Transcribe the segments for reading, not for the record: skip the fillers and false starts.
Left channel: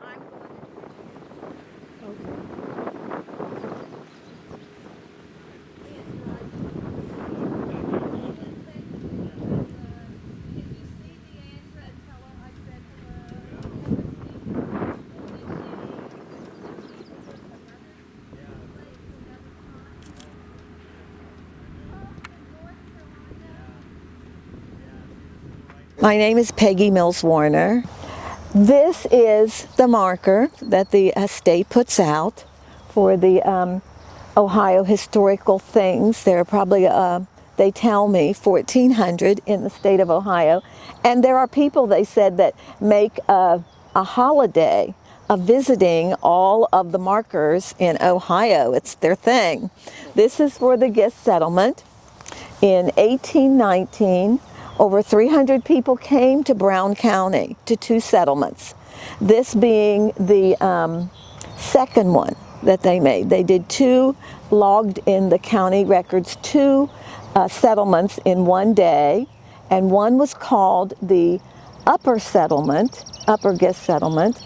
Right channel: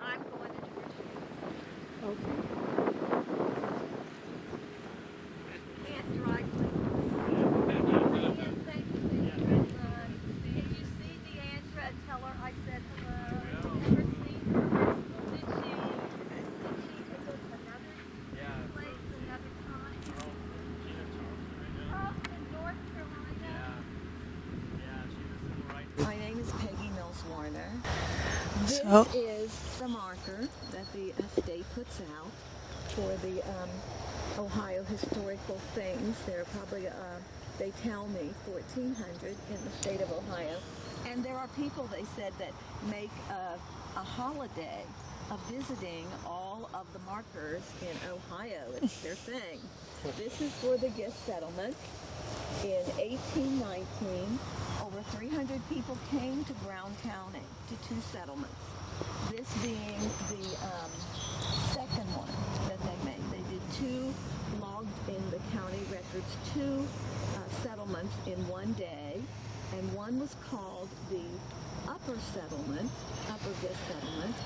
I'm going to Georgia. Okay. Can't drive. And thank you. Can you see Deandra and tell her I said hello? Never seen her. Did she visit another place another time? Oh, in North Carolina. My name is Peggy Mills Warner. This is the marker that the state puts out for the Ohio historical things. There are probably, they tell me, 1,400 in the state of Ohio. And there are people, they said, that make a holiday of visiting all of the markers in Ohio. It's their thing. This is for the Gist settlement. In 1819, over 300 people came to Brown County to two settlements. This being the second one that they made. They did two, logged in the county records, two settlements in one day, and one was called the Upper Settlement, Upper Gist Settlement,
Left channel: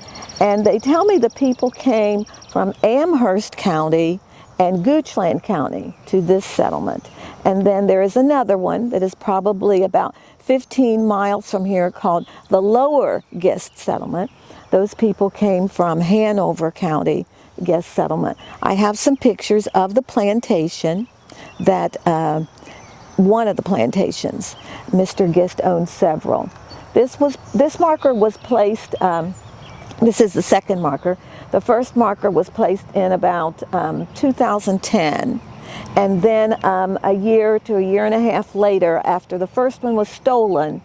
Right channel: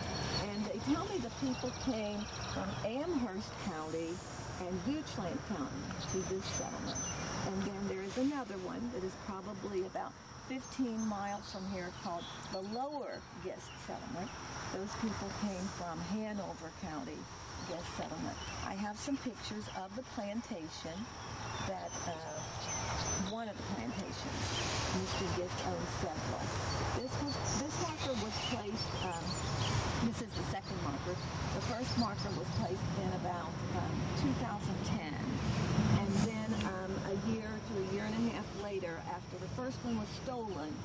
and they tell me the people came from Amherst County and Goochland County to this settlement. And then there is another one that is probably about 15 miles from here called the Lower Gist Settlement. Those people came from Hanover County Gist Settlement. I have some pictures of the plantation that one of the plantations. Mr. Gist owned several. This marker was placed, this is the second marker. The first marker was placed in about 2010. And then a year to a year and a half later, after the first one was stolen,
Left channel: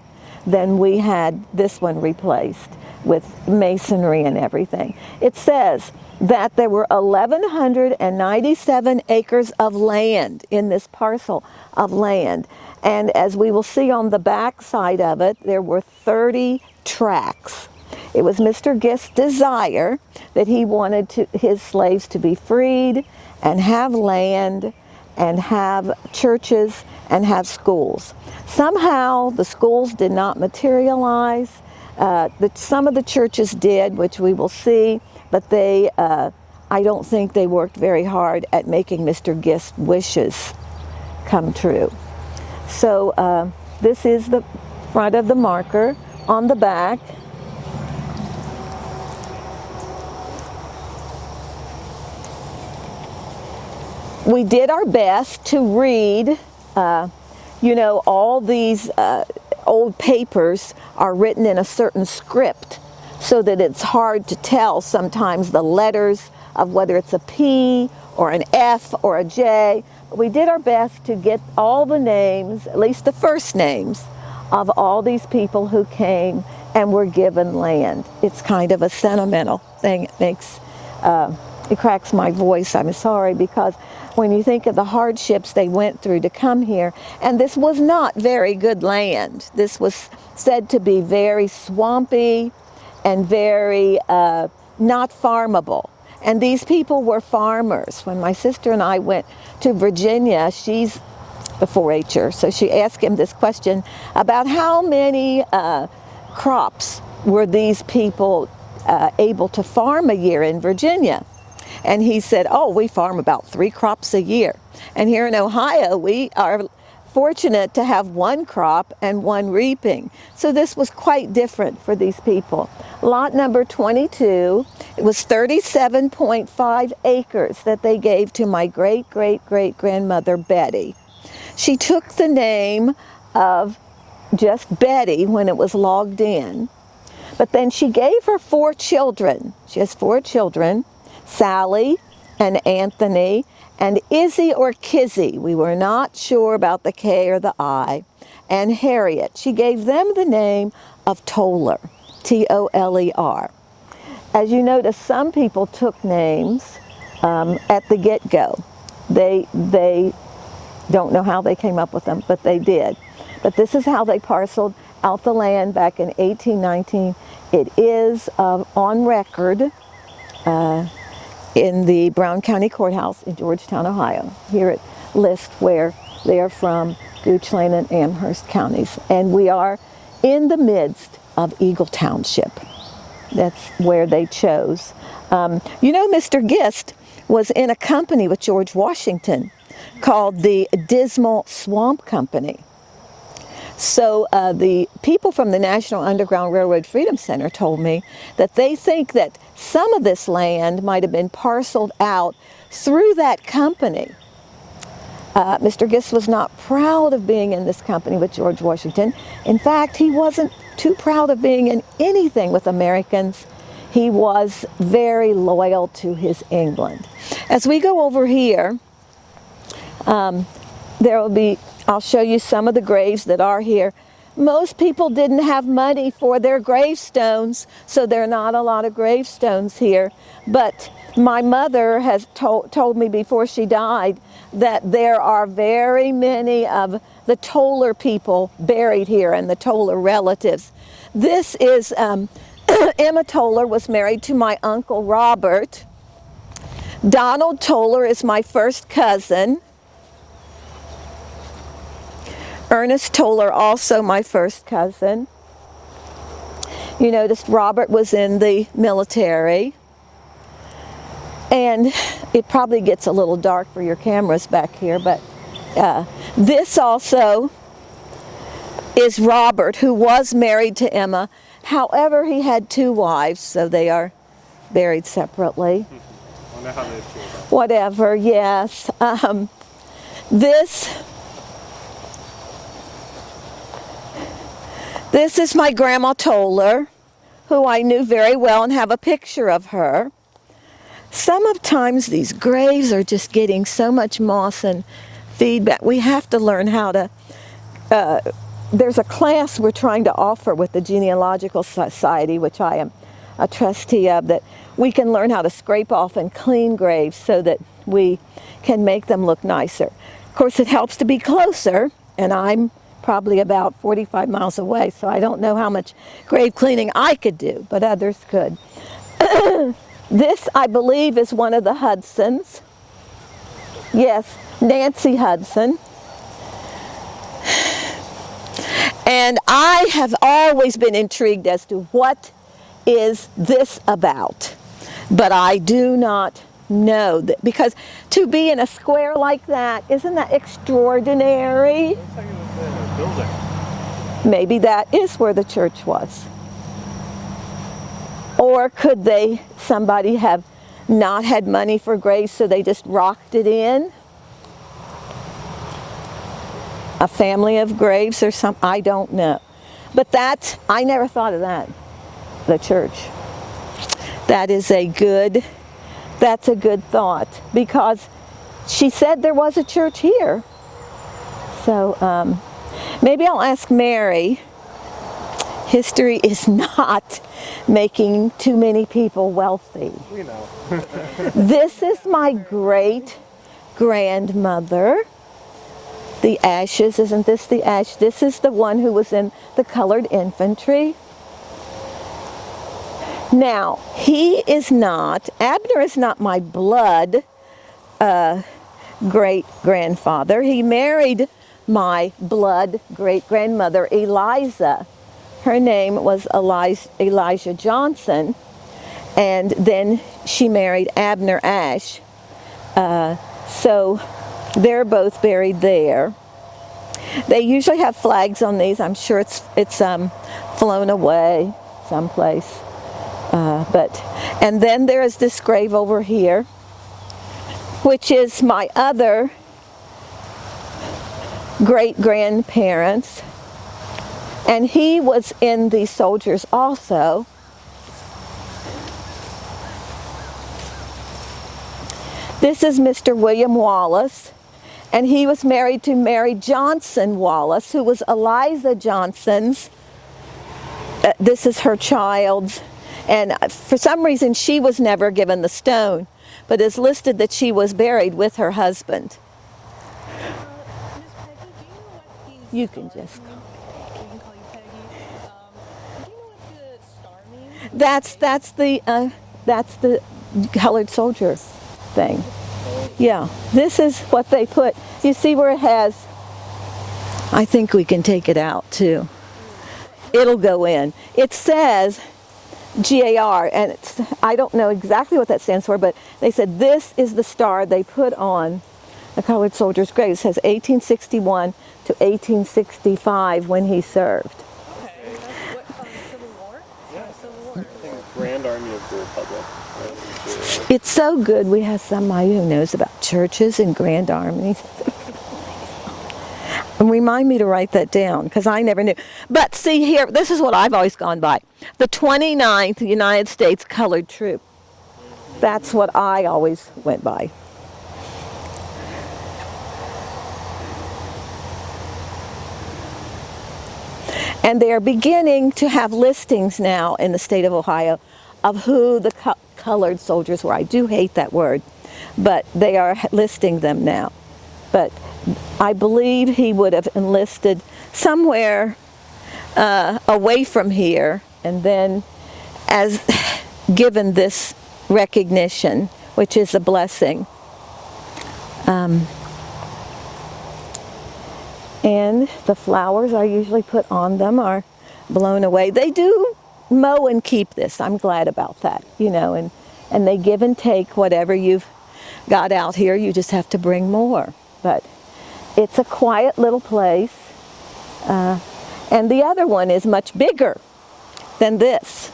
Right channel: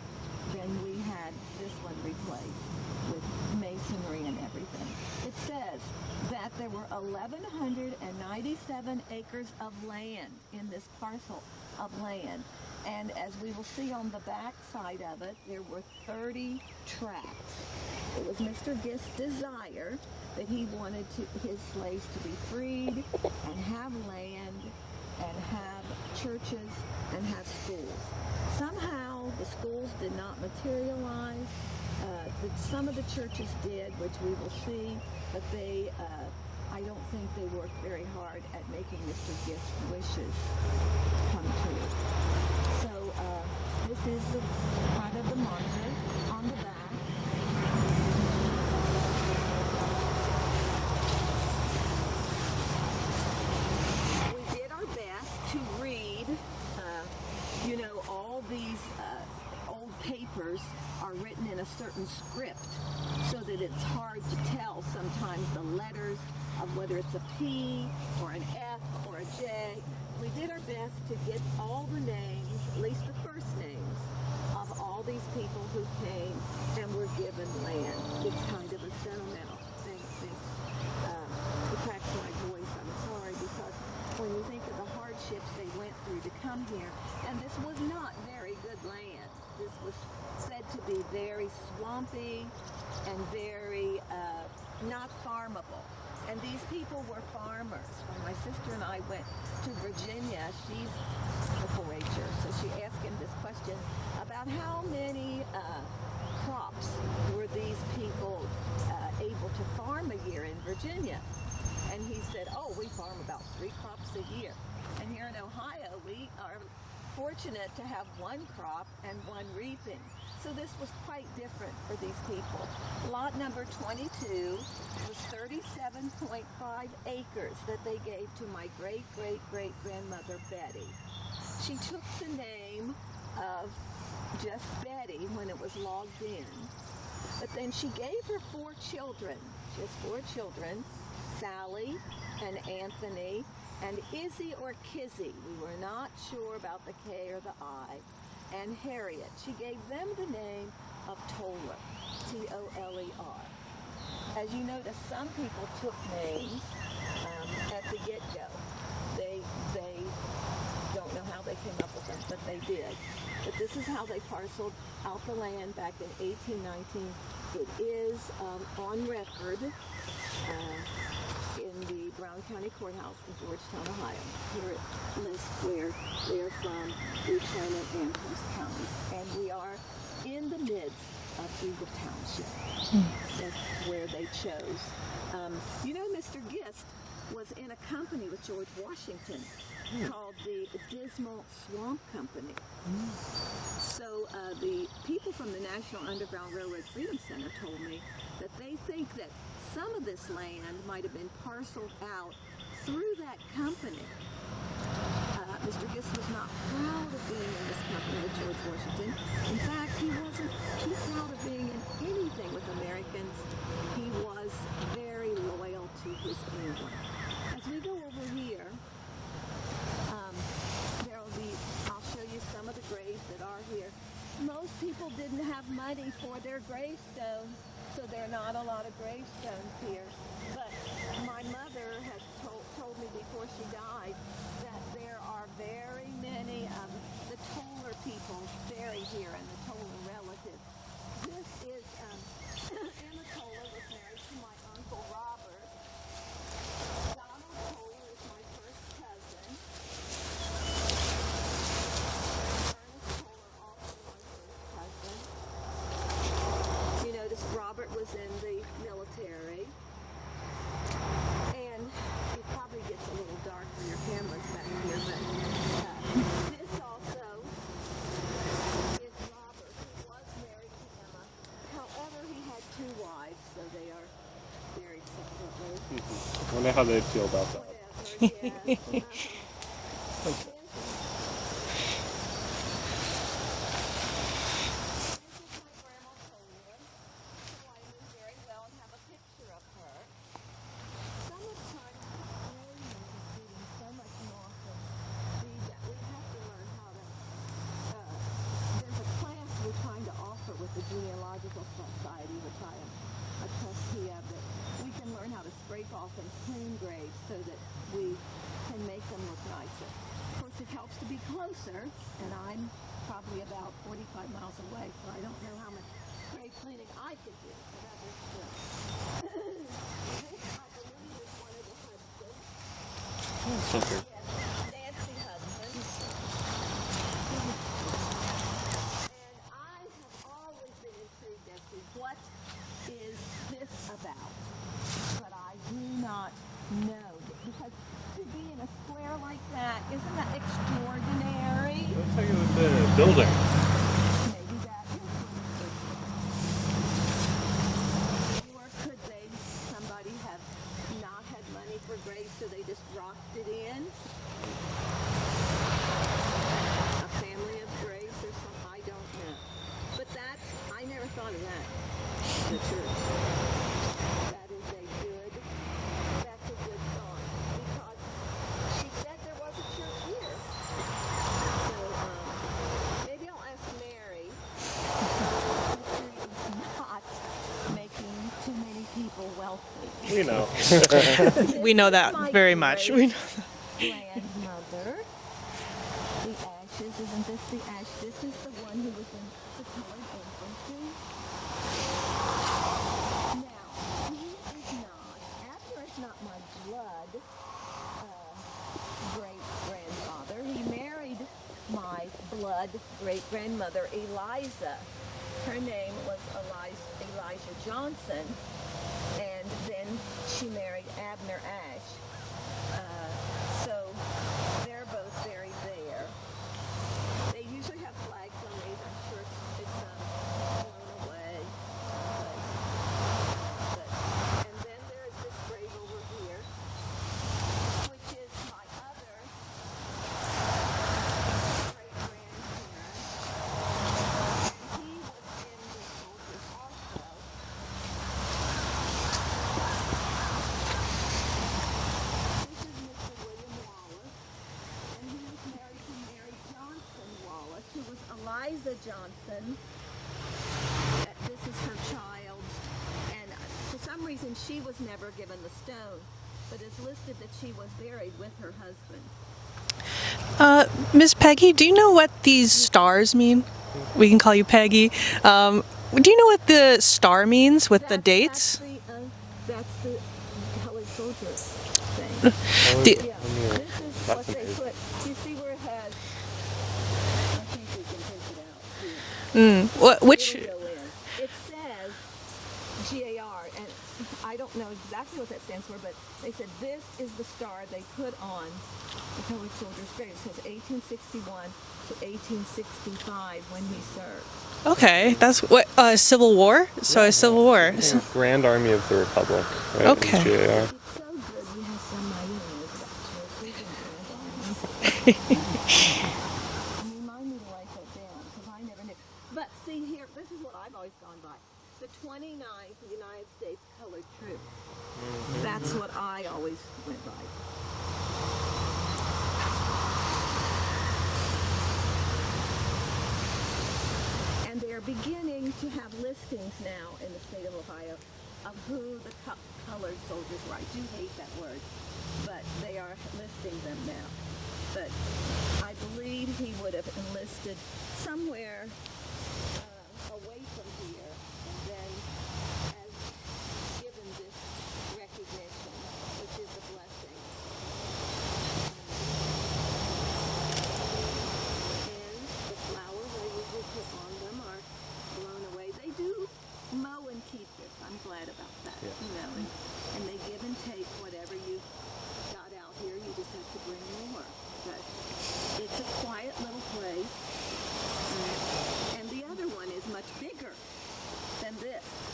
then we had this one replaced with masonry and everything. It says that there were 1,197 acres of land in this parcel of land. And as we will see on the back side of it, there were 30 tracts. It was Mr. Gist's desire that he wanted his slaves to be freed and have land and have churches and have schools. Somehow the schools did not materialize. Some of the churches did, which we will see, but I don't think they worked very hard at making Mr. Gist's wishes come true. So this is the front of the marker. On the back, we did our best to read, all these old papers are written in a certain script so that it's hard to tell sometimes the letters of whether it's a P or an F or a J. We did our best to get all the names, at least the first names, of all these people who came and were given land. It's kind of a sentimental thing. It cracks my voice, I'm sorry, because when you think of the hardships they went through to come here, and this was not very good land. This was said to be very swampy and very not farmable. And these people were farmers. When my sister and I went to Virginia, she's the 4-H'er, so she asked him this question about how many crops were these people able to farm a year in Virginia. And he said, we farm about 3 crops a year. And here in Ohio, we are fortunate to have 1 crop and 1 reaping. So this was quite different for these people. Lot number 22, it was 37.5 acres that they gave to my great-great-great-grandmother, Betty. She took the name of just Betty when it was logged in. But then she gave her 4 children. She has 4 children. Sally and Anthony and Izzy or Kizzy. We were not sure about the K or the I. And Harriet. She gave them the name of Toller, T-O-L-E-R. As you notice, some people took names at the get-go. They don't know how they came up with them, but they did. But this is how they parceled out the land back in 1819. It is on record in the Brown County Courthouse in Georgetown, Ohio. Here it lists where they are from, Goochland and Amherst counties. And we are in the midst of Eagle Township. That's where they chose. You know, Mr. Gist was in a company with George Washington called the Dismal Swamp Company. So the people from the National Underground Railroad Freedom Center told me that they think that some of this land might have been parceled out through that company. Mr. Gist was not proud of being in this company with George Washington. In fact, he wasn't too proud of being in anything with Americans. He was very loyal to his England. As we go over here, I'll show you some of the graves that are here. Most people didn't have money for their gravestones, so there are not a lot of gravestones here. But my mother has told me before she died that there are very many of the Toller people buried here and the Toller relatives. This is, Emma Toller was married to my Uncle Robert. Donald Toller is my first cousin. Ernest Toller, also my first cousin. You noticed Robert was in the military. And it probably gets a little dark for your cameras back here, but this also is Robert, who was married to Emma. However, he had 2 wives, so they are buried separately. I wonder how they feel about that. Whatever, yes. This is my Grandma Toller, who I knew very well and have a picture of her. Sometimes these graves are just getting so much moss and feedback. We have to learn how to, there's a class we're trying to offer with the Genealogical Society, which I am a trustee of, that we can learn how to scrape off and clean graves so that we can make them look nicer. Of course, it helps to be closer, and I'm probably about 45 miles away, so I don't know how much grave cleaning I could do, but others could. This, I believe, is one of the Hudsons. Yes, Nancy Hudson. And I have always been intrigued as to what is this about, but I do not know that, because to be in a square like that, isn't that extraordinary? Looks like it was a building. Maybe that is where the church was. Or could somebody have not had money for graves, so they just rocked it in? A family of graves or something, I don't know. But I never thought of that, the church. That's a good thought, because she said there was a church here. So maybe I'll ask Mary. History is not making too many people wealthy. We know. This we know is that my very much. great grandmother. The ashes, isn't this the ash? This is the one who was in the colored infantry. Now, Abner is not my blood great-grandfather. He married my blood great-grandmother, Eliza. Her name was Elijah Johnson, and then she married Abner Ashe. So they're both buried there. They usually have flags on these. I'm sure it's flown away someplace. And then there is this grave over here, which is my other great-grandparents. And he was in the soldiers also. This is Mr. William Wallace, and he was married to Mary Johnson Wallace, who was Eliza Johnson's. This is her child's, and for some reason she was never given the stone, but it's listed that she was buried with her husband. Ms. Peggy, do you know what these stars mean? We can call you Peggy. Do you know what the star means with the dates? That's the colored soldier thing. Yeah, this is what they put. You see where it has, I think we can take it out too. It'll go in. It says GAR, and I don't know exactly what that stands for, but they said this is the star they put on the colored soldier's grave. It says 1861 to 1865 when he served. Okay, that's what Civil War. So a Civil War. Yeah, Grand Army of the Republic. Right? Okay. Yeah. It's so good we have somebody who knows about churches and grand armies. And remind me to write that down, because I never knew. But see here, this is what I've always gone by. The 29th United States Colored Troop. That's what I always went by. And they are beginning to have listings now in the state of Ohio of who the colored soldiers were. I do hate that word, but they are listing them now. But I believe he would have enlisted somewhere away from here, and then as given this recognition, which is a blessing. And the flowers I usually put on them are blown away. They do mow and keep this. I'm glad about that, you know, and they give and take whatever you've got out here. You just have to bring more. But it's a quiet little place. And the other one is much bigger than this.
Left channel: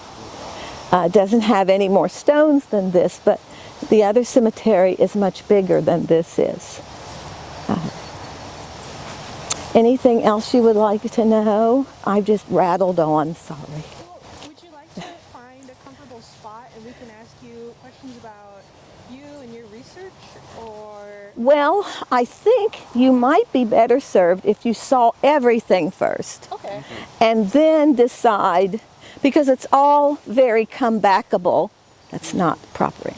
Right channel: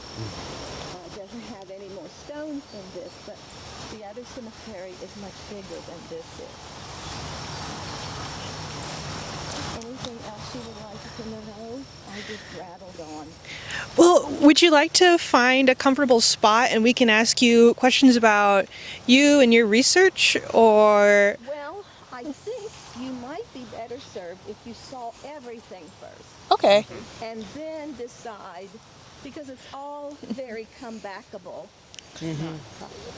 It doesn't have any more stones than this, but the other cemetery is much bigger than this is. Anything else you would like to know? I just rattled on. Sorry. Well, would you like to find a comfortable spot and we can ask you questions about you and your research, or? Well, I think you might be better served if you saw everything first. Okay. And then decide, because it's all very comebackable. That's not proper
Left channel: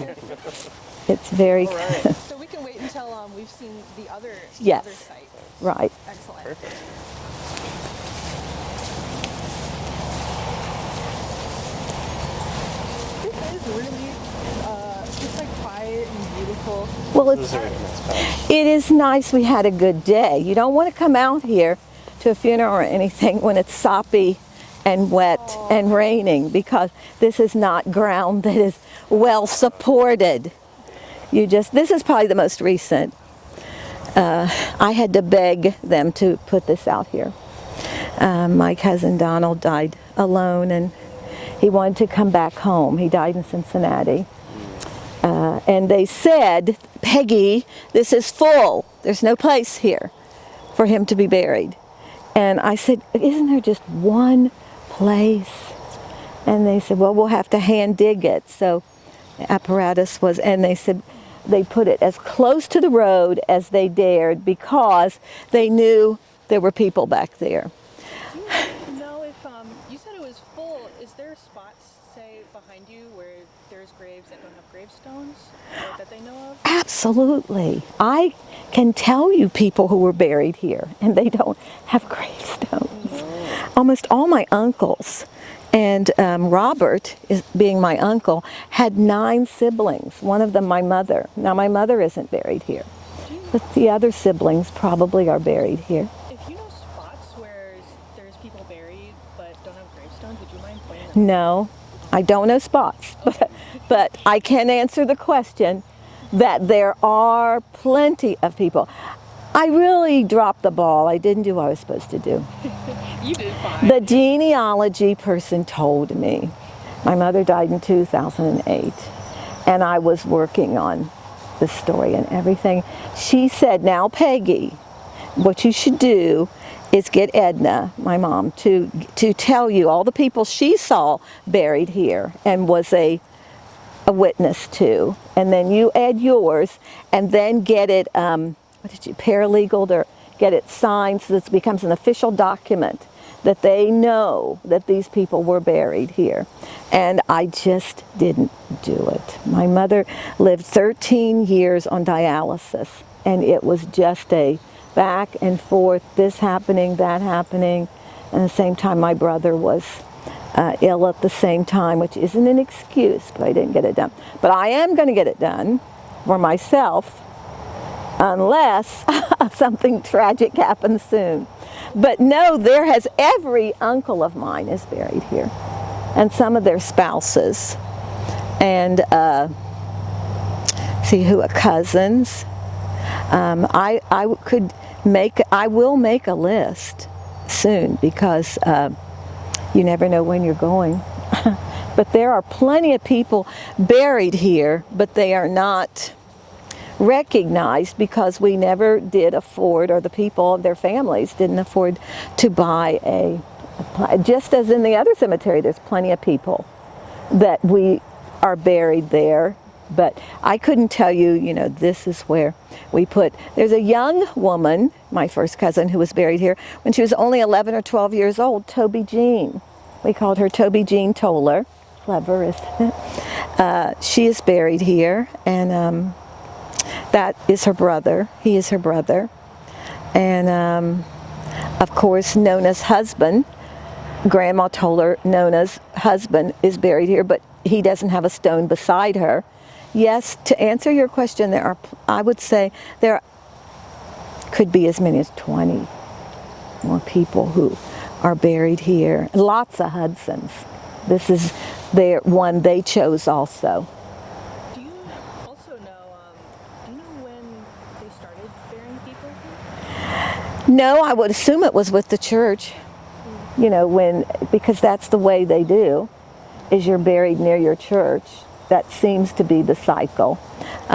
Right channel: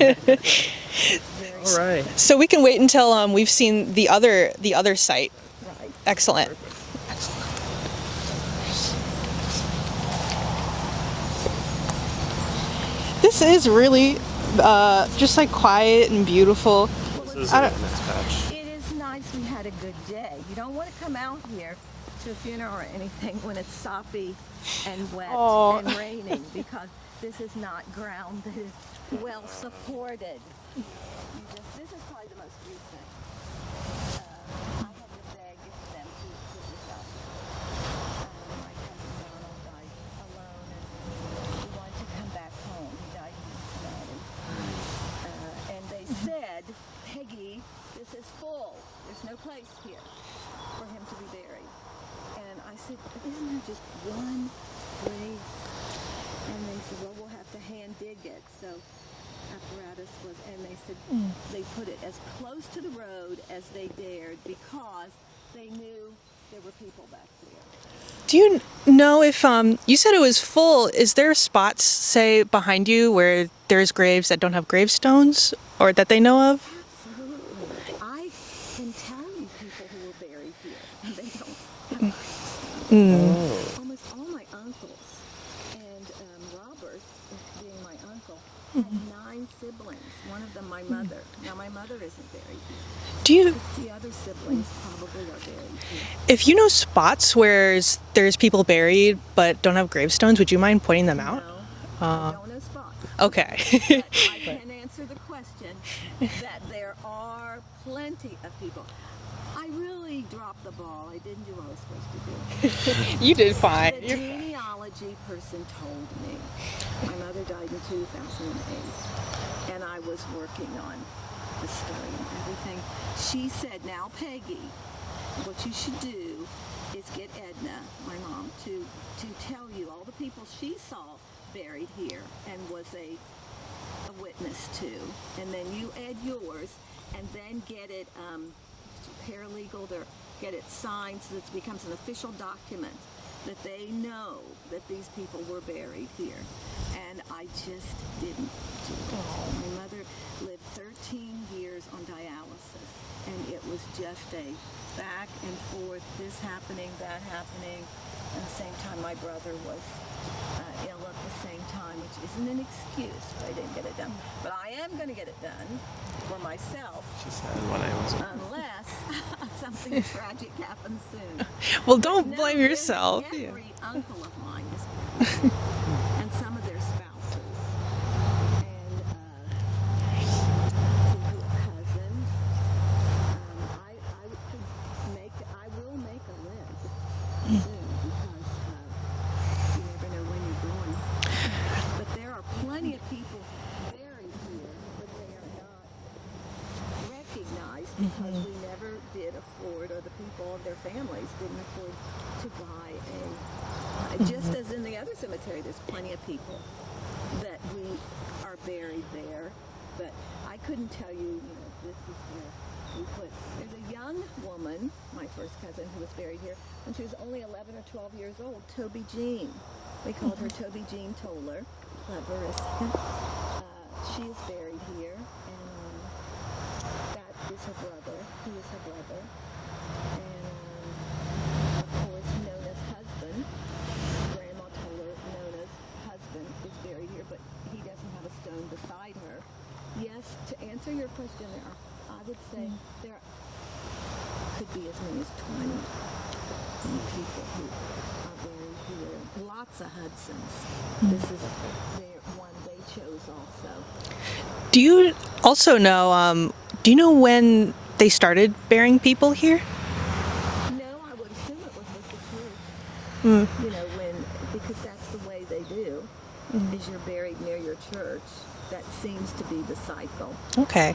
English. It's very Right. So we can wait until we've seen the other site. right. Excellent. This is really just like quiet and beautiful. Well, it is nice we had a good day. You don't want to come out here to a funeral or anything when it's soppy and wet and raining, because this is not ground that is well supported. This is probably the most recent. I had to beg them to put this out here. My cousin Donald died alone, and he wanted to come back home. He died in Cincinnati. And they said, Peggy, this is full. There's no place here for him to be buried. And I said, isn't there just one place? And they said, well, we'll have to hand dig it. So the apparatus was, and they said they put it as close to the road as they dared, because they knew there were people back there. Do you know if you said it was full? Is there spots, say, behind you where there's graves that don't have gravestones, or that they know of? Absolutely. I can tell you people who were buried here, and they don't have gravestones. Almost all my uncles, and Robert, being my uncle, had 9 siblings. One of them my mother. Now my mother isn't buried here. But the other siblings probably are buried here. If you know spots where there's people buried but don't have gravestones, would you mind pointing them out? No, I don't know spots. Okay. But I can answer the question that there are plenty of people. I really dropped the ball. I didn't do what I was supposed to do. You did fine. The genealogy person told me. My mother died in 2008, and I was working on the story and everything. She said, now Peggy, what you should do is get Edna, my mom, to tell you all the people she saw buried here and was a witness to, and then you add yours, and then get it paralegal, or get it signed so that it becomes an official document that they know that these people were buried here. And I just didn't do it. My mother lived 13 years on dialysis, and it was just a back and forth, this happening, that happening. And at the same time, my brother was ill at the same time, which isn't an excuse, but I didn't get it done. But I am going to get it done for myself, unless something tragic happens soon. Well, but don't no, blame there has yourself. every uncle of mine is buried here. and some of their spouses. And cousins. I will make a list soon, because you never know when you're going. But there are plenty of people buried here, but they are not recognized because we never did afford, or the people, their families didn't afford to buy a just as in the other cemetery, there's plenty of people that we are buried there. But I couldn't tell you, this is where we put. There's a young woman, my first cousin, who was buried here when she was only 11 or 12 years old, Toby Jean. We called her Toby Jean Toller. Clever, isn't it? She is buried here, and that is her brother. He is her brother. And, of course, Nona's husband, Grandma Toller, Nona's husband, is buried here, but he doesn't have a stone beside her. Yes, to answer your question, I would say there could be as many as 20 more people who are buried here. Lots of Hudsons. This is their one they chose also. Do you also know, when they started burying people here? No, I would assume it was with the church. Because that's the way they do, is you're buried near your church. That seems to be the cycle. Okay.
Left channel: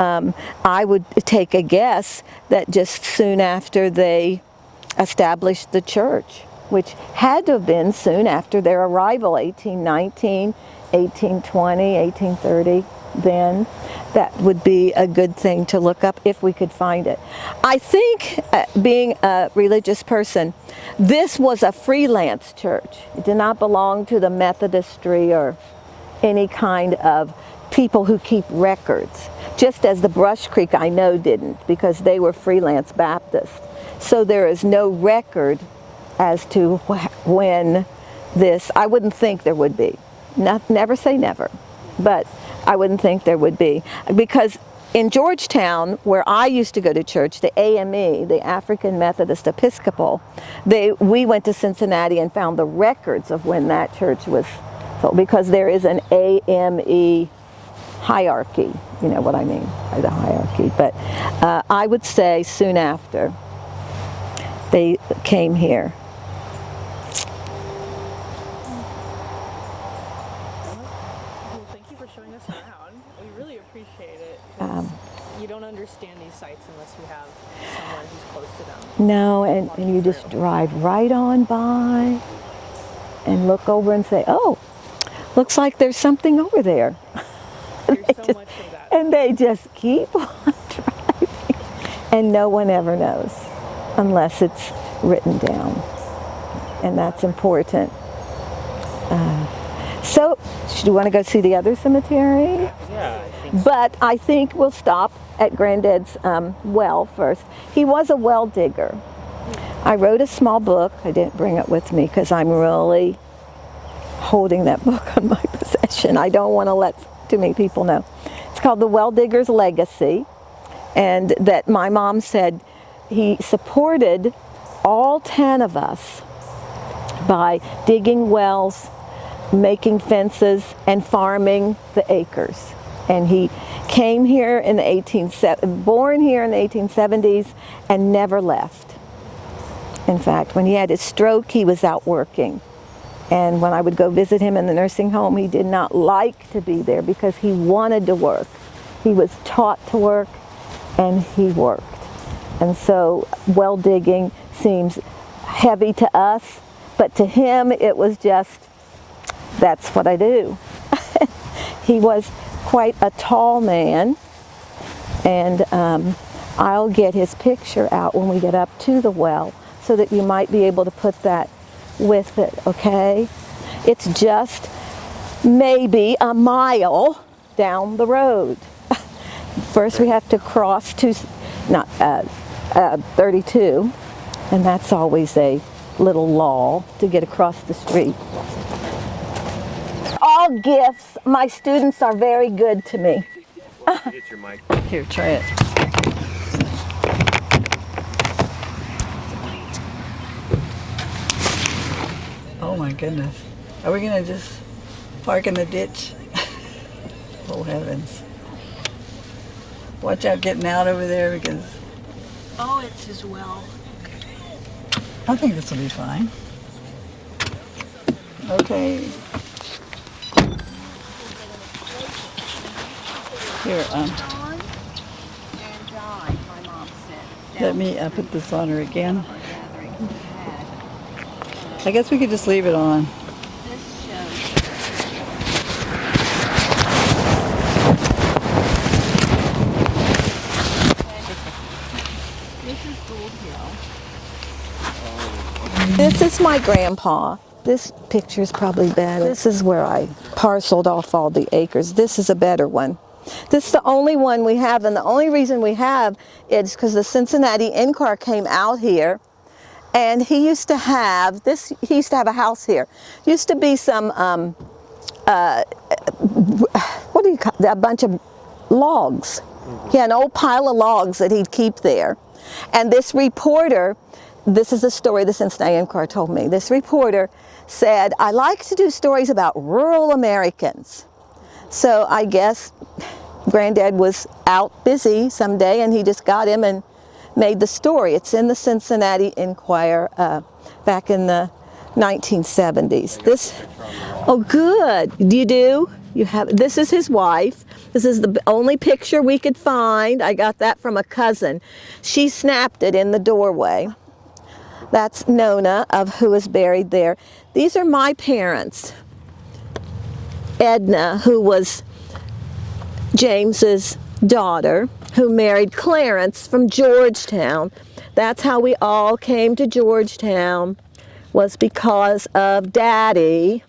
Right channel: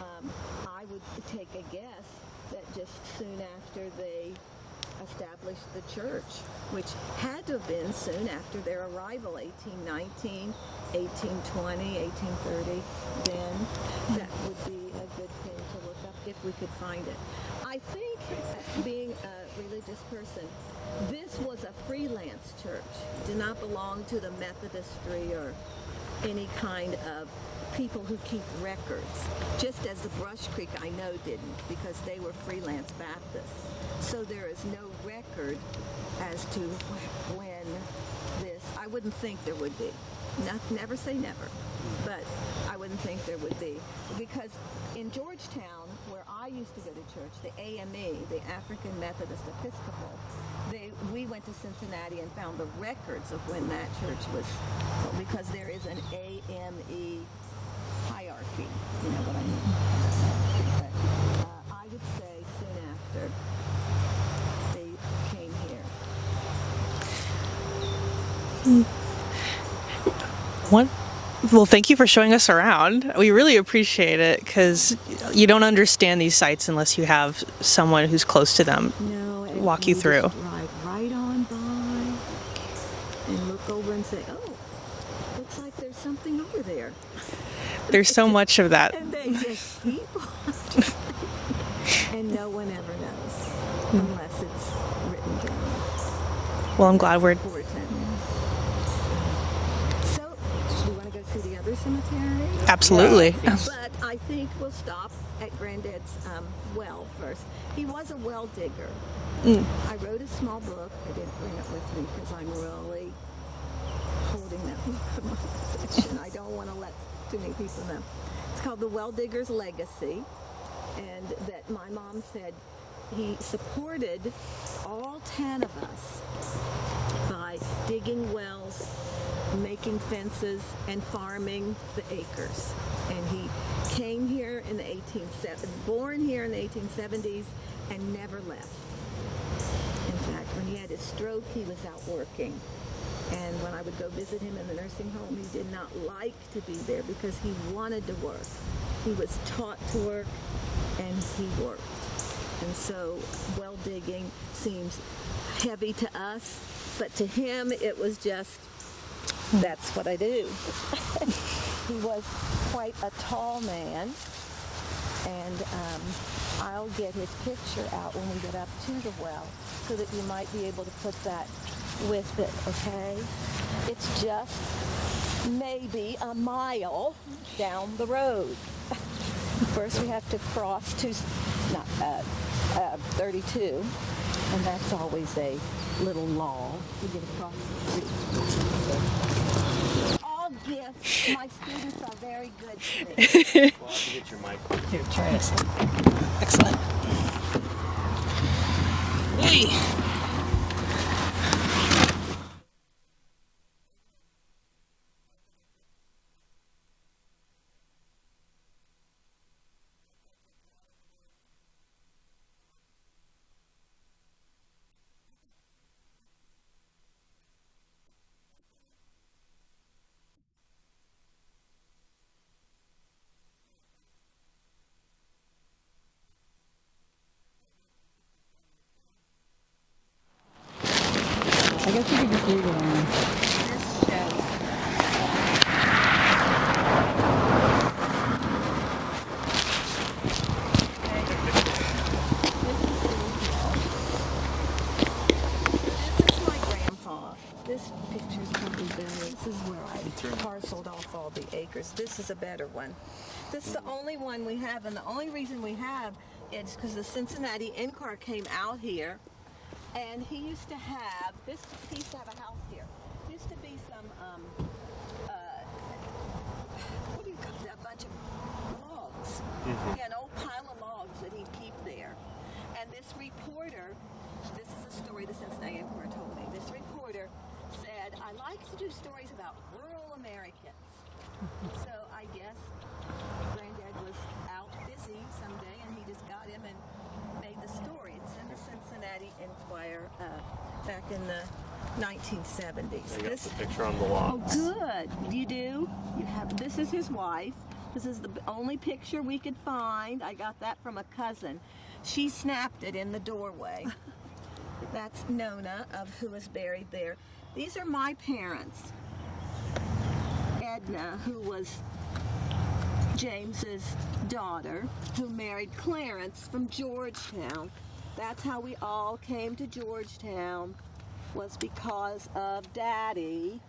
I would take a guess that just soon after they established the church, which had to have been soon after their arrival, 1819, 1820, 1830, then that would be a good thing to look up if we could find it. I think, being a religious person, this was a freelance church. It did not belong to the Methodistry or any kind of people who keep records, just as the Brush Creek I know didn't, because they were freelance Baptists. So there is no record as to when this, I wouldn't think there would be. Never say never, but I wouldn't think there would be. Because in Georgetown, where I used to go to church, the AME, the African Methodist Episcopal, we went to Cincinnati and found the records of when that church was built, because there is an AME hierarchy, you know what I mean by the hierarchy. But I would say soon after they came here. Well, thank you for showing us around. We really appreciate it, because you don't understand these sites unless you have someone who's close to them. No, and walk you through. Just drive right on by and look over and say, "Oh, looks like there's something over there." There's so much of that. And they just keep on driving, and no one ever knows unless it's written down. Well, and I'm that's glad we're important. So, do you want to go see the other cemetery? Absolutely. But I think we'll stop at Granddad's well first. He was a well digger. I wrote a small book. I didn't bring it with me because I'm really holding that book on my possession. I don't want to let too many people know. It's called The Well Digger's Legacy, and that my mom said he supported all 10 of us by digging wells, making fences, and farming the acres. And he came here in the born here in the 1870s and never left. In fact, when he had his stroke, he was out working. And when I would go visit him in the nursing home, he did not like to be there because he wanted to work. He was taught to work, and he worked. And so well digging seems heavy to us, but to him it was just, that's what I do. He was quite a tall man, and I'll get his picture out when we get up to the well so that you might be able to put that with it, okay? It's just maybe a mile down the road. First we have to cross 32, and that's always a little lull to get across the street. All gifts. My students are very good to me. Get your mic. Here, try it. Excellent. Hey. Oh my goodness. Are we gonna just park in the ditch. Oh heavens. Watch out getting out over there because Oh, it's as well. I think this will be fine. Okay. Here, let me put this on her again. I guess we could just leave it on. This is my grandpa. This picture's probably better. This is where I parceled off all the acres. This is a better one. This is the only one we have, and the only reason we have is because the Cincinnati in-car came out here, and he used to have this. He used to have a house here. Used to be some what do you call a bunch of logs. He had an old pile of logs that he'd keep there, and this reporter. This is a story the Cincinnati in-car told me. This reporter said, I like to do stories about rural Americans. So I guess Granddad was out busy someday and he just got him and made the story. It's in the Cincinnati Enquirer back in the 1970s. This, oh good, you do? You have, this is his wife. This is the only picture we could find. I got that from a cousin. She snapped it in the doorway. That's Nona, of who is buried there. These are my parents. Edna, who was James's daughter, who married Clarence from Georgetown. That's how we all came to Georgetown, was because of Daddy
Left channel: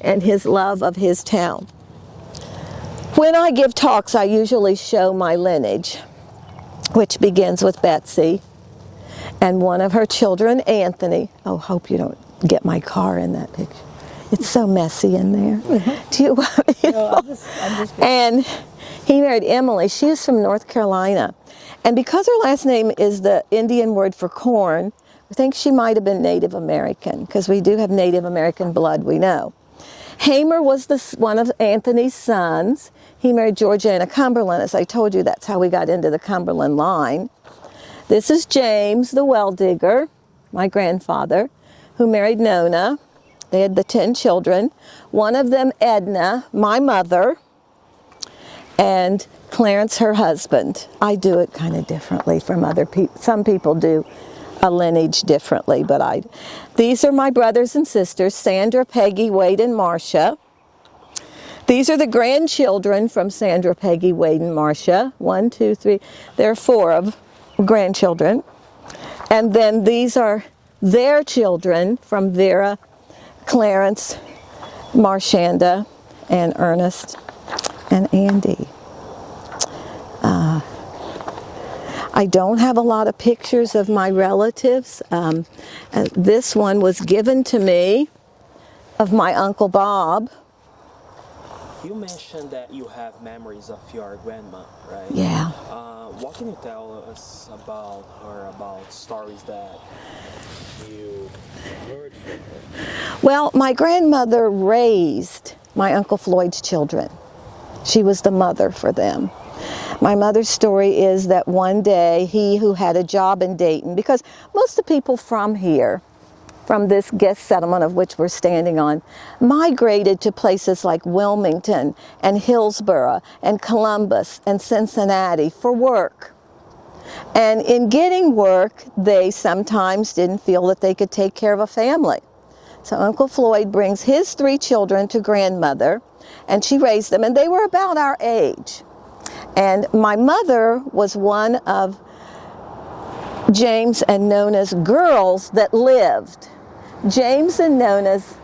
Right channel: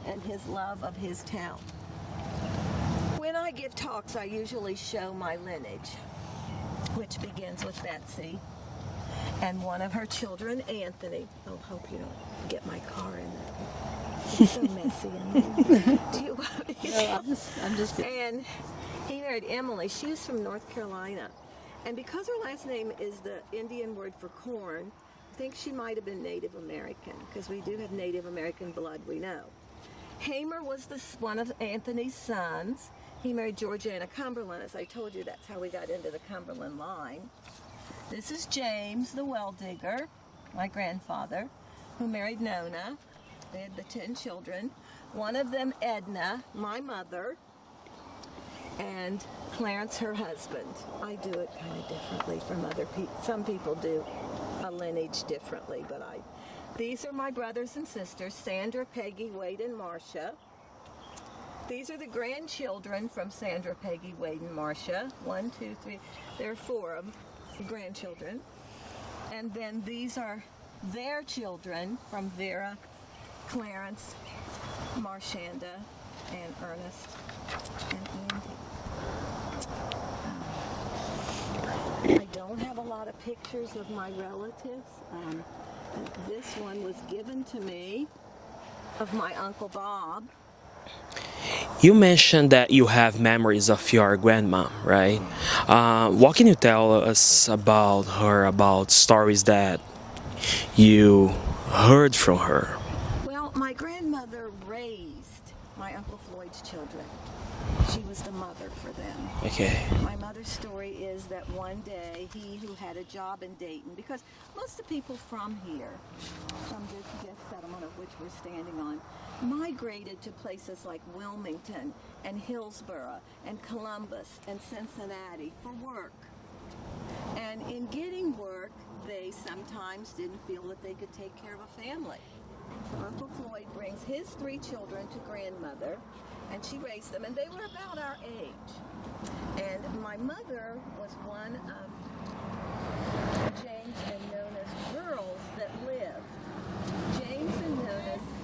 and his love of his town. When I give talks, I usually show my lineage, which begins with Betsy and one of her children, Anthony. Oh, hope you don't get my car in that picture. It's so messy in there. Do you want me? No, I'm just and he married Emily. She is from North Carolina. And because her last name is the Indian word for corn, I think she might have been Native American, because we do have Native American blood, we know. Hamer was one of Anthony's sons. He married Georgiana Cumberland. As I told you, that's how we got into the Cumberland line. This is James, the well digger, my grandfather, who married Nona. They had the 10 children. One of them, Edna, my mother, and Clarence, her husband. I do it kind of differently from other people. Some people do a lineage differently, but these are my brothers and sisters, Sandra, Peggy, Wade, and Marcia. These are the grandchildren from Sandra, Peggy, Wade, and Marcia. 1, 2, 3. There are 4 of grandchildren. And then these are their children from Vera, Clarence, Marshanda, and Ernest, and Andy. I don't have a lot of pictures of my relatives. This one was given to me of my Uncle Bob. You mentioned that you have memories of your grandma, right? Yeah. What can you tell us about her, about stories that you heard from her? Well, my grandmother raised my Uncle Floyd's children. She was the mother for them. Okay. My mother's story is that one day he who had a job in Dayton, because most of the people from here, from this guest settlement of which we're standing on, migrated to places like Wilmington and Hillsborough and Columbus and Cincinnati for work. And in getting work, they sometimes didn't feel that they could take care of a family. So Uncle Floyd brings his 3 children to grandmother, and she raised them, and they were about our age. And my mother was one of James and Nona's girls that lived. James and Nona's.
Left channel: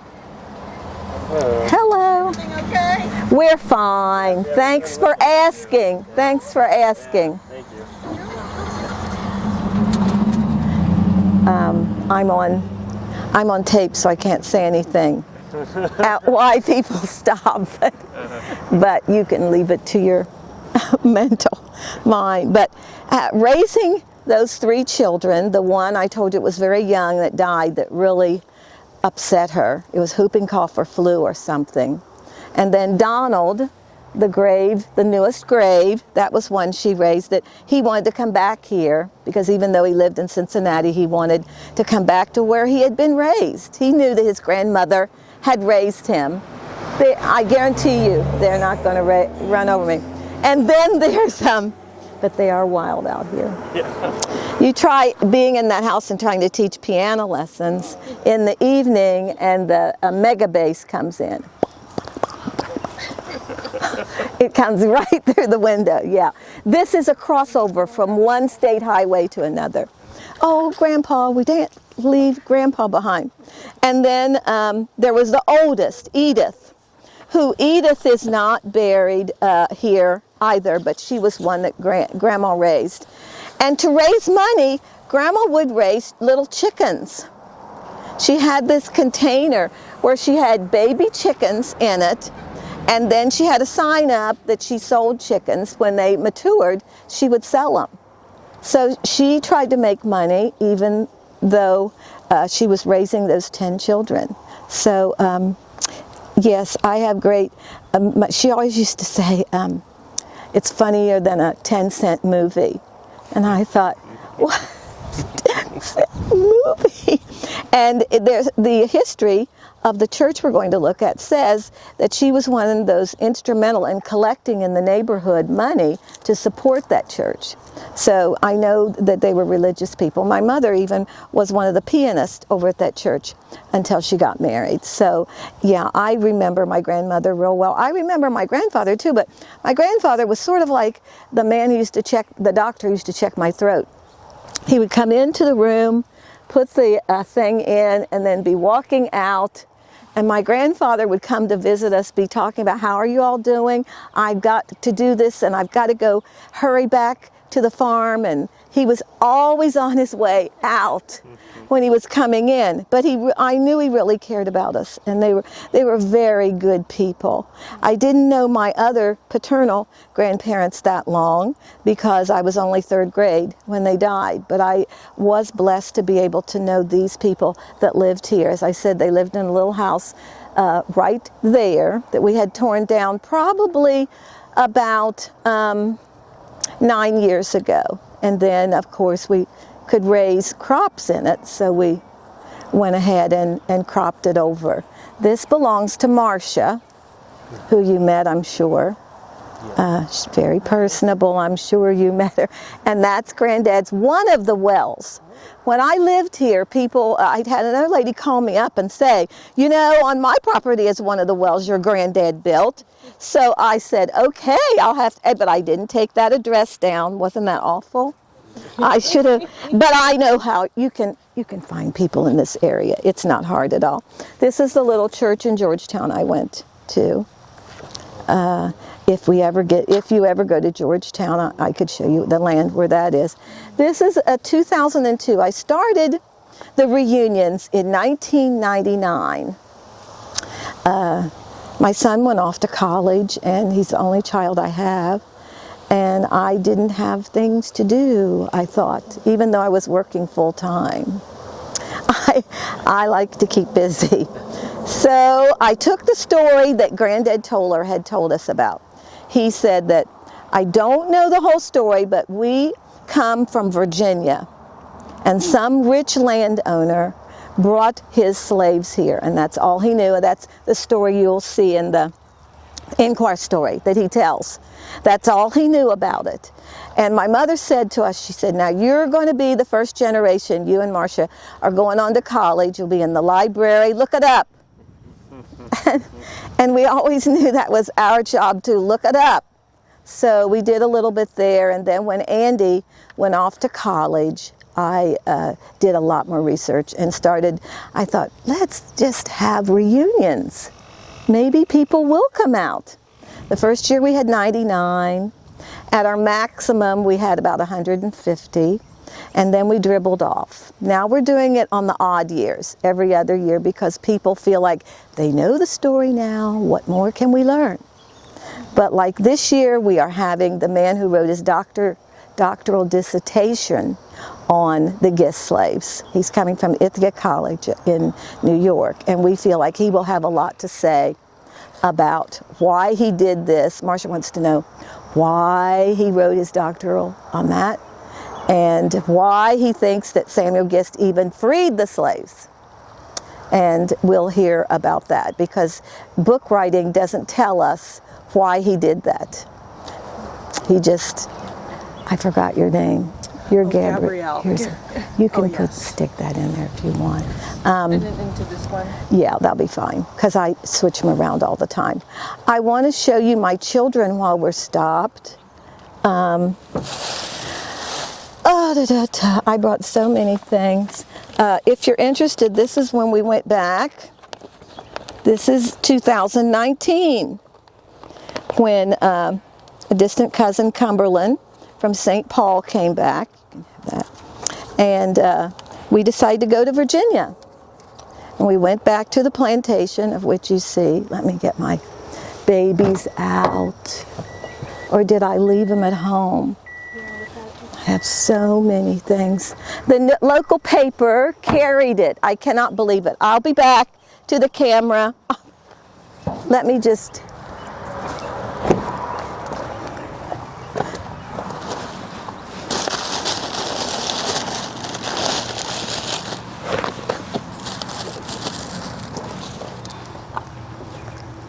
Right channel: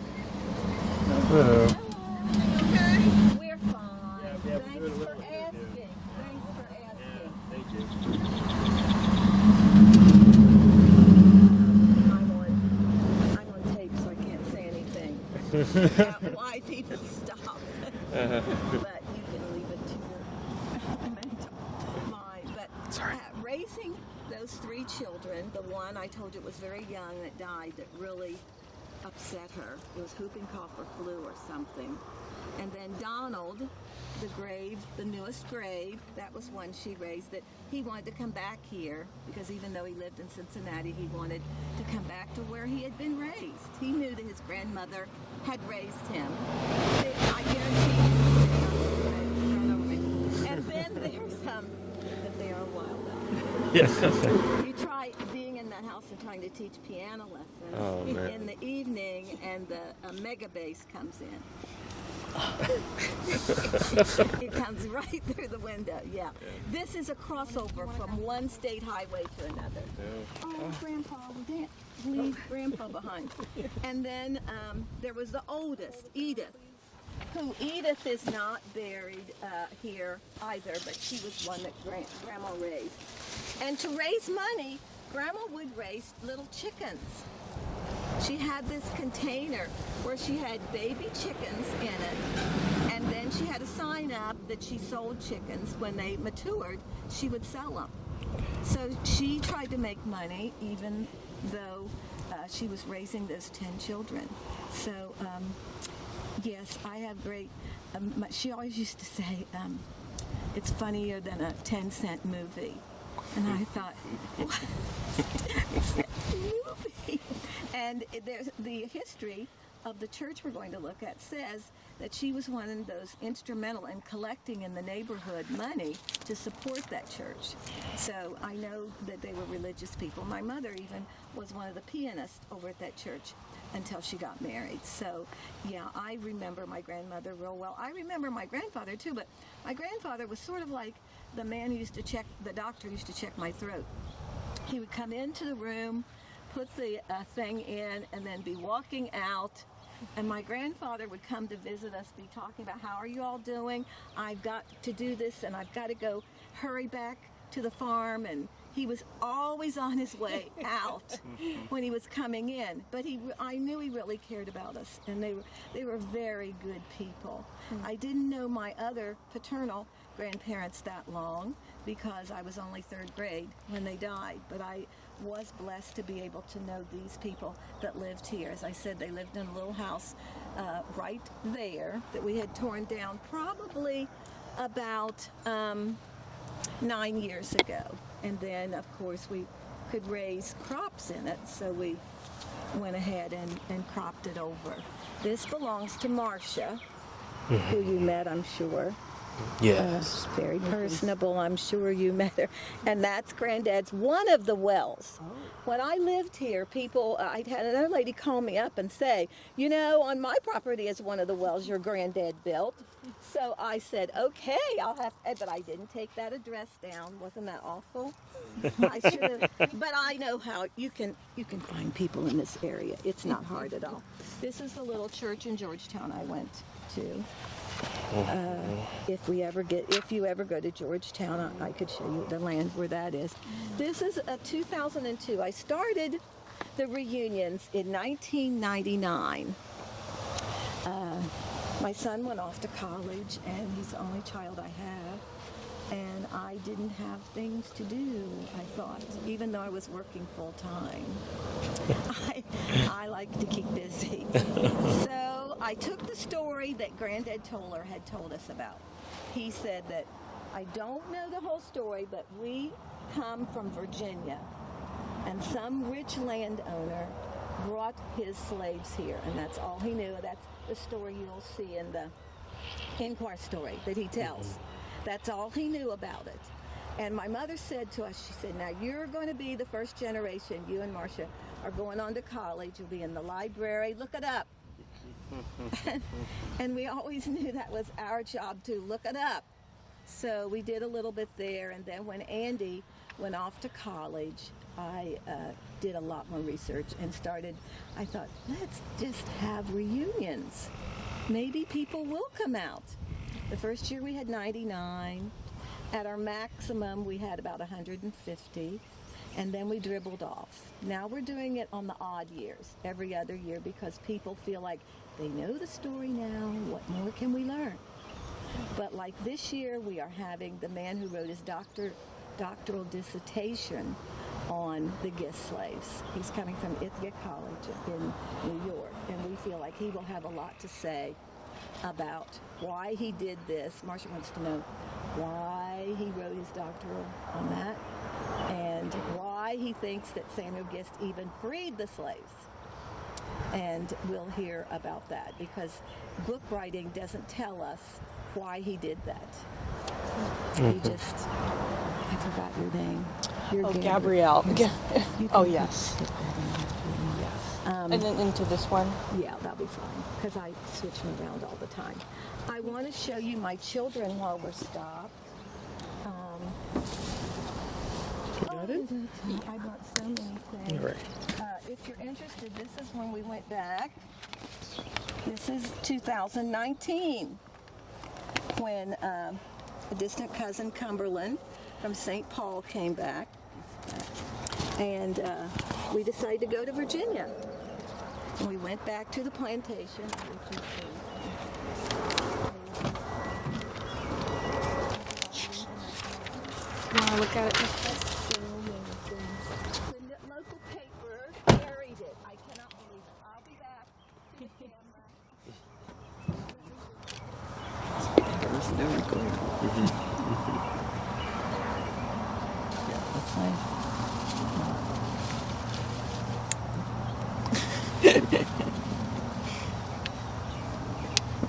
Hello. Okay? We're fine. Thanks for asking. Thanks for asking. Thank you. I'm on tape, so I can't say anything. Why people stop, but you can leave it to your mental mind. But raising those 3 children, the one I told you was very young that died, that really upset her. It was whooping cough or flu or something. And then Donald, the newest grave, that was one she raised, that he wanted to come back here because even though he lived in Cincinnati, he wanted to come back to where he had been raised. He knew that his grandmother had raised him. I guarantee you, they're not going to run over me. And then there's but they are wild out here. Yeah. You try being in that house and trying to teach piano lessons in the evening, and the mega bass comes in. It comes right through the window, yeah. This is a crossover from one state highway to another. Oh, Grandpa, we didn't leave Grandpa behind. And then there was the oldest, Edith, who Edith is not buried here either, but she was one that Grandma raised. And to raise money, Grandma would raise little chickens. She had this container where she had baby chickens in it, and then she had a sign up that she sold chickens. When they matured, she would sell them. So she tried to make money even though she was raising those 10 children. So yes, I have great, she always used to say, it's funnier than a 10-cent movie. And I thought, what? 10-cent movie? And there's the history of the church we're going to look at says that she was one of those instrumental in collecting in the neighborhood money to support that church. So I know that they were religious people. My mother even was one of the pianists over at that church until she got married. So yeah, I remember my grandmother real well. I remember my grandfather too, but my grandfather was sort of like the man who used to check, the doctor who used to check my throat. He would come into the room, put the thing in, and then be walking out. And my grandfather would come to visit us, be talking about, how are you all doing? I've got to do this, and I've got to go hurry back to the farm. And he was always on his way out when he was coming in. But I knew he really cared about us, and they were very good people. I didn't know my other paternal grandparents that long because I was only 3rd grade when they died. But I was blessed to be able to know these people that lived here. As I said, they lived in a little house right there that we had torn down probably about 9 years ago. And then, of course, we could raise crops in it, so we went ahead and cropped it over. This belongs to Marcia, who you met, I'm sure. She's very personable, I'm sure you met her. And that's Granddad's one of the wells. When I lived here, I'd had another lady call me up and say, you know, on my property is one of the wells your Granddad built. So I said, okay, I'll have to, but I didn't take that address down. Wasn't that awful? I should have, but I know how you can find people in this area. It's not hard at all. This is the little church in Georgetown I went to. If you ever go to Georgetown, I could show you the land where that is. This is 2002. I started the reunions in 1999. My son went off to college, and he's the only child I have. And I didn't have things to do, I thought, even though I was working full time. I like to keep busy. So I took the story that Granddad Toller had told us about. He said that, I don't know the whole story, but we come from Virginia, and some rich landowner brought his slaves here, and that's all he knew. That's the story you'll see in the Inquire story that he tells. That's all he knew about it. And my mother said to us, she said, now you're going to be the first generation. You and Marcia are going on to college. You'll be in the library. Look it up. And we always knew that was our job, to look it up. So we did a little bit there. And then when Andy went off to college, I did a lot more research and I thought, let's just have reunions. Maybe people will come out. The first year we had 99. At our maximum, we had about 150, and then we dribbled off. Now we're doing it on the odd years, every other year, because people feel like they know the story now. What more can we learn? But like this year, we are having the man who wrote his doctoral dissertation on the Gist slaves. He's coming from Ithaca College in New York, and we feel like he will have a lot to say about why he did this. Marcia wants to know why he wrote his doctoral on that and why he thinks that Samuel Gist even freed the slaves. And we'll hear about that because book writing doesn't tell us why he did that. He just, I forgot your name. You're Gabrielle. You can stick that in there if you want. And then into this one? Yeah, that'll be fine because I switch them around all the time. I want to show you my children while we're stopped. I brought so many things. If you're interested, this is when we went back. This is 2019 when a distant cousin, Cumberland, from St. Paul came back. And we decided to go to Virginia. And we went back to the plantation, of which you see. Let me get my babies out. Or did I leave them at home? I have so many things. The local paper carried it. I cannot believe it. I'll be back to the camera. Let me just...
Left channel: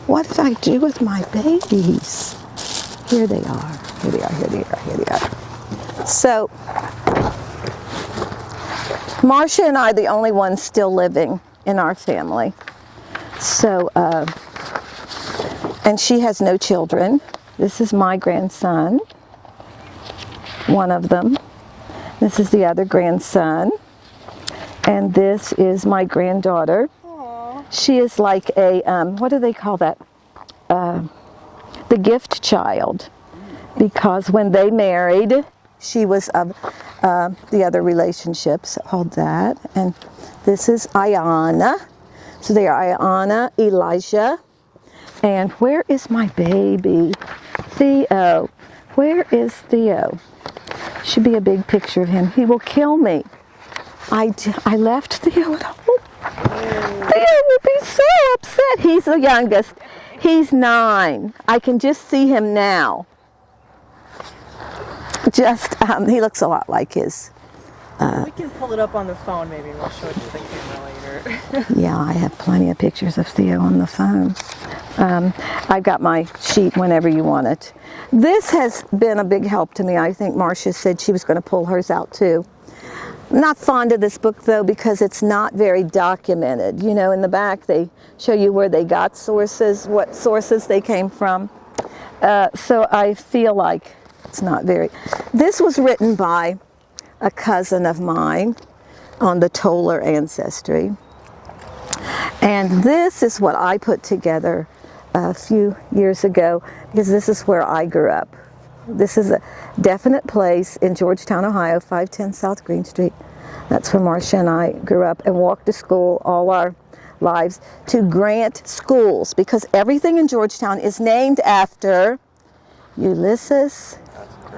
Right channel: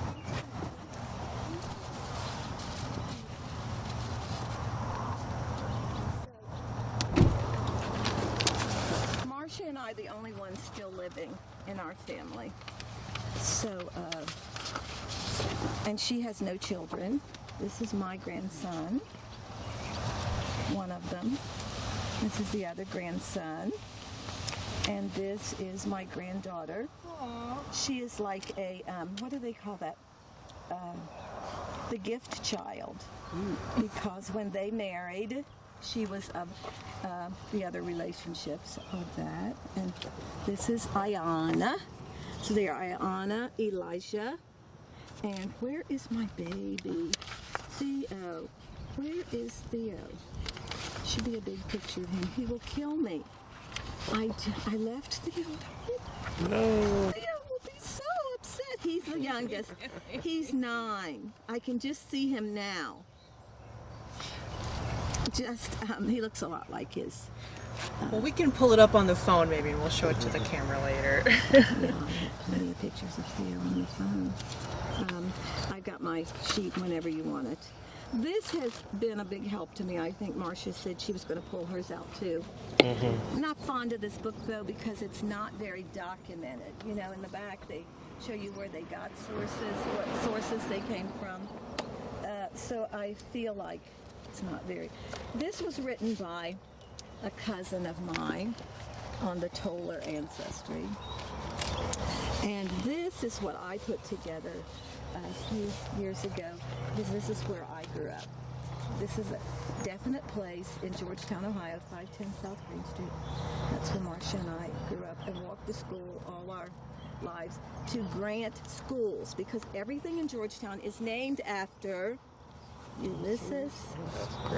What did I do with my babies? Here they are. Here they are. Here they are. Here they are. So, Marcia and I are the only ones still living in our family. So, and she has no children. This is my grandson, one of them. This is the other grandson. And this is my granddaughter. She is like a, what do they call that? The gift child. Because when they married, she was of the other relationships. Hold that. And this is Ayana. So they are Ayana, Elijah. And where is my baby? Theo. Where is Theo? Should be a big picture of him. He will kill me. I left Theo at home. Theo will be so upset. He's the youngest. He's 9. I can just see him now. Just, he looks a lot like his. We can pull it up on the phone maybe and we'll show it to the camera later. Yeah, I have plenty of pictures of Theo on the phone. I've got my sheet whenever you want it. This has been a big help to me. I think Marcia said she was going to pull hers out too. I'm not fond of this book though because it's not very documented. You know, in the back they show you where they got sources, what sources they came from. So I feel like it's not very... This was written by a cousin of mine on the Toller ancestry. And this is what I put together a few years ago because this is where I grew up. This is a definite place in Georgetown, Ohio, 510 South Green Street. That's where Marcia and I grew up and walked to school all our lives to Grant schools because everything in Georgetown is named after Ulysses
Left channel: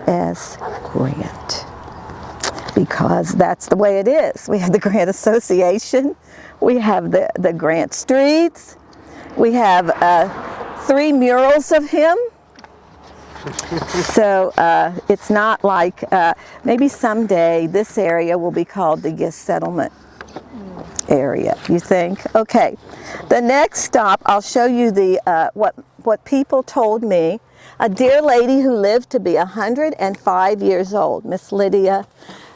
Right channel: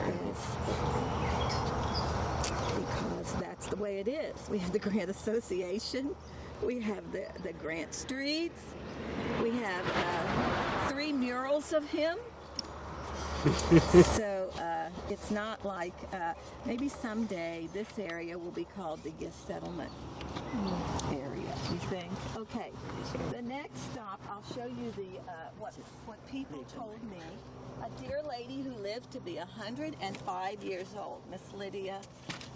S. Grant. Because that's the way it is. We have the Grant Association, we have the Grant Streets, we have 3 murals of him. So it's not like, maybe someday this area will be called the Gist Settlement area, you think? Okay, the next stop, I'll show you the what people told me. A dear lady who lived to be 105 years old, Miss Lydia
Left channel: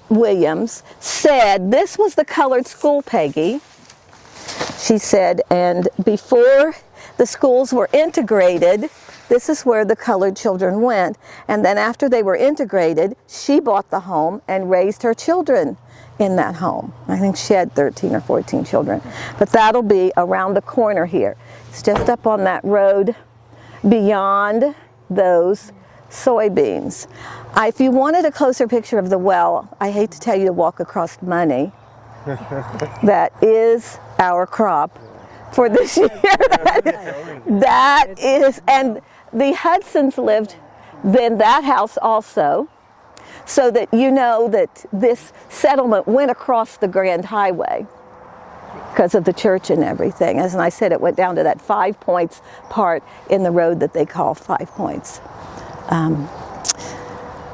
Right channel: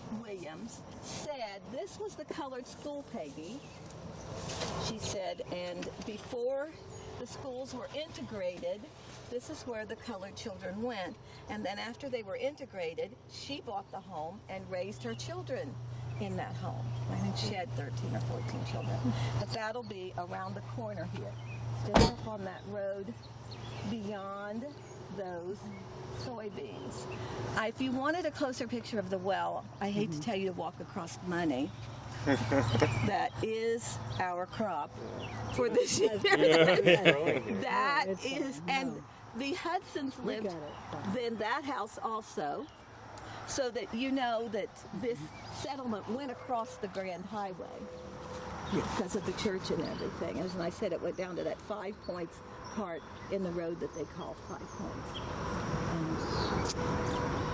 Williams, said this was the colored school, Peggy. She said, and before the schools were integrated, this is where the colored children went. And then after they were integrated, she bought the home and raised her children in that home. I think she had 13 or 14 children. But that'll be around the corner here. It's just up on that road beyond those soybeans. If you wanted a closer picture of the well, I hate to tell you to walk across money. That is our crop for this year. That is, and the Hudsons lived in that house also, so that you know that this settlement went across the Grand Highway. because of the church and everything. As I said, it went down to that 5 Points part in the road that they call 5 Points.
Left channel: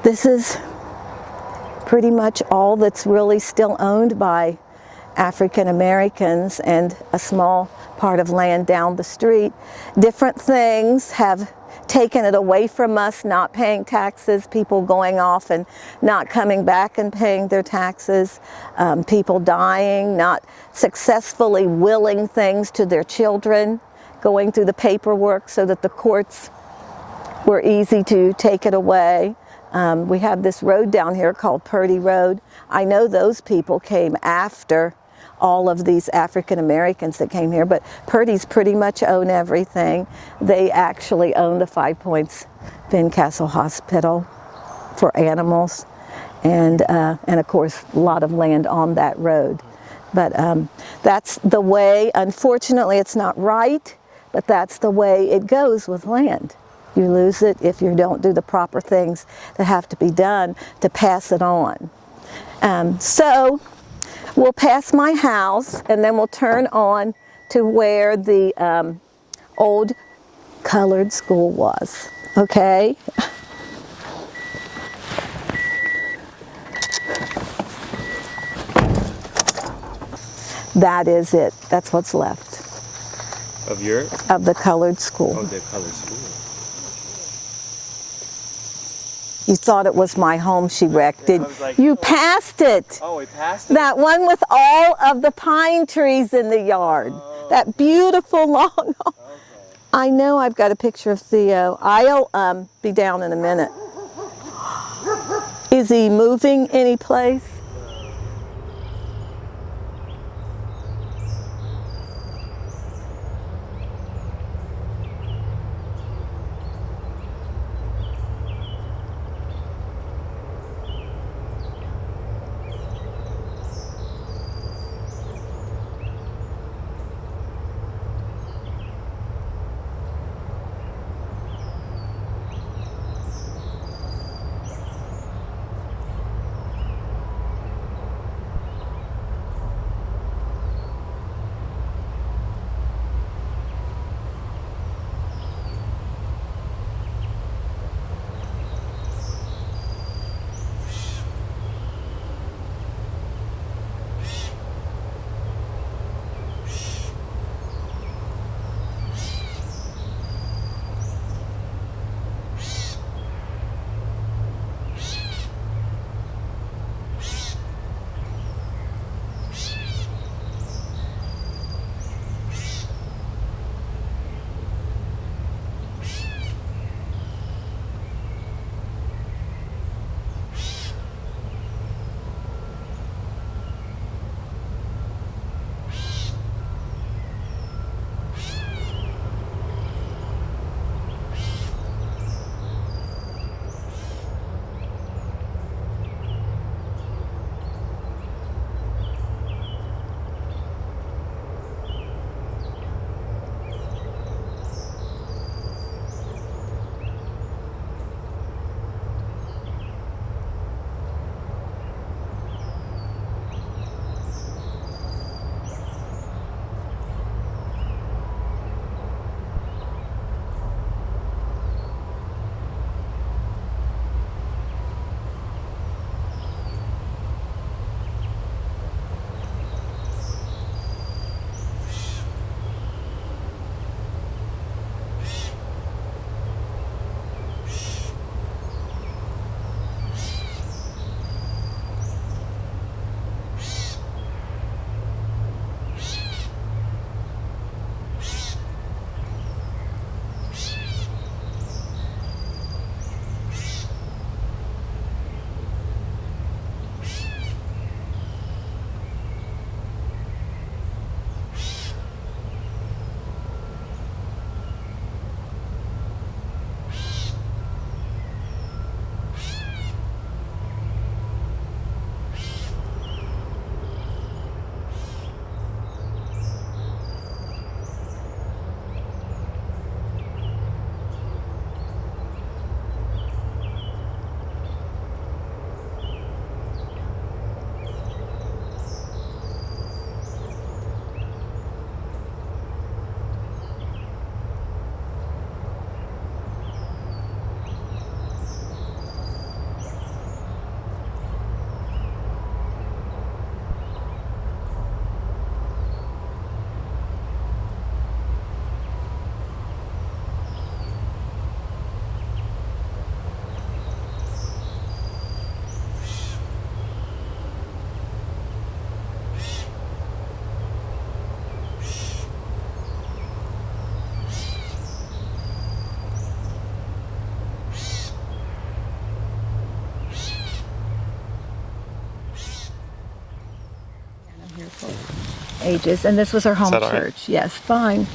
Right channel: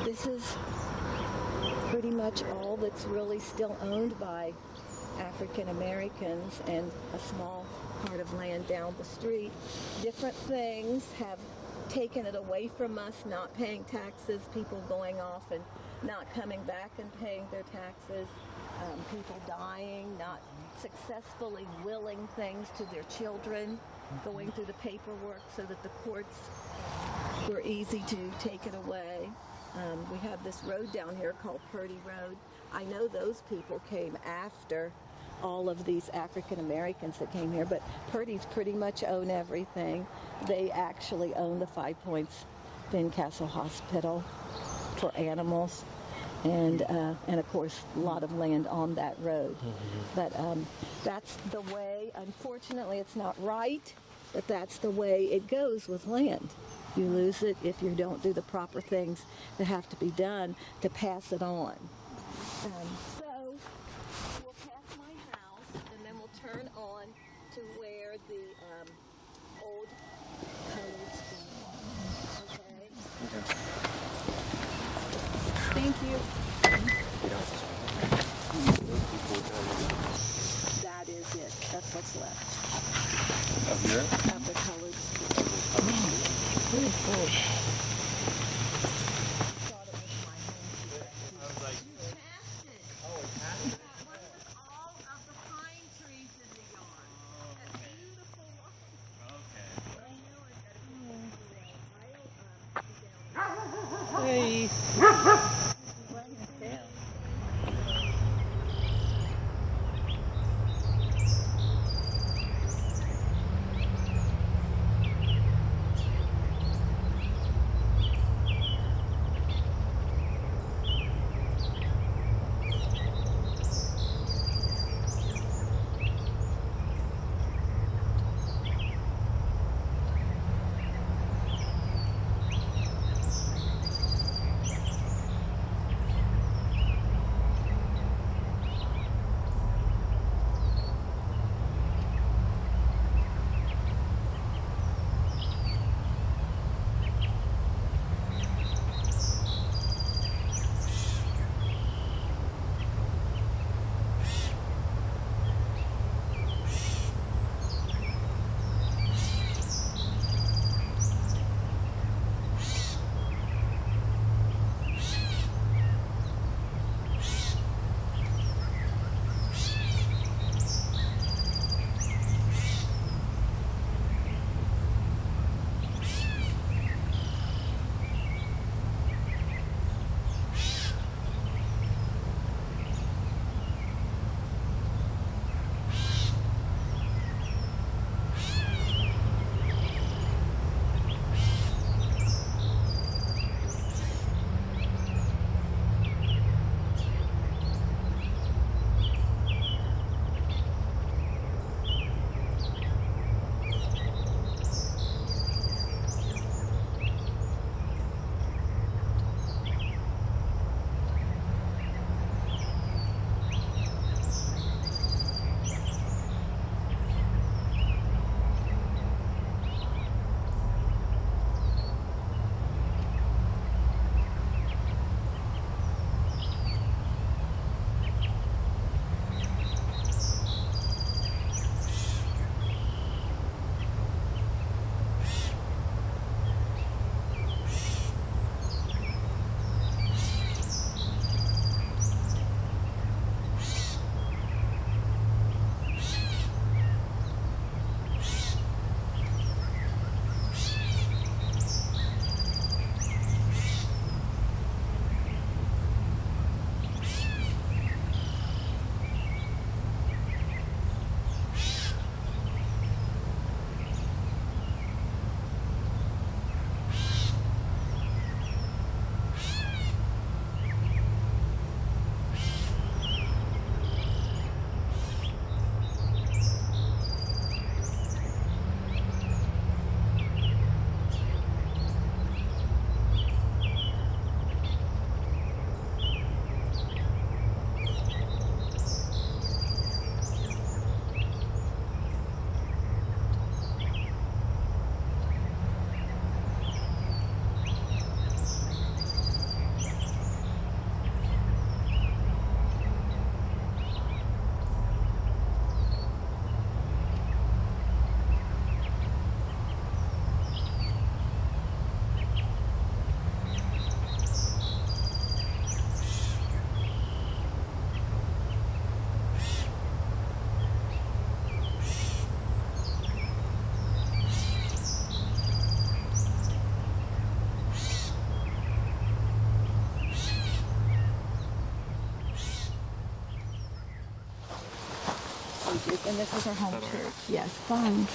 This is pretty much all that's really still owned by African Americans, and a small part of land down the street. Different things have taken it away from us, not paying taxes, people going off and not coming back and paying their taxes, people dying, not successfully willing things to their children, going through the paperwork so that the courts were easy to take it away. We have this road down here called Purdy Road. I know those people came after all of these African Americans that came here, but Purdy's pretty much own everything. They actually own the 5 Points Fincastle Hospital for animals, and of course a lot of land on that road. But that's the way. Unfortunately, it's not right, but that's the way it goes with land. You lose it if you don't do the proper things that have to be done to pass it on. So we'll pass my house, and then we'll turn on to where the old colored school was. Okay? That is it. That's what's left Of your? of the colored school. Okay, color school. You thought it was my home she wrecked. I was like, You passed it. Oh, we passed it? That one with all of the pine trees in the yard. That beautiful long. Okay. I know I've got a picture of Theo. I'll be down in a minute. Is he moving any place? ages. And this was her home that all right? church. Yes, fine.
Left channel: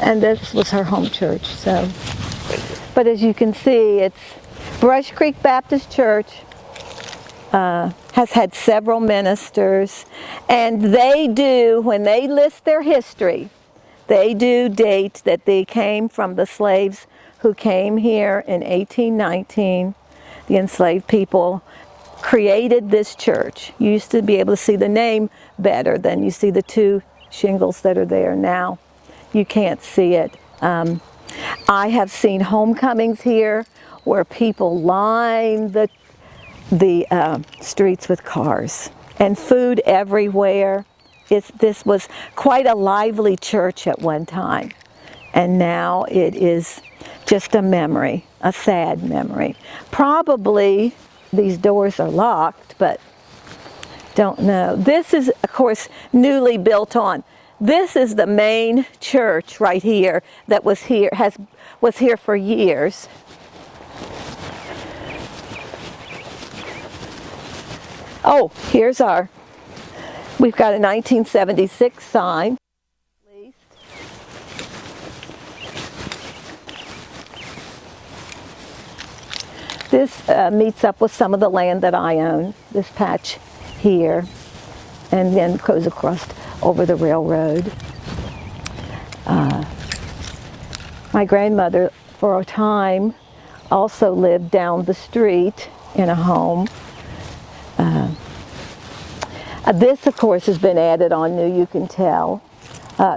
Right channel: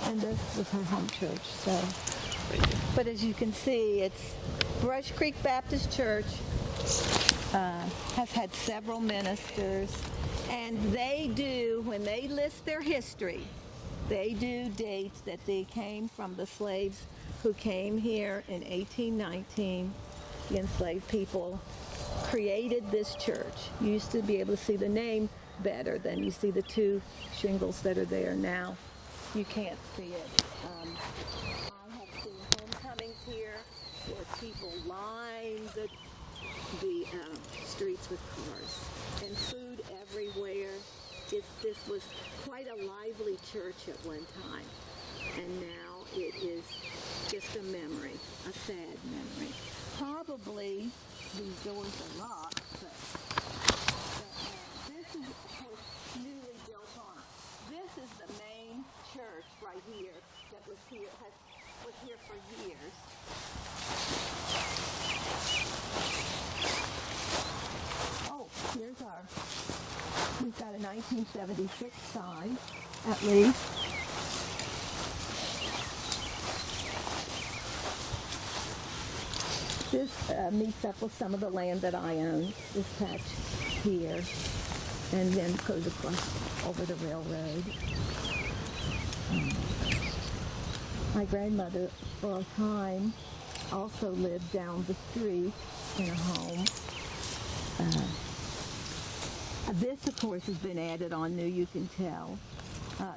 And this was her home church. So, but as you can see, it's Brush Creek Baptist Church. Has had several ministers, and they do, when they list their history, they do date that they came from the slaves who came here in 1819. The enslaved people created this church. You used to be able to see the name better than you see the two shingles that are there now. You can't see it. I have seen homecomings here where people line the streets with cars and food everywhere. This was quite a lively church at one time, and now it is just a memory, a sad memory. Probably these doors are locked, but don't know. This is, of course, newly built on. This is the main church right here that was here for years. Oh, here's we've got a 1976 sign, at least. This meets up with some of the land that I own, this patch here, and then goes across over the railroad. My grandmother, for a time, also lived down the street in a home. This, of course, has been added on new, you can tell.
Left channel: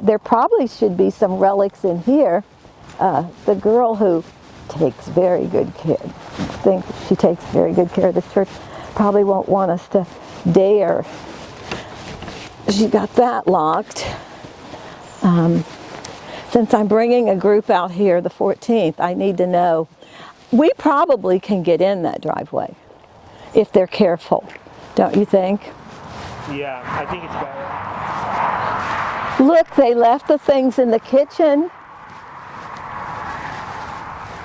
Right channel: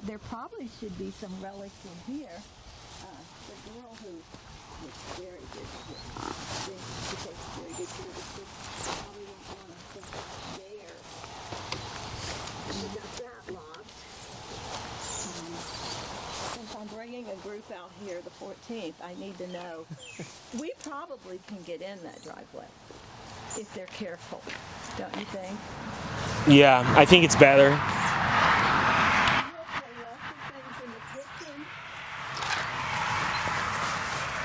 There probably should be some relics in here. The girl who takes very good care, she takes very good care of the church, probably won't want us to dare. She got that locked. Since I'm bringing a group out here the 14th, I need to know. We probably can get in that driveway if they're careful, don't you think? Yeah, I think it's better. Look, they left the things in the kitchen.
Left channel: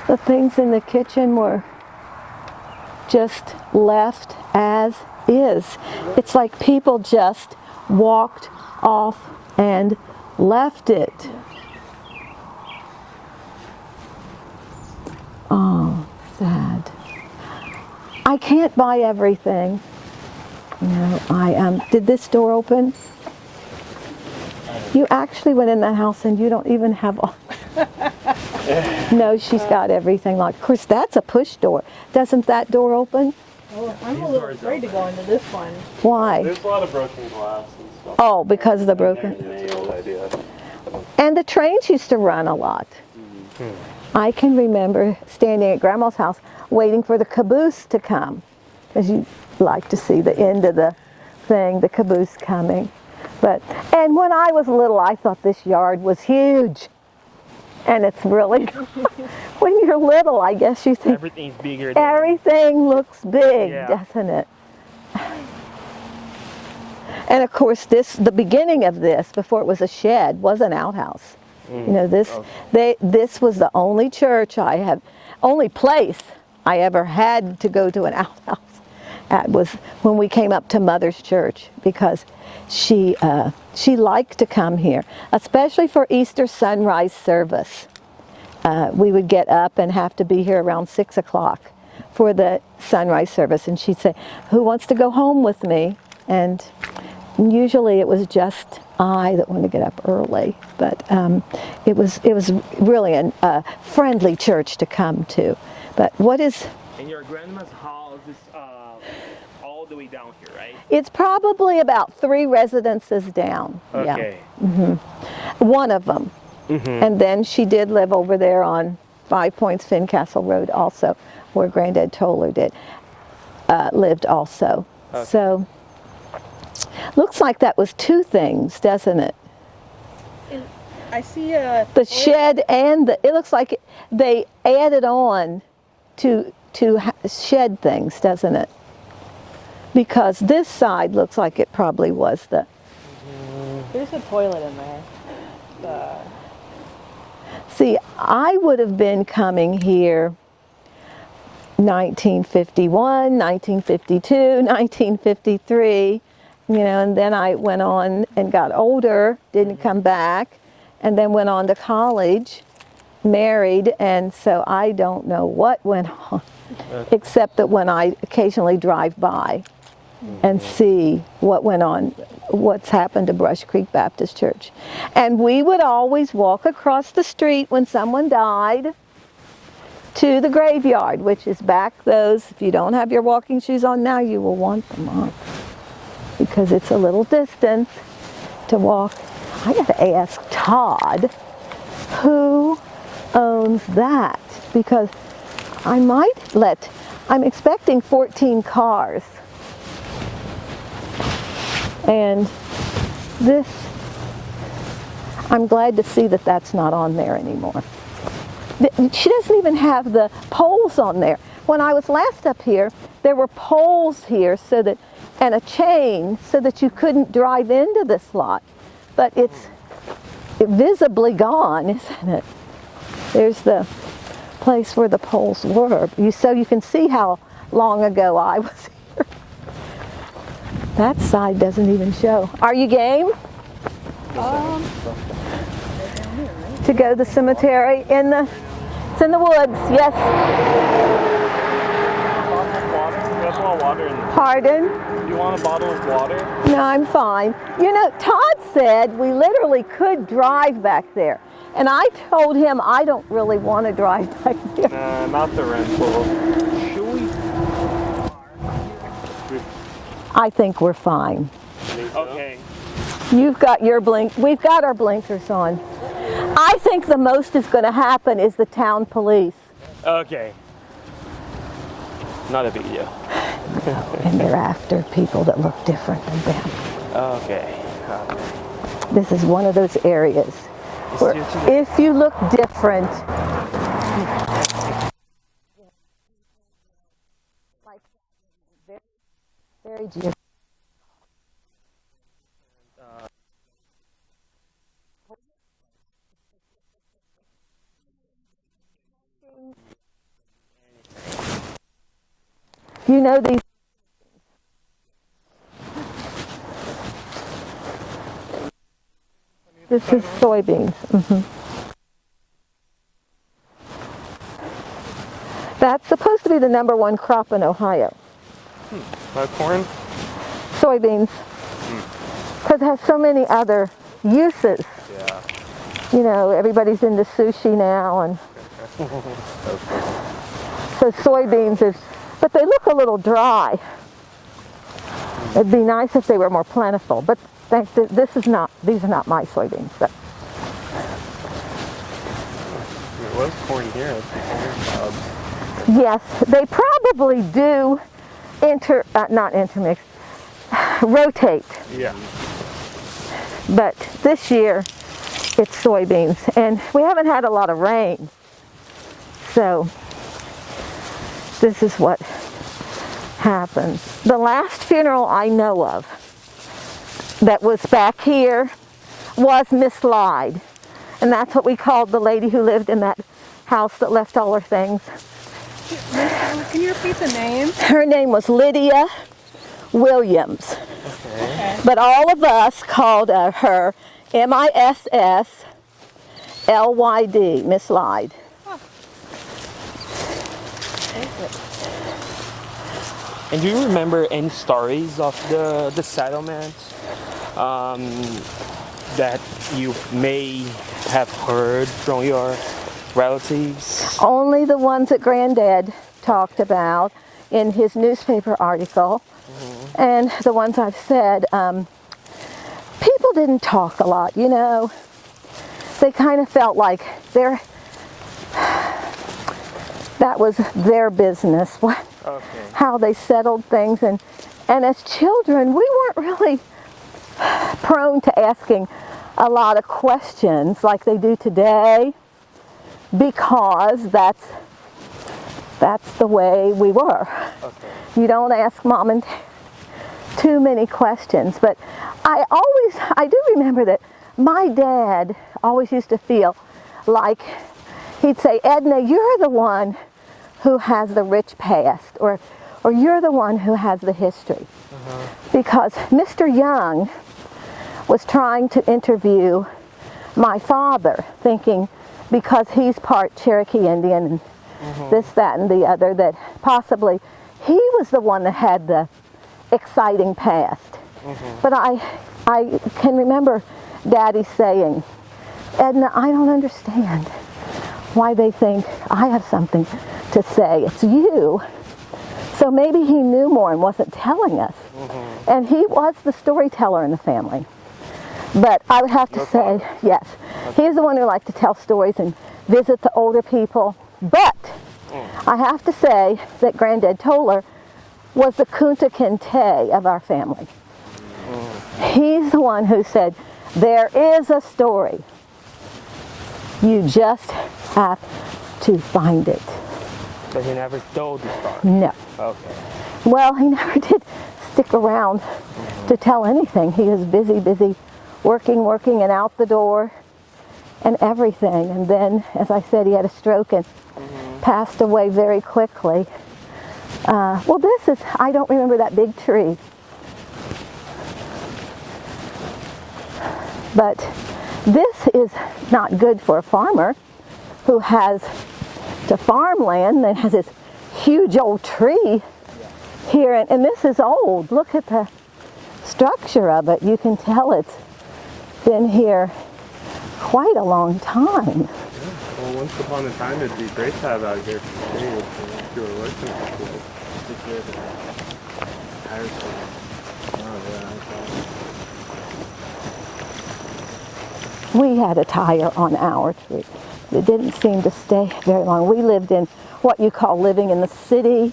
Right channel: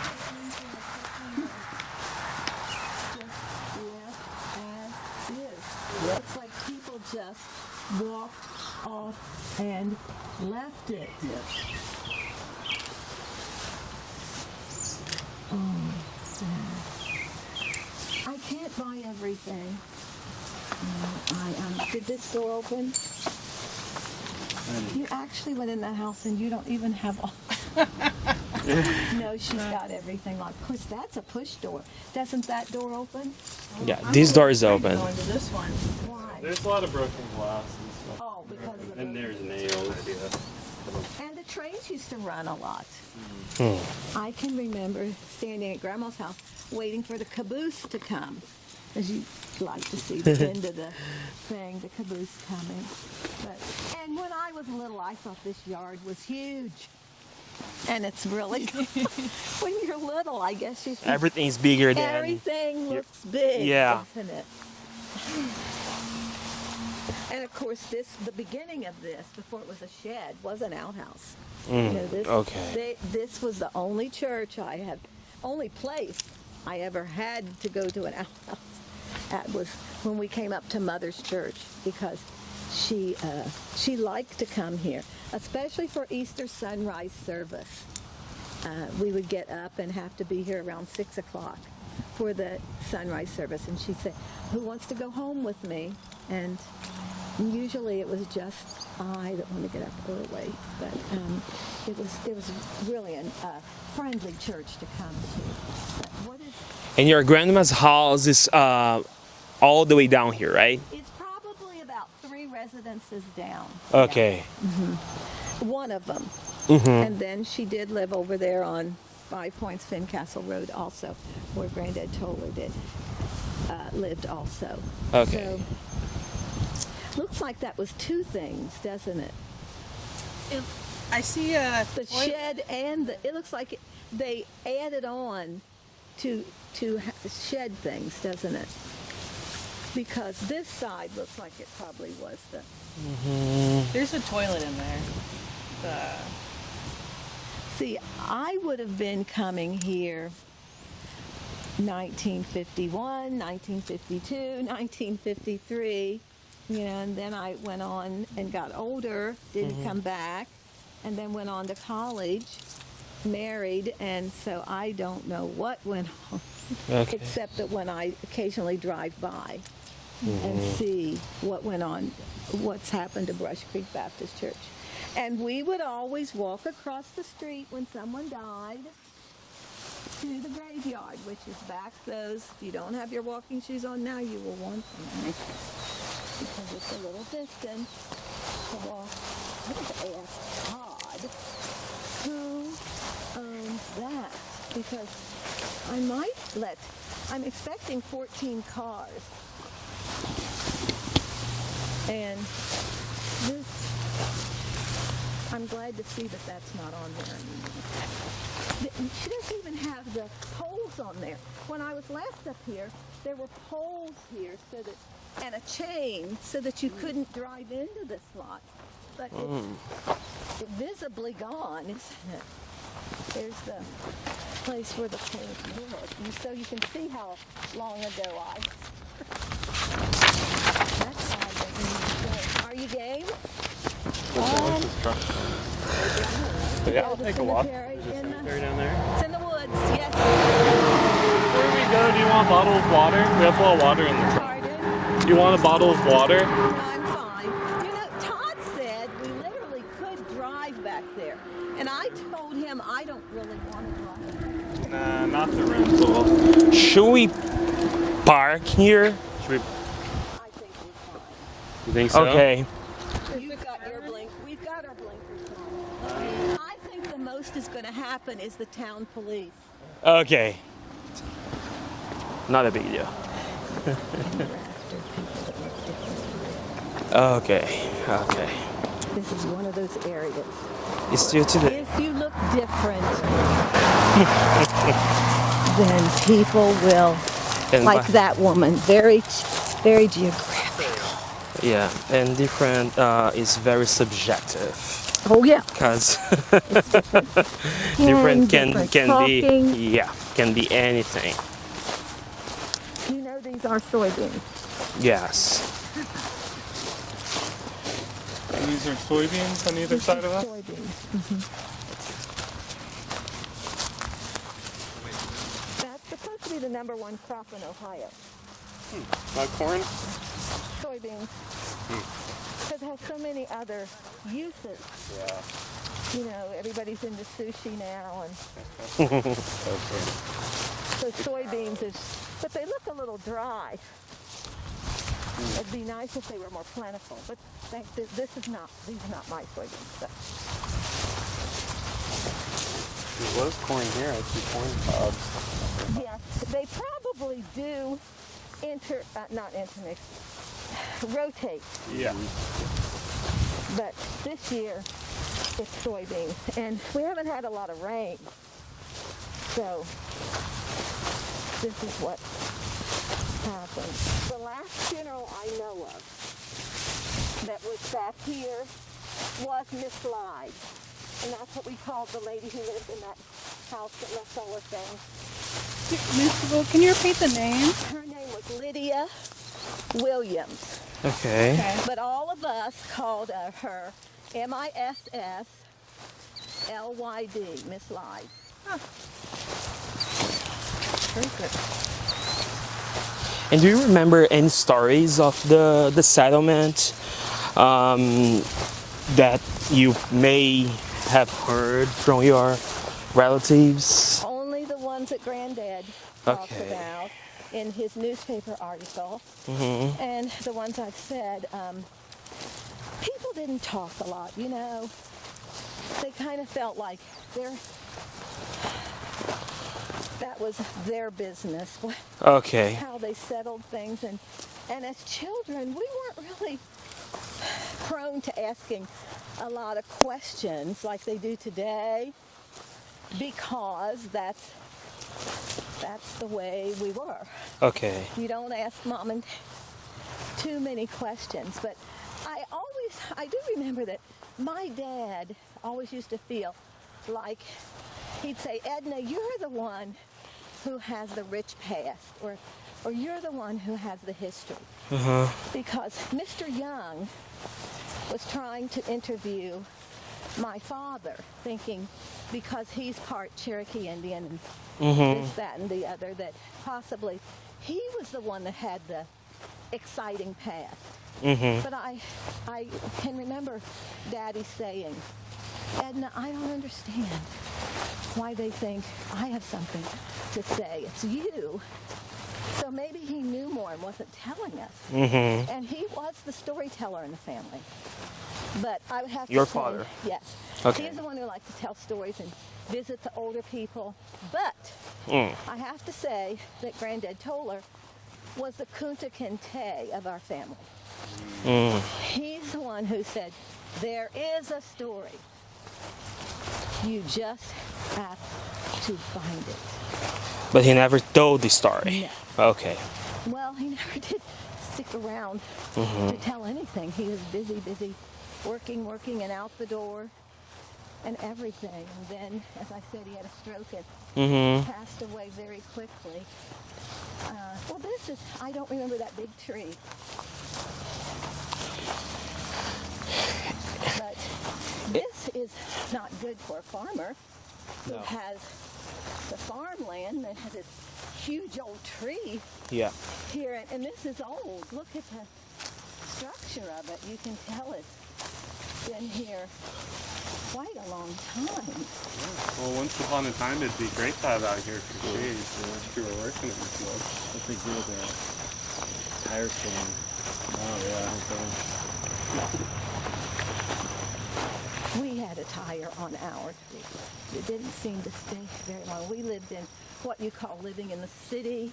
The things in the kitchen were just left as is. It's like people just walked off and left it. Oh, sad. I can't buy everything. No, did this door open? You actually went in that house and you don't even have all. No, she's got everything locked. Of course, that's a push door. Doesn't that door open? Yeah, this door is open. Go into this one. Why? There's a lot of broken glass and stuff. Oh, because of the broken. And the trains used to run a lot. I can remember standing at Grandma's house waiting for the caboose to come, because you like to see the end of the thing, the caboose coming. And when I was little, I thought this yard was huge. And it's really, when you're little, I guess you think Everything's bigger than... everything looks big, Yeah. doesn't it? And of course, the beginning of this, before it was a shed, was an outhouse. You know, this was the only church only place I ever had to go to an outhouse at was when we came up to Mother's church, because she liked to come here, especially for Easter sunrise service. We would get up and have to be here around 6 o'clock for the sunrise service, and she'd say, "Who wants to go home with me?" And usually it was just I that wanted to get up early, but it was really a friendly church to come to. But what is? And your grandma's house is all the way down here, right? It's probably about 3 residences down. Okay. Yeah. One of them. And then she did live over there on 5 Points Fincastle Road also, where Granddad Toller lived also. Okay. So, looks like that was 2 things, doesn't it? I see The shed and it looks like they added on to shed things, doesn't it? Because this side looks like it probably was the... There's a toilet in there. See, I would have been coming here 1951, 1952, 1953, you know, and then I went on and got older, didn't come back, and then went on to college, married, and so I don't know what went on, except that when I occasionally drive by and see what went on, what's happened to Brush Creek Baptist Church. And we would always walk across the street when someone died to the graveyard, which is back those, if you don't have your walking shoes on now, you will want them on, because it's a little distance to walk. I gotta ask Todd, who owns that? Because I might I'm expecting 14 cars. And this, I'm glad to see that that's not on there anymore. She doesn't even have the poles on there. When I was last up here, there were poles here so that, and a chain so that you couldn't drive into this lot. But it's visibly gone, isn't it? There's the place where the poles were. So you can see how long ago I was here. That side doesn't even show. Are you game? To go to the cemetery it's in the woods, yes. Do you want a bottle of water? We have a little water in there. Pardon? Do you want a bottle of water? No, I'm fine. You know, Todd said we literally could drive back there. And I told him I don't really want to drive back there. Nah, not the rental. Should we park here? I think we're fine. You think so? Okay. You've got your we've got our blinkers on. I think the most is going to happen is the town police. Okay. Not a big deal. And they're after people that look different than them. Okay. Okay. This is one of those areas It's where due today. if you look different, then people will, And like by- that woman, very geographical. Yeah, and different is very subjective. Oh yeah. Because And different can talking. be can be anything. You know these are soybeans. Yes. These are soybeans on either This side is of them? soybeans. That's supposed to be the #1 crop in Ohio. Corn? Soybeans. Because it has so many other uses. Yeah. You know, everybody's into sushi now, and so soybeans is, but they look a little dry. It'd be nice if they were more plentiful, but these are not my soybeans. So. There was corn here and some corn cobs. Yes, they probably do not intermix, rotate. Yeah. But this year, it's soybeans, and we haven't had a lot of rain. So this is what happens. The last funeral I know of that was back here was Miss Lyde, and that's what we called the lady who lived in that house that left all her things. Can you repeat the name? Her name was Lydia Williams. Okay. But all of us called her MISSLYD, Miss Lyde. And do you remember any stories of the settlement that you may have heard from your relatives? Only the ones that Granddad talked Okay. about in his newspaper article, and the ones I've said. People didn't talk a lot, you know. They kind of felt like that was their business, Okay. how they settled things, and as children, we weren't really prone to asking a lot of questions like they do today, because that's the way we were. Okay. You don't ask mom and dad too many questions. But I do remember that my dad always used to feel like he'd say, Edna, you're the one who has the rich past, or or you're the one who has the history. Because Mr. Young was trying to interview my father, thinking because he's part Cherokee Indian and this, that, and the other, that possibly he was the one that had the exciting past. But I can remember Daddy saying, Edna, I don't understand why they think I have something to say. It's you. So maybe he knew more and wasn't telling us. And he was the storyteller in the family. But I would have to say, yes, he's the one who liked to tell stories and visit the older people. But I have to say that Granddad Toller was the Kunta Kinte of our family. He's the one who said, there is a story. You just have to find it. But he never told the story. No. Okay. Well, he never did stick around to tell anything. He was busy working and out the door and everything. And then, as I said, he had a stroke and passed away very quickly. Well, this is, I don't remember that big tree. But this is not good for a farmer who has to farm land and has this huge old tree here. And this is old. Look at the structure of it. You can tell it's been here quite a long time. Well, once upon a time, it'd be great to have out here for shade if you were working at the place. We had a tire on our tree. It didn't seem to stay very long. We lived in what you call living in the city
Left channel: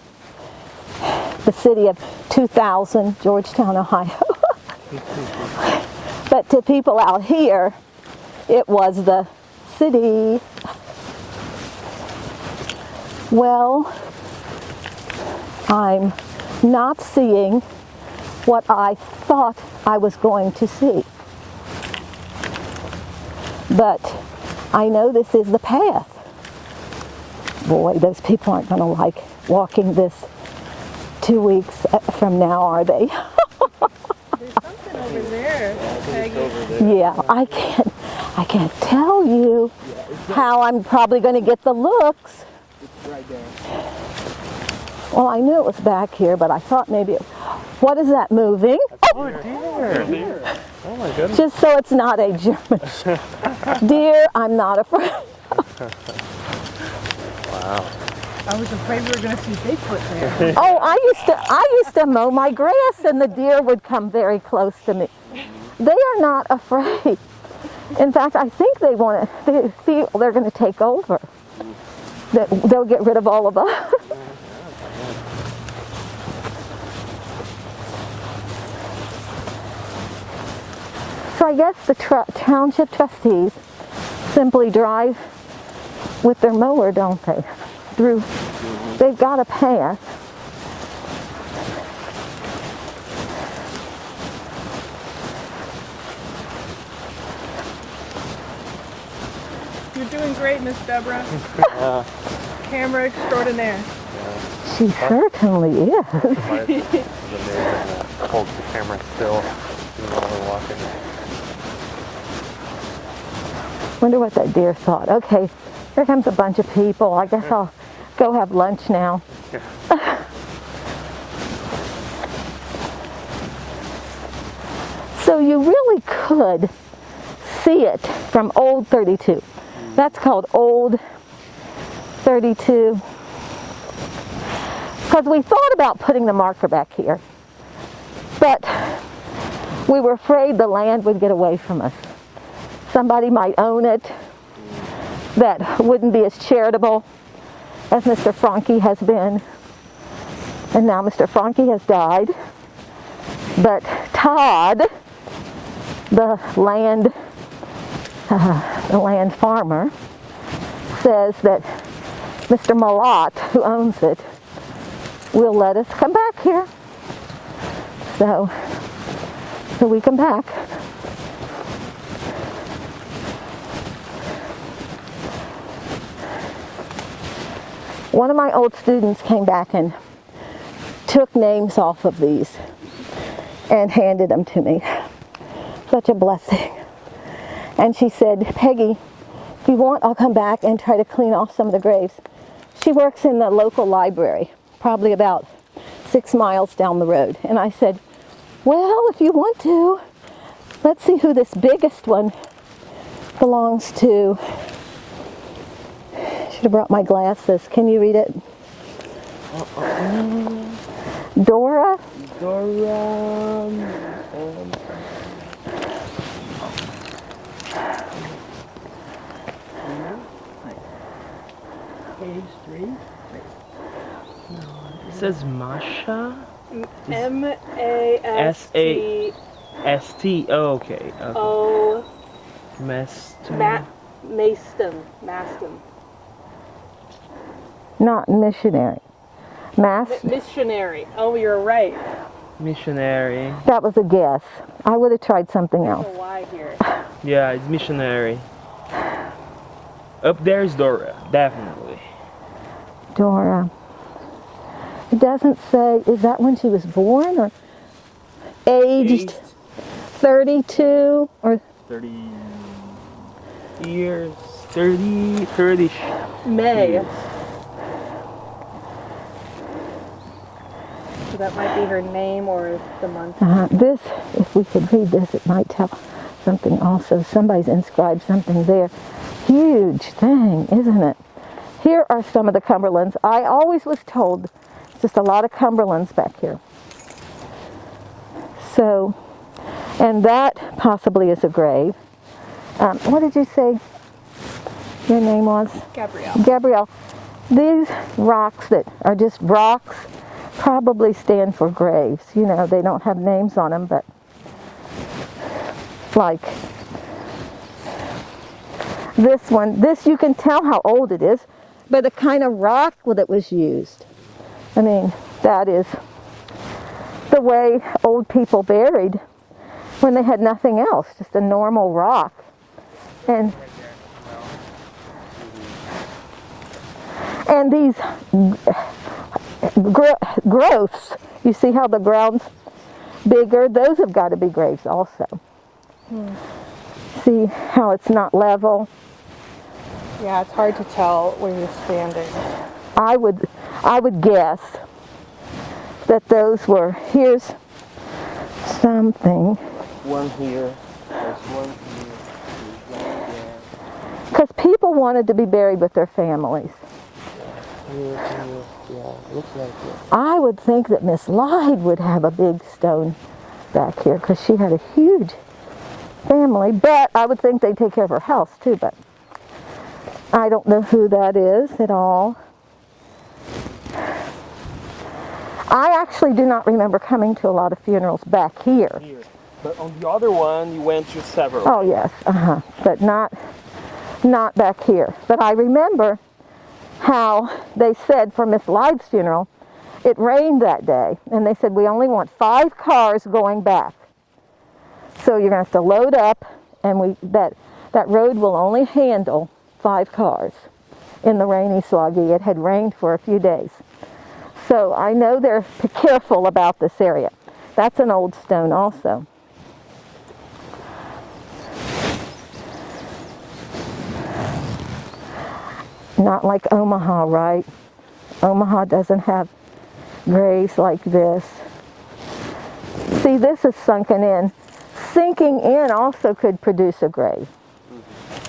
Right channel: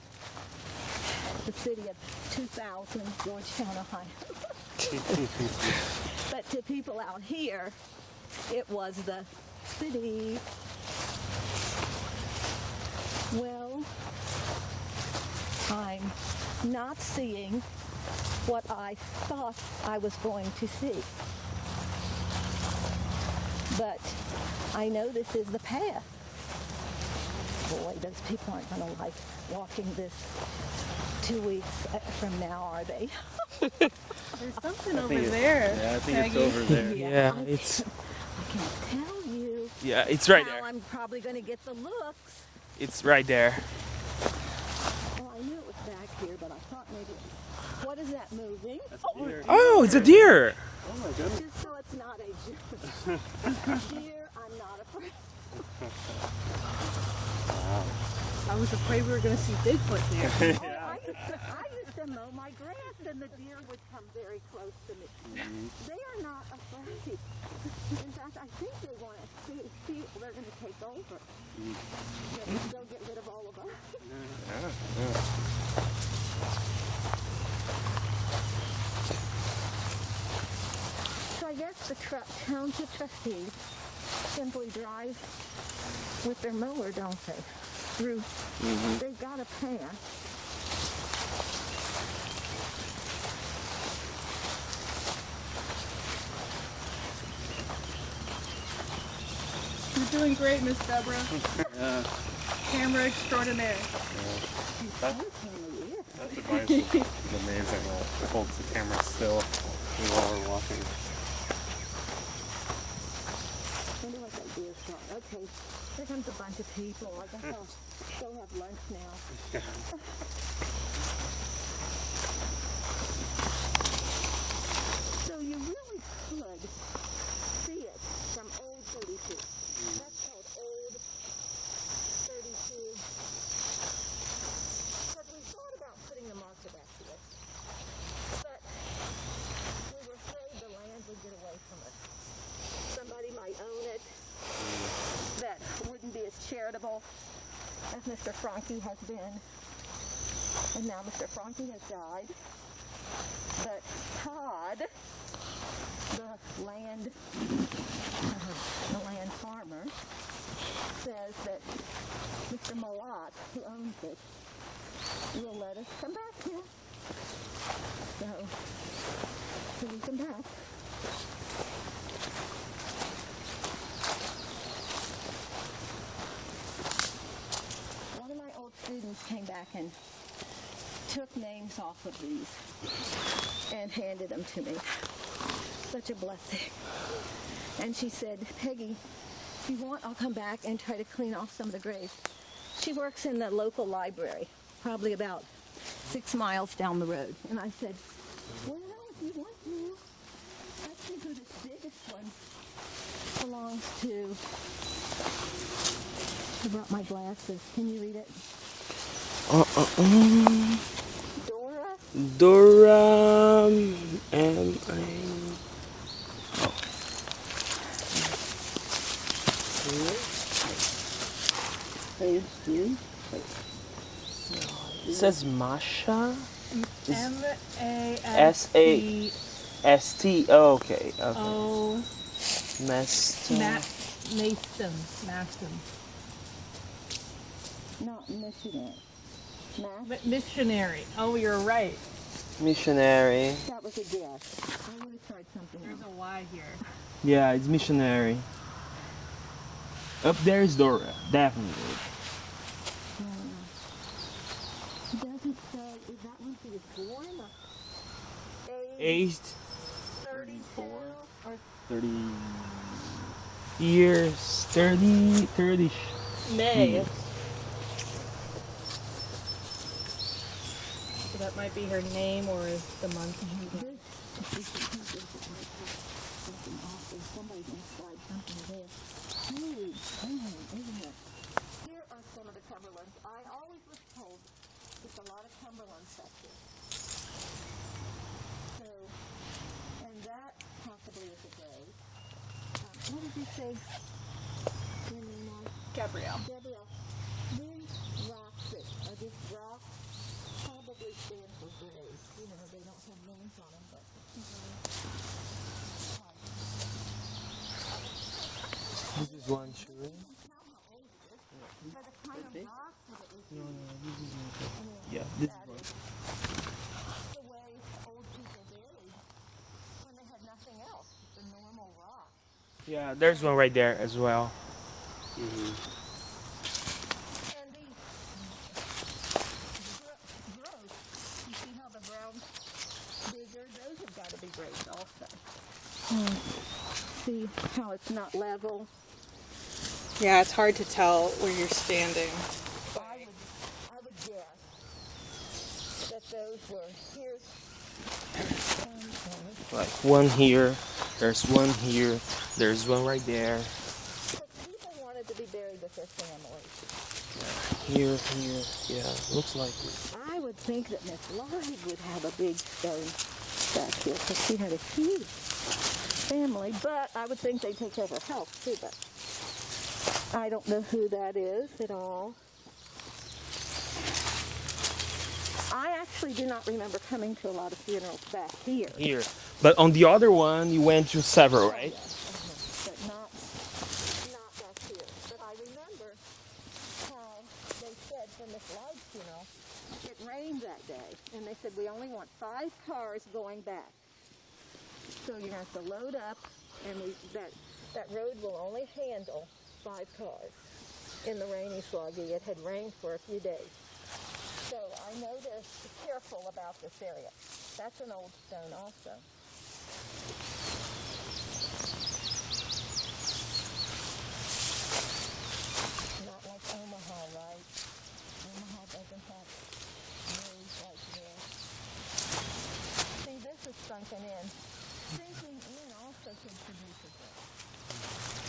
of 2000, Georgetown, Ohio. But to people out here, it was the city. Well, I'm not seeing what I thought I was going to see. But I know this is the path. Boy, those people aren't going to like walking this 2 weeks from now, are they? There's something over there, Peggy. Yeah, I can't tell you how I'm probably going to get the looks. It's right there. Well, I knew it was back here, but I thought maybe what is that moving? Oh, it's a deer. Oh my goodness. Just so it's not a German deer, I'm not afraid. Wow. I was afraid we were going to see Bigfoot there. Oh, I used to mow my grass and the deer would come very close to me. They are not afraid. In fact, I think they feel they're going to take over. They'll get rid of all of us. So I guess the township trustees simply drive with their mower, don't they? They've got a path. You're doing great, Miss Deborah. Camera extraordinaire. She certainly is. It's amazing that holds the camera still while we're walking. Wonder what that deer thought. Okay, here comes a bunch of people. I guess I'll go have lunch now. So you really could see it from Old 32. That's called Old 32. Because we thought about putting the marker back here, but we were afraid the land would get away from us. Somebody might own it that wouldn't be as charitable as Mr. Franke has been. And now Mr. Franke has died. But Todd, the land farmer, says that Mr. Malott, who owns it, will let us come back here. So we come back. One of my old students came back and took names off of these and handed them to me. Such a blessing. And she said, Peggy, if you want, I'll come back and try to clean off some of the graves. She works in the local library, probably about 6 miles down the road. And I said, well, if you want to, let's see who this biggest one belongs to. Should have brought my glasses. Can you read it? Dora? Dora and Page 3. it says Masha. M-A-S-T. S-T. Oh, okay. O. Master. Maston. Not missionary. Missionary. Oh, you're right. Missionary. That was a guess. I would have tried something There's else. a Y here. Yeah, it's missionary. Up there is Dora, definitely. Dora. It doesn't say, is that when she was born or aged 32 or 30 years. 30. May. Years. So that might be her name or the month. this, if we could read this, it might tell something also. Somebody's inscribed something there. Huge thing, isn't it? Here are some of the Cumberlands. I always was told just a lot of Cumberlands back here. So, and that possibly is a grave. What did you say your name was? Gabrielle. Gabrielle. These rocks that are just rocks probably stand for graves. You know, they don't have names on them, but like this one, this you can tell how old it is by the kind of rock that was used. I mean, that is the way old people buried when they had nothing else, just a normal rock. Yeah, there's one right there as well. And these growths, you see how the ground's bigger? Those have got to be graves also. See how it's not level? Yeah, it's hard to tell where you're standing. I would guess that those were, here's something. One here, there's one here, there's one right there. Because people wanted to be buried with their families. Here, yeah, looks like it. I would think that Miss Lyde would have a big stone back here because she had a huge family, but I would think they'd take care of her house too, but I don't know who that is at all. I actually do not remember coming to a lot of funerals back here. Here. But on the other one, you went to several. Oh yes, but not back here. But I remember how they said for Miss Lyde's funeral, it rained that day, and they said we only want 5 cars going back. So you're going to have to load up, and that road will only handle 5 cars in the rainy sloggy. It had rained for a few days. So I know they're careful about this area. That's an old stone also. Not like Omaha, right? Omaha doesn't have graves like this. See, this is sunken in. Sinking in also could produce a grave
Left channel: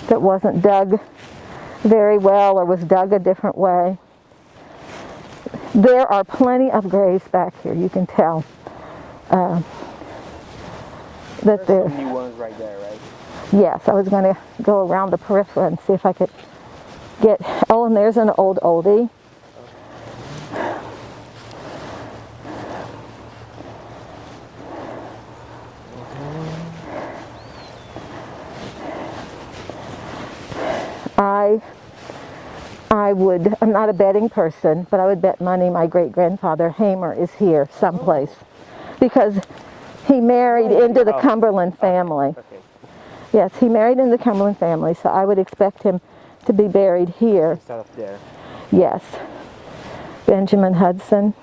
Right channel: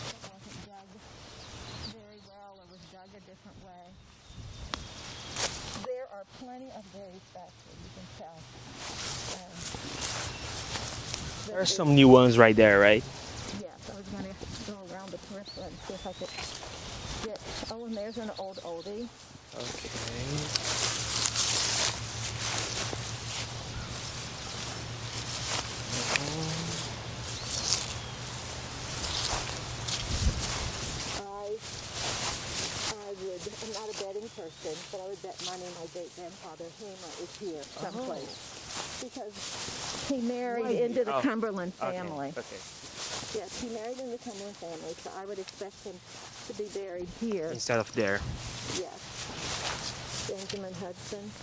that wasn't dug very well or was dug a different way. There are plenty of graves back here, you can tell. There's some new ones right there, right? Yes, I was going to go around the periphery and see if I could get, oh, and there's an old oldie. I'm not a betting person, but I would bet money my great-grandfather Hamer is here someplace because he married into the Cumberland family. Okay. Yes, he married into the Cumberland family, so I would expect him to be buried here. Instead of there. Yes. Benjamin Hudson.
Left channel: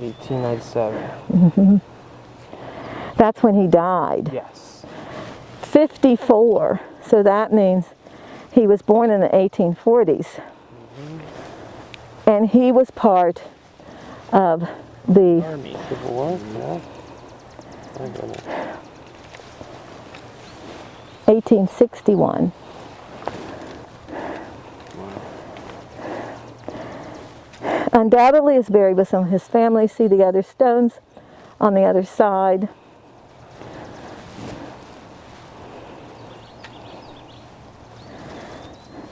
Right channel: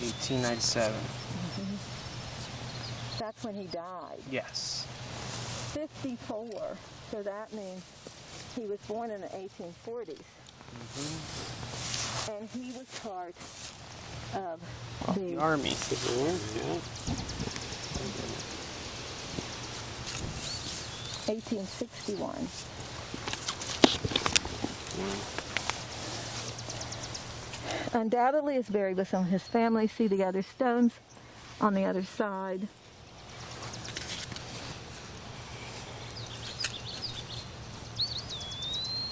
1897. That's when he died. Yes. 54. So that means he was born in the 1840s. And he was part of the Army. Civil War, yeah. 1861. Undoubtedly is buried with some of his family. See the other stones on the other side.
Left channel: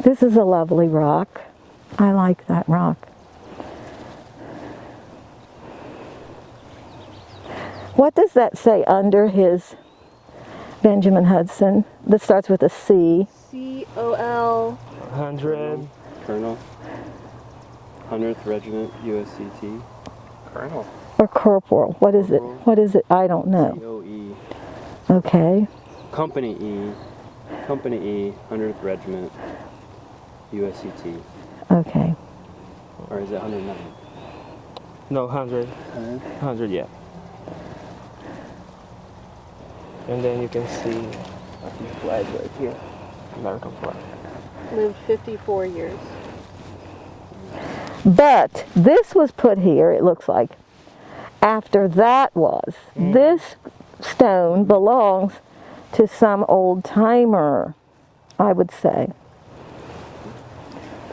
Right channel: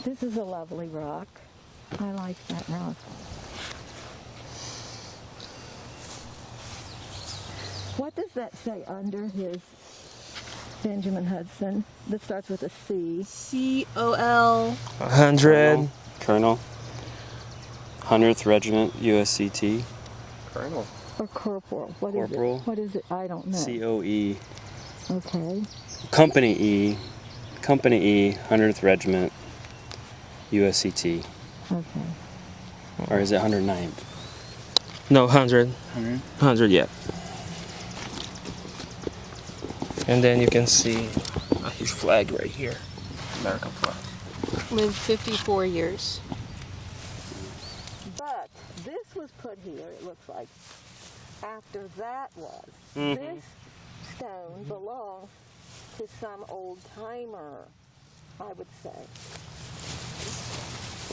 This is a lovely rock. I like that rock. What does that say under his Benjamin Hudson? This starts with a C. C-O-L. 100. Colonel. 100th Regiment, USCT. Colonel. Or corporal. What is Corporal. it? What is it? I don't know. COE. Okay. Company E. Company E, 100th Regiment, USCT. Okay. Or is it 109? No, 100. 100, yeah. And then you can see a huge flag right here. American flag. Lived 54 years. But this was put here, it looks like, after that was. This stone belongs to some old timer, I would say.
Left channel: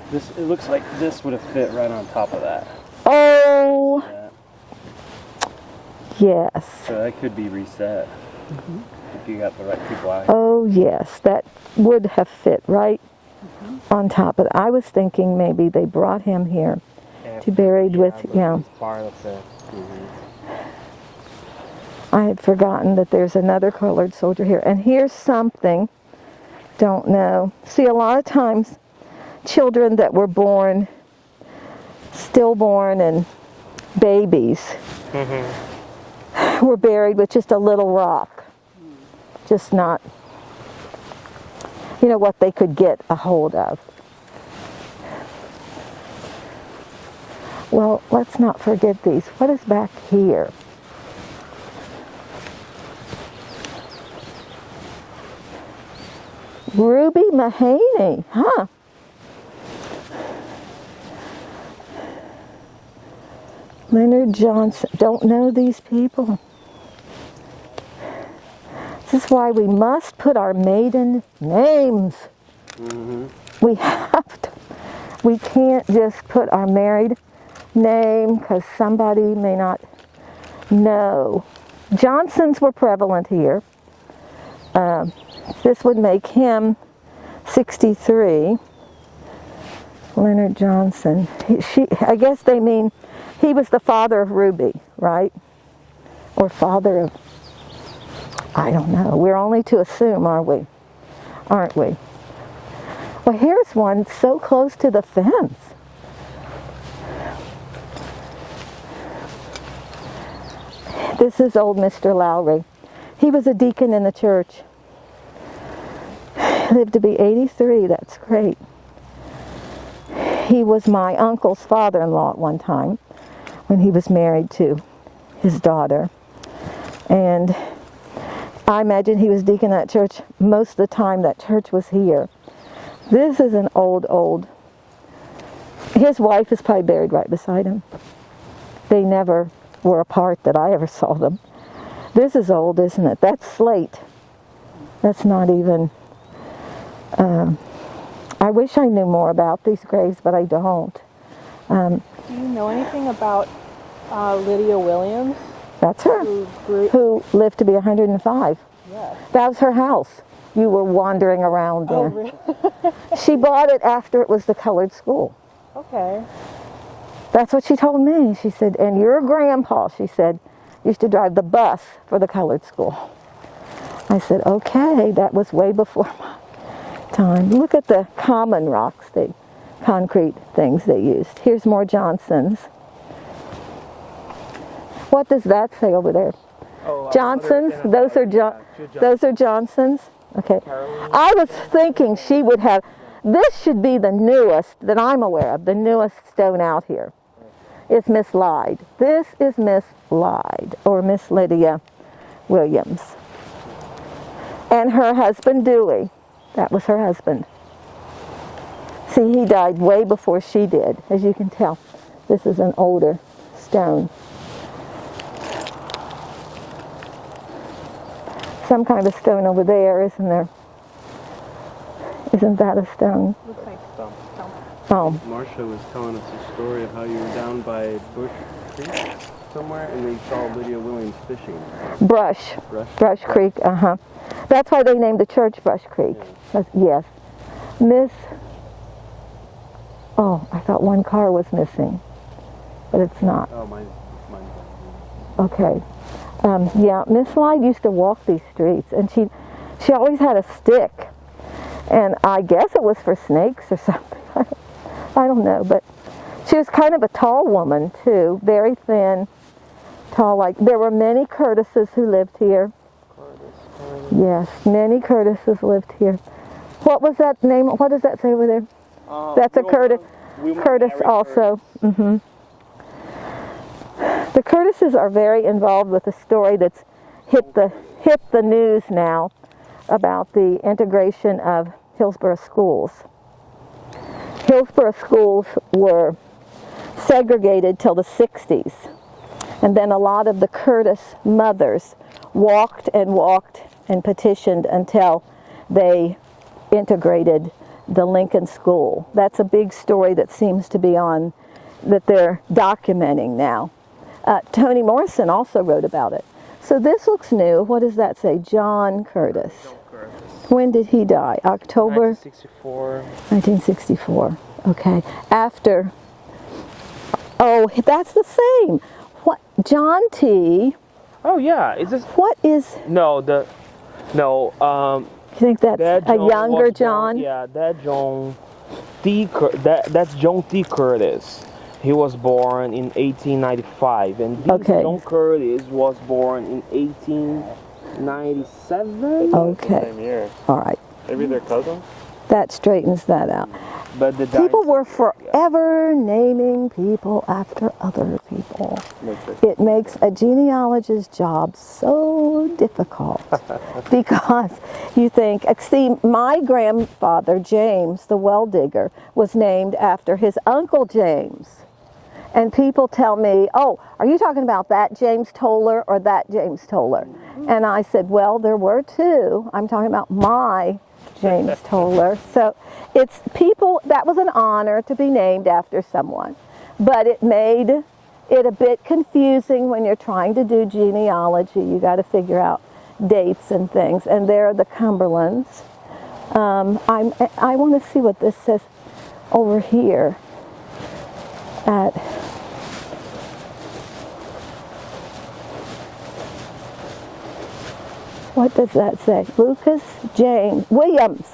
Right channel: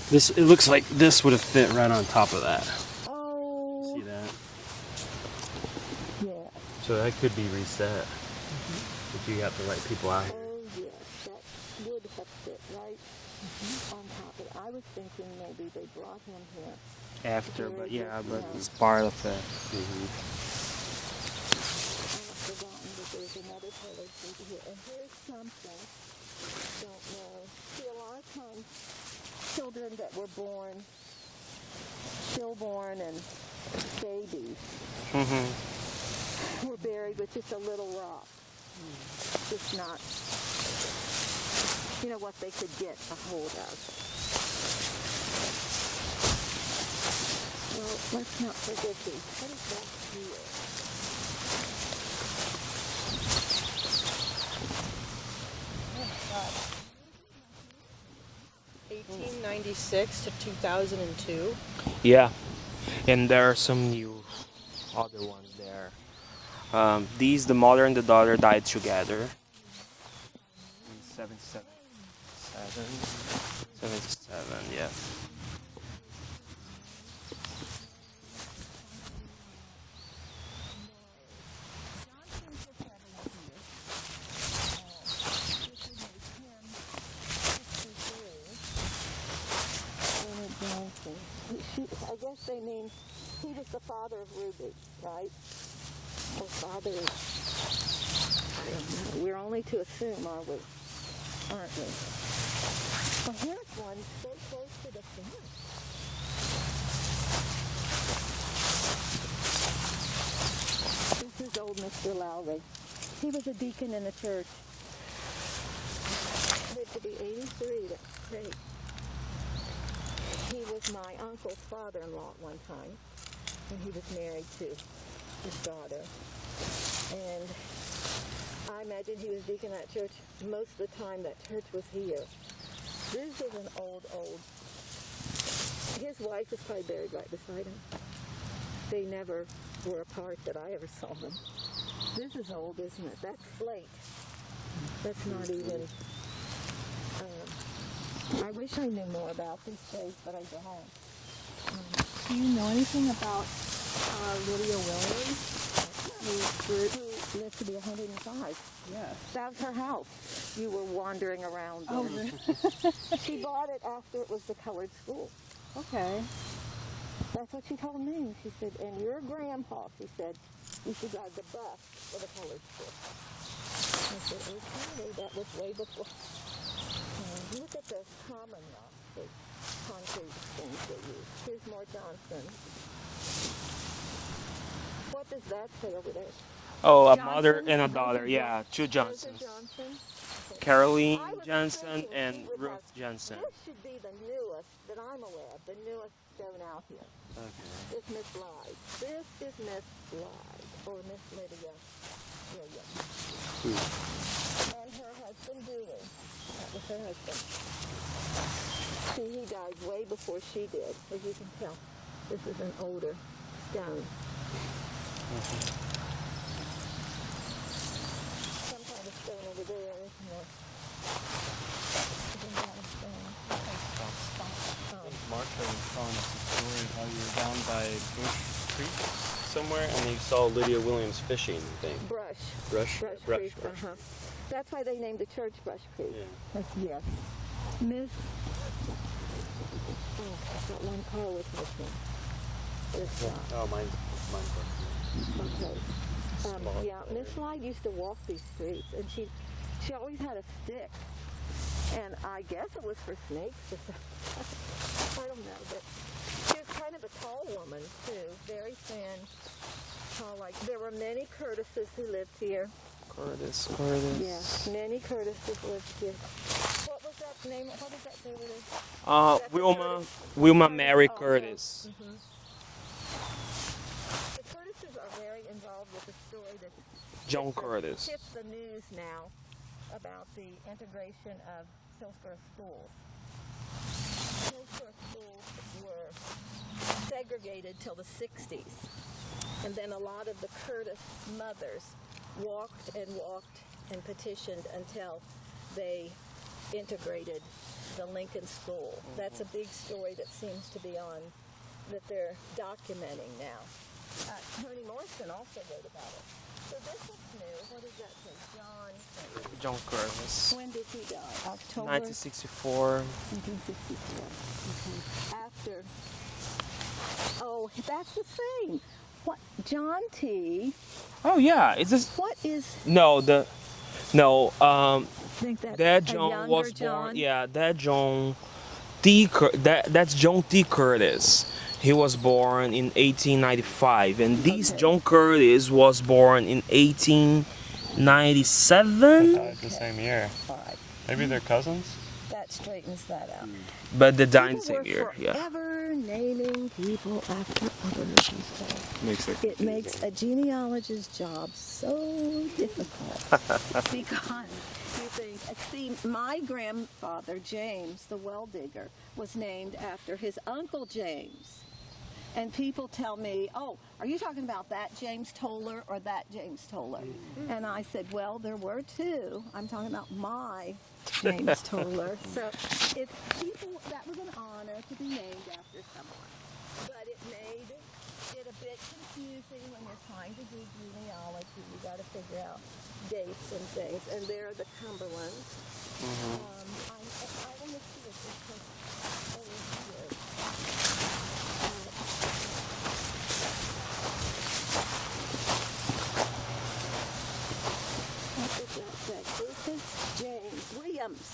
This, it looks like this would have fit right on top of that. Oh, Yeah. yes. So that could be reset. If you got the right people out here. Oh, yes. That would have fit right on top of it. I was thinking maybe they brought him here to be buried with, It's part of the. I had forgotten that there's another colored soldier here. And here's something, don't know. See, a lot of times children that were born, stillborn and babies, were buried with just a little rock. Just not, you know, what they could get a hold of. Well, let's not forget these. What is back here? Ruby Mahaney, huh? 1896 to 2002. Yeah. And there are some. Leonard Johnson. Don't know these people. These, the mother and the daughter, died together. This is why we must put our maiden names. We have to. We can't just put our married name because somebody may not know. Johnsons were prevalent here. This would make him 63. Leonard Johnson. I guess they mean he was the father of Ruby, right? Or father of, I don't know. We're only to assume, are we? Aren't we? Well, here's one so close to the fence. This is old Mr. Lowry. He was a deacon in the church. Lived to be 83, that's great. He was my uncle's father-in-law at one time when he was married to his daughter. And I imagine he was deacon at church most of the time that church was here. This is an old, his wife is probably buried right beside him. They never were apart that I ever saw them. This is old, isn't it? That's slate. That's not even, I wish I knew more about these graves, but I don't. Do you know anything about Lydia Williams? That's her, who lived to be 105. Yes. That was her house. You were wandering around there. Oh, really? She bought it after it was the colored school. Okay. That's what she told me. She said, and your grandpa, she said, used to drive the bus for the colored school. I said, okay, that was way before my time. Look at the common rocks, the concrete things they used. Here's more Johnsons. What does that say over there? Oh, a mother Johnsons? and a Those daughter, are yeah, two those are Johnsons. Johnsons? Okay. Caroline I was Johnson thinking and she would have, Johnson. this should be the newest that I'm aware of, the newest stone out here. is Miss Lyde. This is Miss Lyde, or Miss Lydia Williams. And her husband, Dewey. That was her husband. See, he died way before she did, as you can tell. This is an older stone. Some kind of stone over there, isn't there? Isn't that a stone? Oh. Marcia was telling us a story of how you were down by Bush Creek somewhere and you saw Lydia Williams fishing. Brush Creek, uh-huh. That's why they named the church Brush Creek. Yes. Oh, I thought one car was missing, but it's not. Oh, mine's Okay. Yeah, Miss Lyde used to walk these streets, and she always had a stick, and I guess it was for snakes or something. I don't know, but she was kind of a tall woman too, very thin, tall. Like there were many Curtises who lived here. Oh, that's fine. Yes, many Curtises lived here. What was that name? What does that say over there? That's Wilma, a Curtis. Wilma Curtis Mary also. Curtis. Mm-hmm. The Curtises are very involved with a story that's hit the news now about the integration of Hillsborough schools. Hillsborough schools were segregated till the 60s, and then a lot of the Curtis mothers walked and petitioned until they integrated the Lincoln School. That's a big story that seems to be on, that they're documenting now. Toni Morrison also wrote about it. So this looks new. What does that say? John Curtis. John Curtis. When did he die? October? 1964. 1964. Okay. After. Oh, that's the same. What? John T. Oh yeah, is this? What is? No. Do you think that's That a John younger was John? Born, yeah, that John T. That's John T. Curtis. He was born in 1895, and this John Curtis was born in 1897. Okay. Same year. All right. Maybe they're cousins? That straightens that out. But the People were yeah. forever naming people after other people. It makes a genealogist's job so difficult because you think, see, my grandfather, James, the well digger, was named after his uncle James. And people tell me, oh, are you talking about that James Toller or that James Toller? And I said, well, there were two. I'm talking about my James Toller. So it's people, that was an honor to be named after someone. But it made it a bit confusing when you're trying to do genealogy. You got to figure out dates and things. And there are the Cumberlands. I want to see what this says over here at what does that say? Lucas James Williams.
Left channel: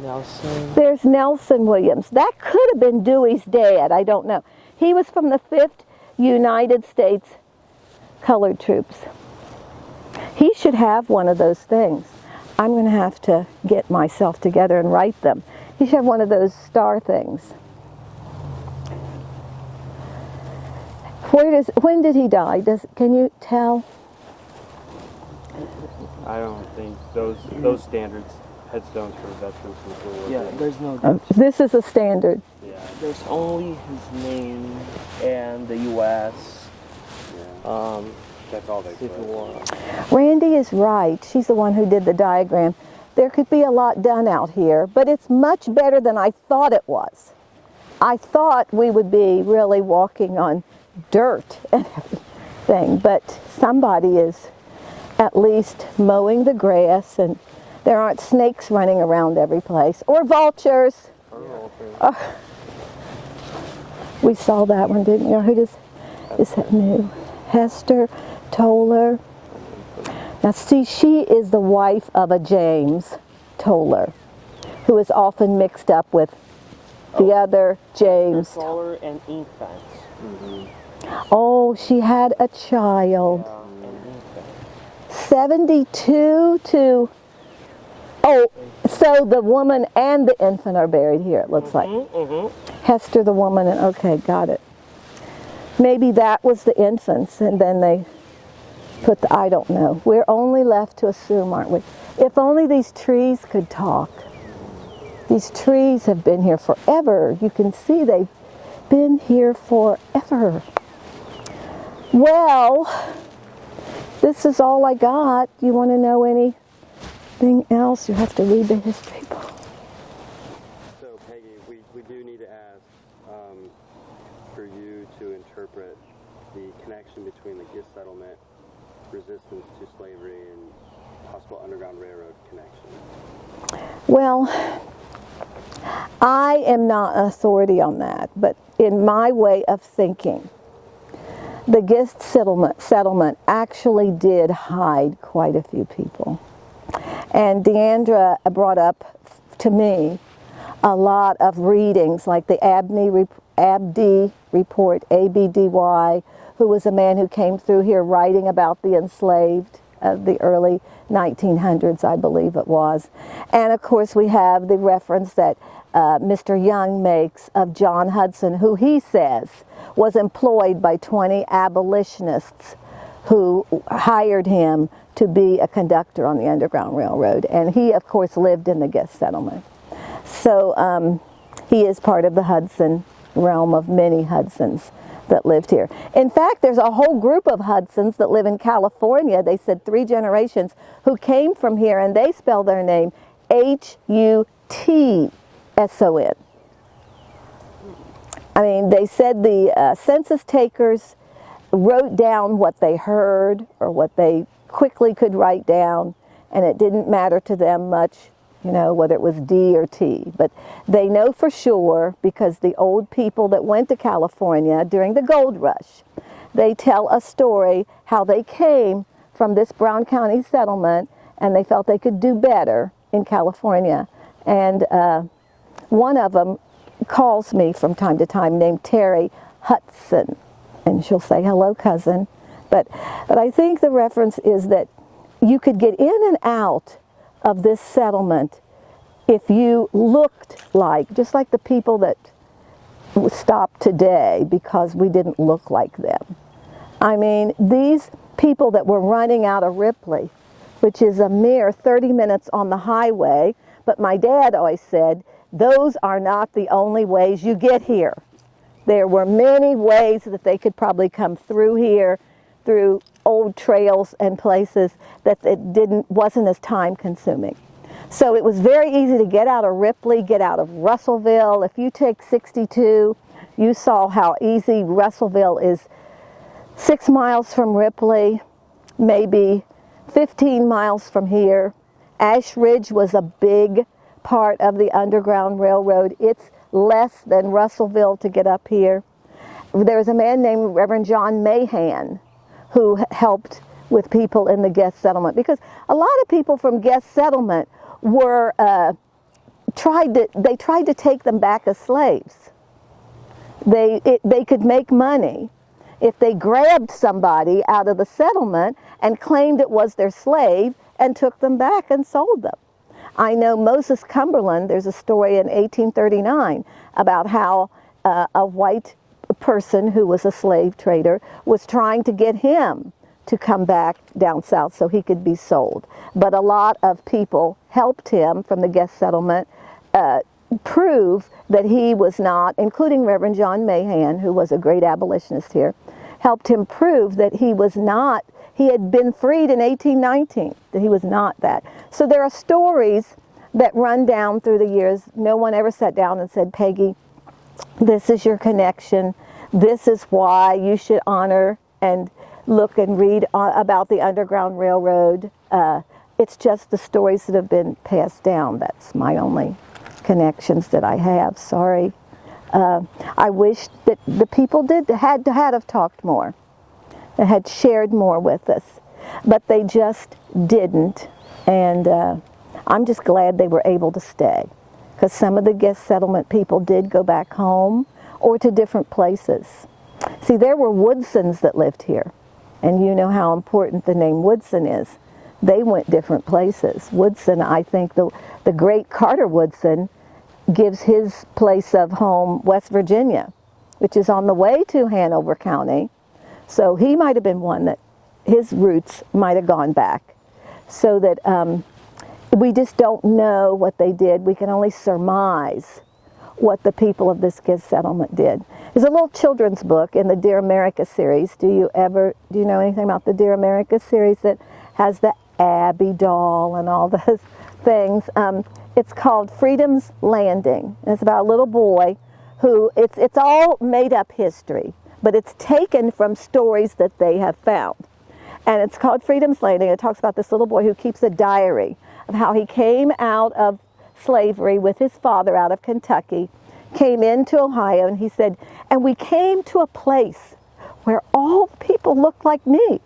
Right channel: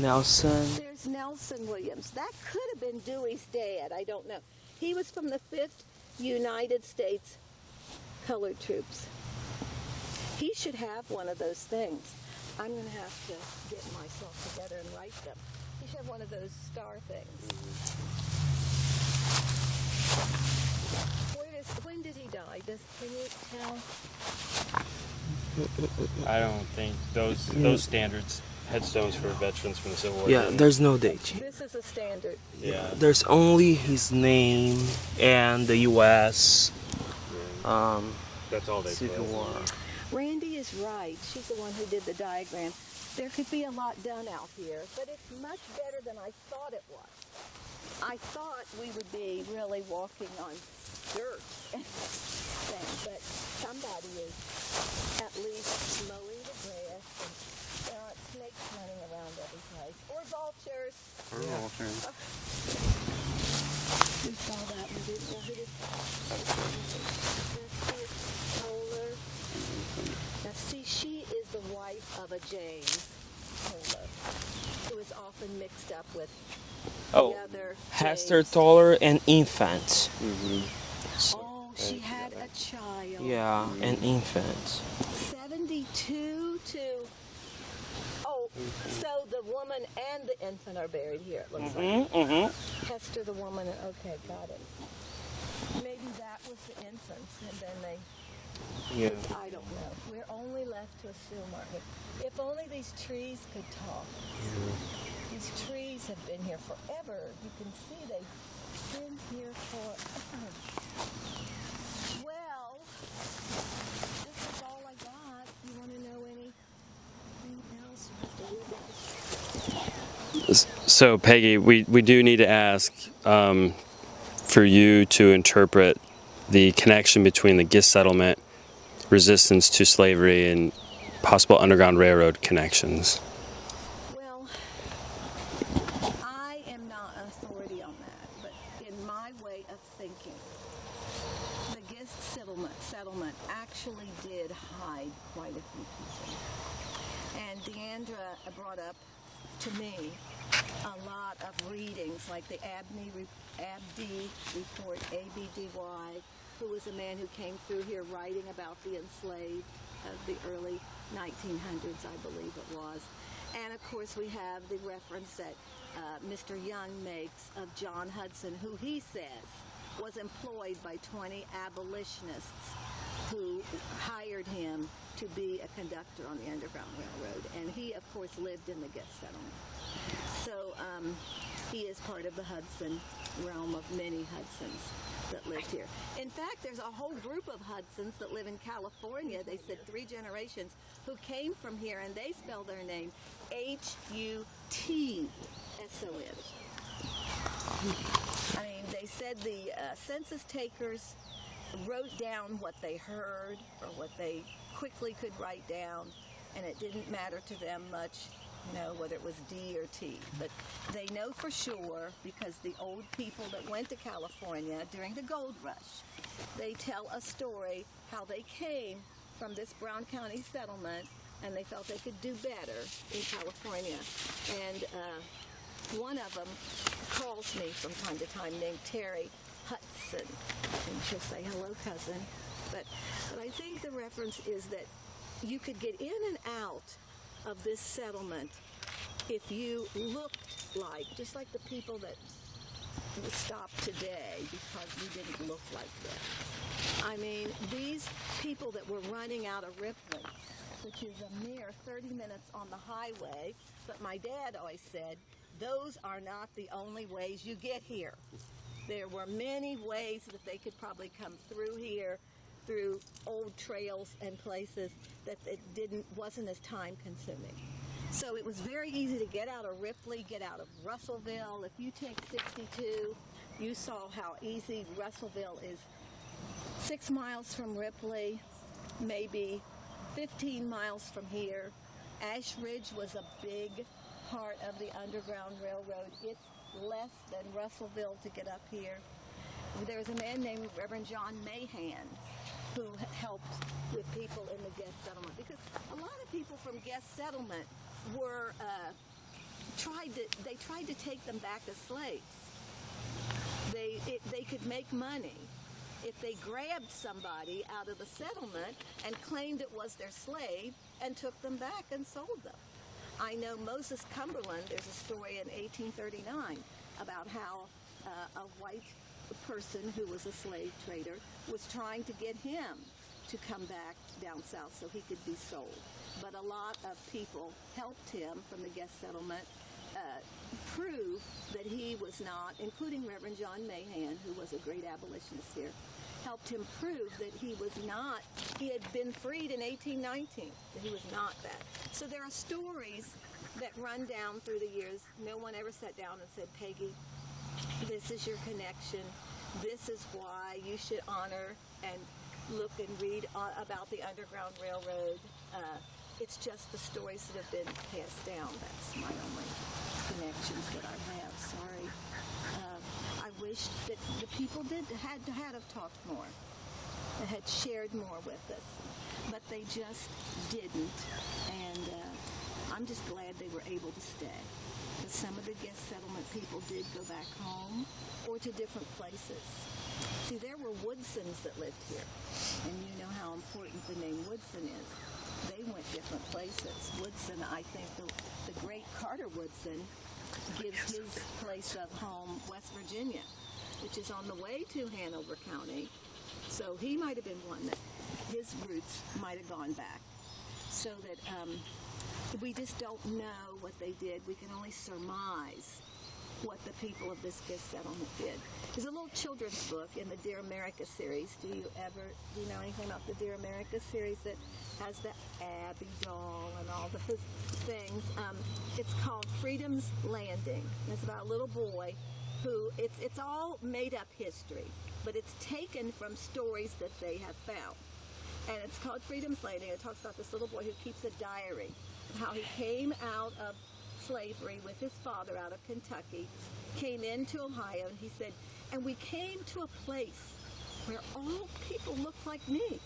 Nelson. There's Nelson Williams. That could have been Dewey's dad. I don't know. He was from the 5th United States Colored Troops. He should have one of those things. I'm going to have to get myself together and write them. He should have one of those star things. When did he die? Can you tell? I don't think those standards headstones for veterans from the Civil War. Yeah, there's no date. This is a standard. Yeah, there's only his name and the U.S. That's all they Civil said. War. Randy is right. She's the one who did the diagram. There could be a lot done out here, but it's much better than I thought it was. I thought we would be really walking on dirt and everything, but somebody is at least mowing the grass, and there aren't snakes running around every place, or vultures. We saw that one, didn't you? Who is that new? Hester Toller. Now see, she is the wife of a James Toller, who is often mixed up with the other James. Hester Toller, an infant. Oh, she had a child. Yeah, an infant. 72 to, oh, so the woman and the infant are buried here, it looks like. Hester the woman, and okay, got it. maybe that was the infants, and then they put the, I don't know. We're only left to assume, aren't we? If only these trees could talk. These trees have been here forever. You can see they've been here forever. Well, this is all I got. You want to know anything else? You have to read the history book. So, Peggy, we do need to ask for you to interpret the connection between the Gist settlement, resistance to slavery, and possible Underground Railroad connections. Well, I am not an authority on that, but in my way of thinking, the Gist settlement actually did hide quite a few people. And Deandra brought up to me a lot of readings, like the Abdy report, ABDY, who was a man who came through here writing about the enslaved of the early 1900s, I believe it was. And of course we have the reference that Mr. Young makes of John Hudson, who he says was employed by 20 abolitionists who hired him to be a conductor on the Underground Railroad. And he, of course, lived in the Gist settlement. So he is part of the Hudson realm of many Hudsons that lived here. In fact, there's a whole group of Hudsons that live in California. They said 3 generations who came from here, and they spell their name Hutson. I mean, they said the census takers wrote down what they heard or what they quickly could write down, and it didn't matter to them much, you know, whether it was D or T. But they know for sure because the old people that went to California during the gold rush, they tell a story how they came from this Brown County settlement and they felt they could do better in California. And one of them calls me from time to time, named Terry Hudson, and she'll say, "Hello, cousin." But I think the reference is that you could get in and out of this settlement if you looked like, just like the people that stopped today because we didn't look like them. I mean, these people that were running out of Ripley, which is a mere 30 minutes on the highway, but my dad always said, those are not the only ways you get here. There were many ways that they could probably come through here, through old trails and places that it wasn't as time consuming. So it was very easy to get out of Ripley, get out of Russellville. If you take 62, you saw how easy Russellville is. 6 miles from Ripley, maybe 15 miles from here. Ash Ridge was a big part of the Underground Railroad. It's less than Russellville to get up here. There was a man named Reverend John Mahan who helped with people in the Gist settlement, because a lot of people from Gist settlement were tried to take them back as slaves. They could make money if they grabbed somebody out of the settlement and claimed it was their slave and took them back and sold them. I know Moses Cumberland, there's a story in 1839 about how a white person who was a slave trader was trying to get him to come back down south so he could be sold. But a lot of people helped him from the Gist settlement prove that he was not, including Reverend John Mahan, who was a great abolitionist here, helped him prove that he was not, he had been freed in 1819, that he was not that. So there are stories that run down through the years. No one ever sat down and said, "Peggy, this is your connection. This is why you should honor and look and read about the Underground Railroad." It's just the stories that have been passed down. That's my only connections that I have. Sorry. I wish that the people had to have talked more, that had shared more with us, but they just didn't. And I'm just glad they were able to stay, because some of the Gist settlement people did go back home or to different places. See, there were Woodsons that lived here, and you know how important the name Woodson is. They went different places. Woodson, I think the great Carter Woodson gives his place of home West Virginia. which is on the way to Hanover County. So he might have been one that his roots might have gone back. So that we just don't know what they did. We can only surmise what the people of this Giz settlement did. There's a little children's book in the Dear America series. Do you know anything about the Dear America series that has the Abby doll and all those things? It's called Freedom's Landing. And it's about a little boy who, it's all made up history, but it's taken from stories that they have found. And it's called Freedom's Landing. It talks about this little boy who keeps a diary of how he came out of slavery with his father out of Kentucky, came into Ohio, and he said, and we came to a place where all people looked like me.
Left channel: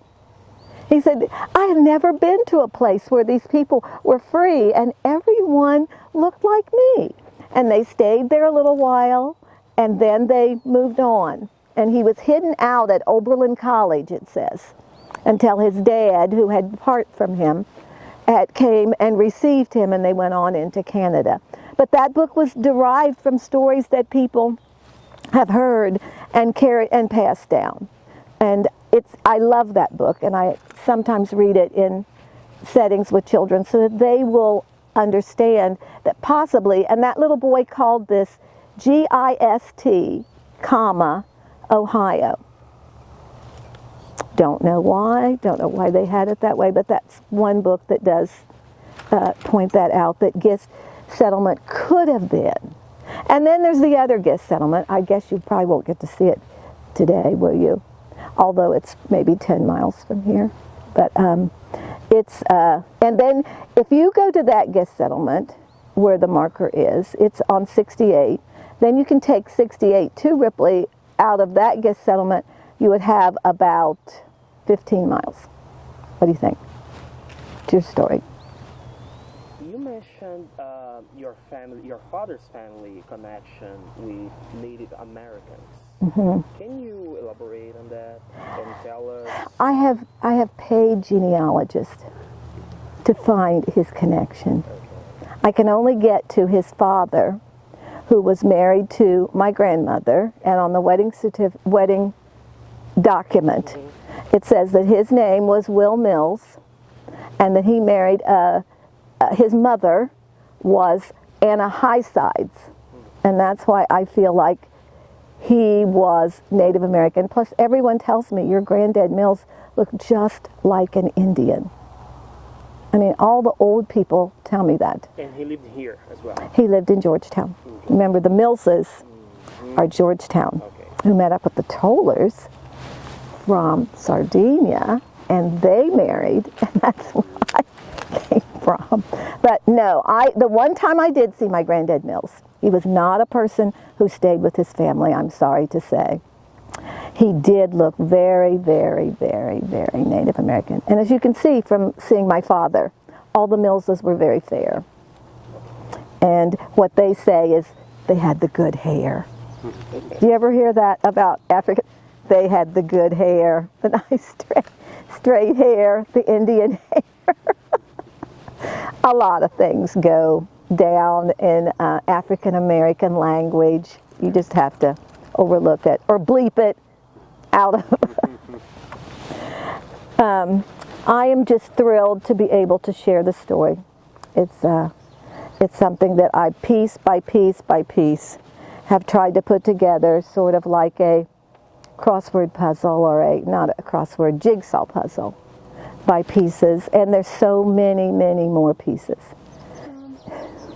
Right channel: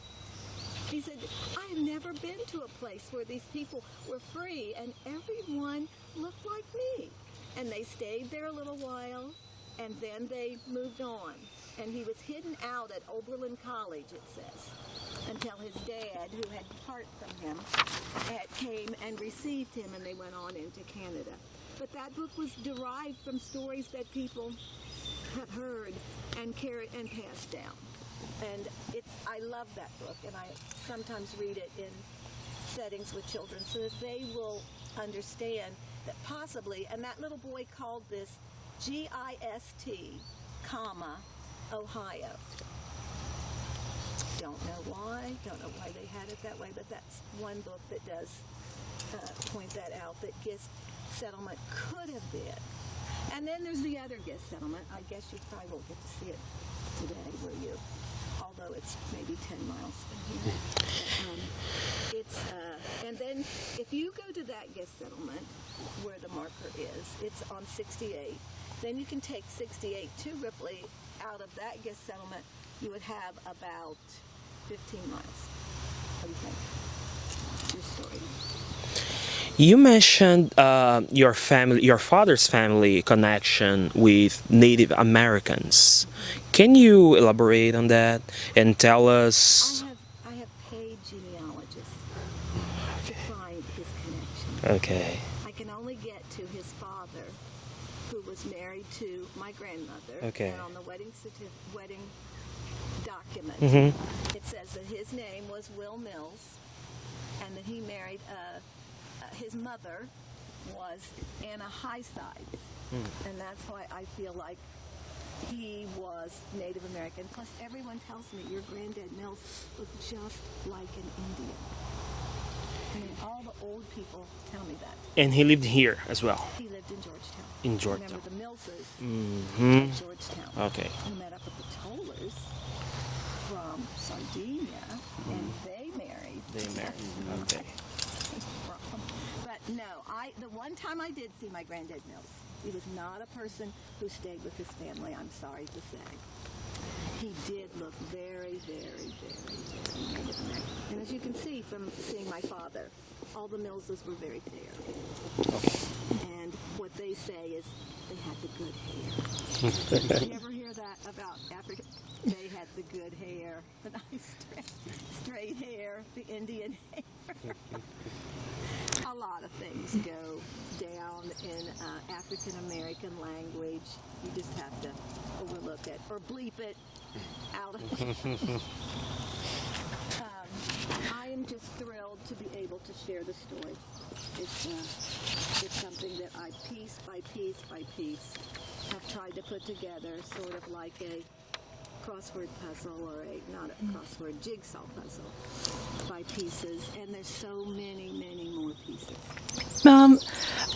He said, I have never been to a place where these people were free and everyone looked like me. And they stayed there a little while and then they moved on. And he was hidden out at Oberlin College, it says, until his dad, who had departed from him, came and received him, and they went on into Canada. But that book was derived from stories that people have heard and carried and passed down. And I love that book, and I sometimes read it in settings with children so that they will understand that possibly, and that little boy called this GIST, Ohio. Don't know why they had it that way, but that's one book that does point that out, that Gist settlement could have been. And then there's the other Gist settlement. I guess you probably won't get to see it today, will you? Although it's maybe 10 miles from here. But and then if you go to that Gist settlement where the marker is, it's on 68. Then you can take 68 to Ripley. Out of that Gist settlement, you would have about 15 miles. What do you think? It's your story. You mentioned your father's family connection with Native Americans. Mm-hmm. Can you elaborate on that and tell us? I have paid genealogists to find his connection. Okay. I can only get to his father, who was married to my grandmother, okay. And on the wedding document, mm-hmm. It says that his name was Will Mills, and that he married his mother was Anna Highsides, and that's why I feel like he was Native American. Plus, everyone tells me your granddad Mills looked just like an Indian. I mean, all the old people tell me that. And he lived here as well? He lived in Georgetown. Remember, the Millses are Georgetown, okay. Who met up with the Tollers from Sardinia, and they married, and that's where I came from. But no, the one time I did see my granddad Mills, he was not a person who stayed with his family, I'm sorry to say. He did look very, very, very, very Native American. And as you can see from seeing my father, all the Millses were very fair. And what they say is they had the good hair. Do you ever hear that about Africa? They had the good hair, the nice straight hair, the Indian hair. A lot of things go down in African American language. You just have to overlook it or bleep it out of. I am just thrilled to be able to share the story. It's something that I piece by piece by piece have tried to put together, sort of like a crossword puzzle, or not a crossword, jigsaw puzzle by pieces, and there's so many, many more pieces.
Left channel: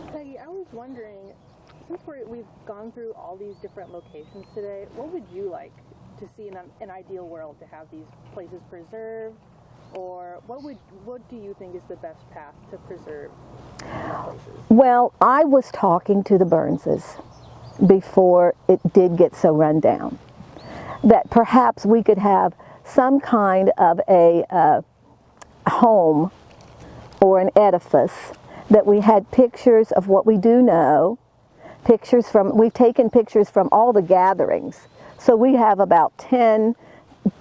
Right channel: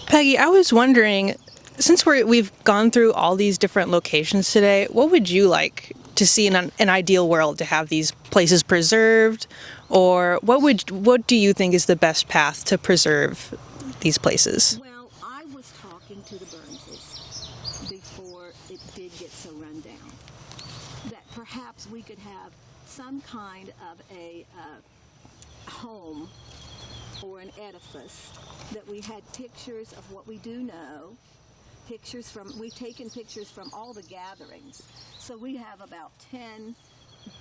Peggy, I was wondering, since we've gone through all these different locations today, what would you like to see in an ideal world to have these places preserved, or what do you think is the best path to preserve these places? Well, I was talking to the Burnses before it did get so run down, that perhaps we could have some kind of a home or an edifice that we had pictures of what we do know, we've taken pictures from all the gatherings. So we have about 10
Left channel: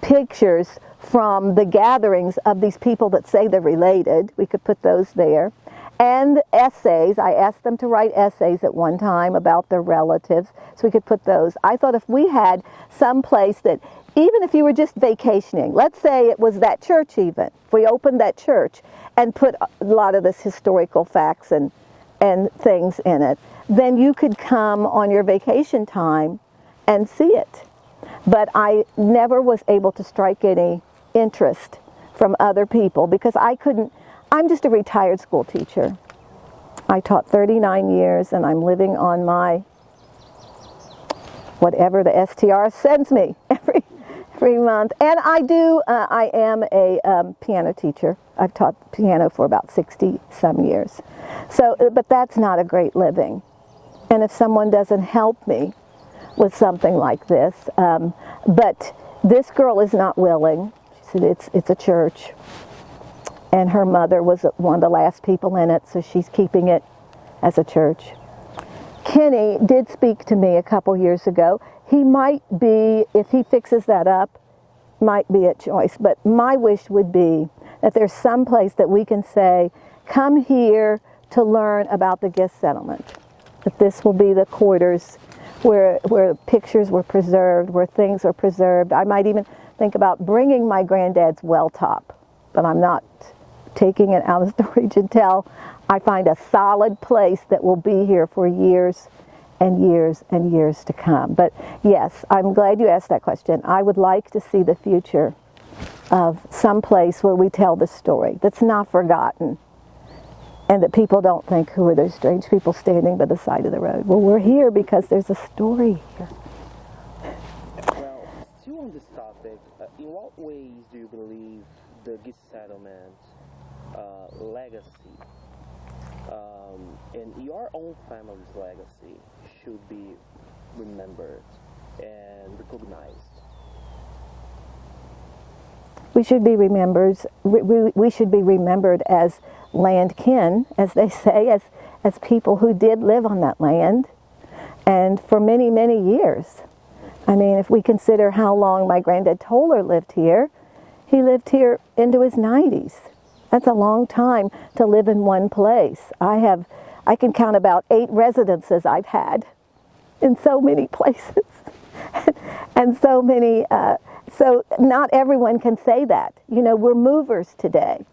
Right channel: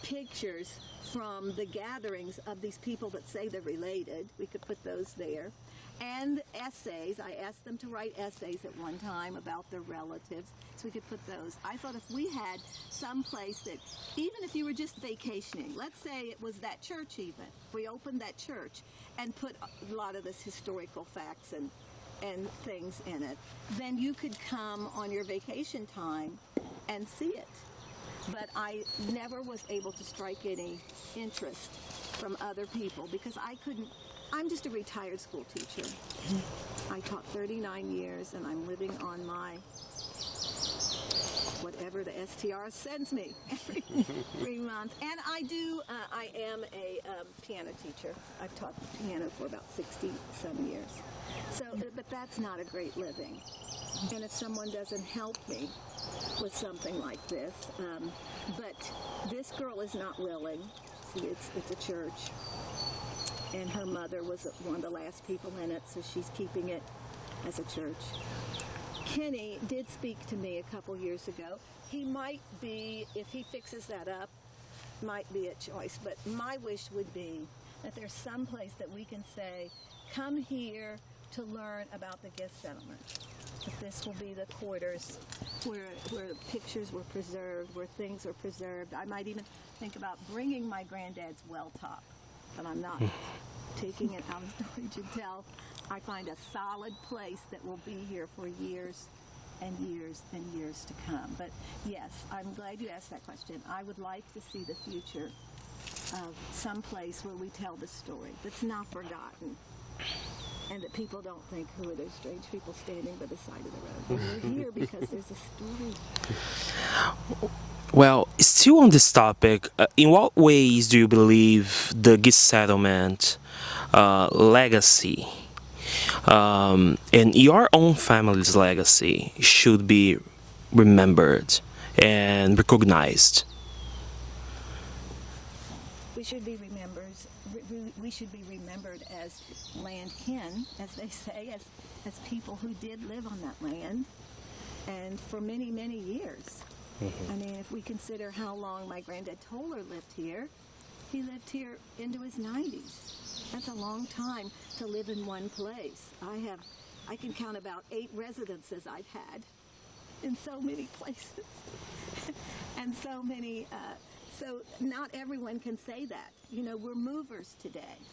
pictures from the gatherings of these people that say they're related. We could put those there. and essays. I asked them to write essays at one time about their relatives, so we could put those. I thought if we had some place that, even if you were just vacationing, let's say it was that church even, if we opened that church and put a lot of this historical facts and things in it, then you could come on your vacation time and see it. But I never was able to strike any interest from other people because I couldn't. I'm just a retired school teacher. I taught 39 years and I'm living on my, whatever the STR sends me every month. And I am a piano teacher. I've taught piano for about 60 some years. So, but that's not a great living. And if someone doesn't help me with something like this, but this girl is not willing. She said it's a church. And her mother was one of the last people in it, so she's keeping it as a church. Kenny did speak to me a couple years ago. He might be, if he fixes that up, might be a choice. But my wish would be that there's some place that we can say, come here to learn about the Gist settlement. That this will be the quarters where pictures were preserved, where things are preserved. I might even think about bringing my granddad's well top, but I'm not taking it out of storage until I find a solid place that will be here for years and years and years to come. But yes, I'm glad you asked that question. I would like to see the future of some place where we tell the story that's not forgotten and that people don't think, who are those strange people standing by the side of the road? Well, we're here because there's a story. Well, still on this topic, in what ways do you believe the Gist settlement legacy and your own family's legacy should be remembered and recognized? We should be remembered. We should be remembered as land kin, as they say, as people who did live on that land, and for many, many years. I mean, if we consider how long my granddad Toller lived here, he lived here into his 90s. That's a long time to live in one place. I can count about 8 residences I've had in so many places. And so many, so not everyone can say that. You know, we're movers today.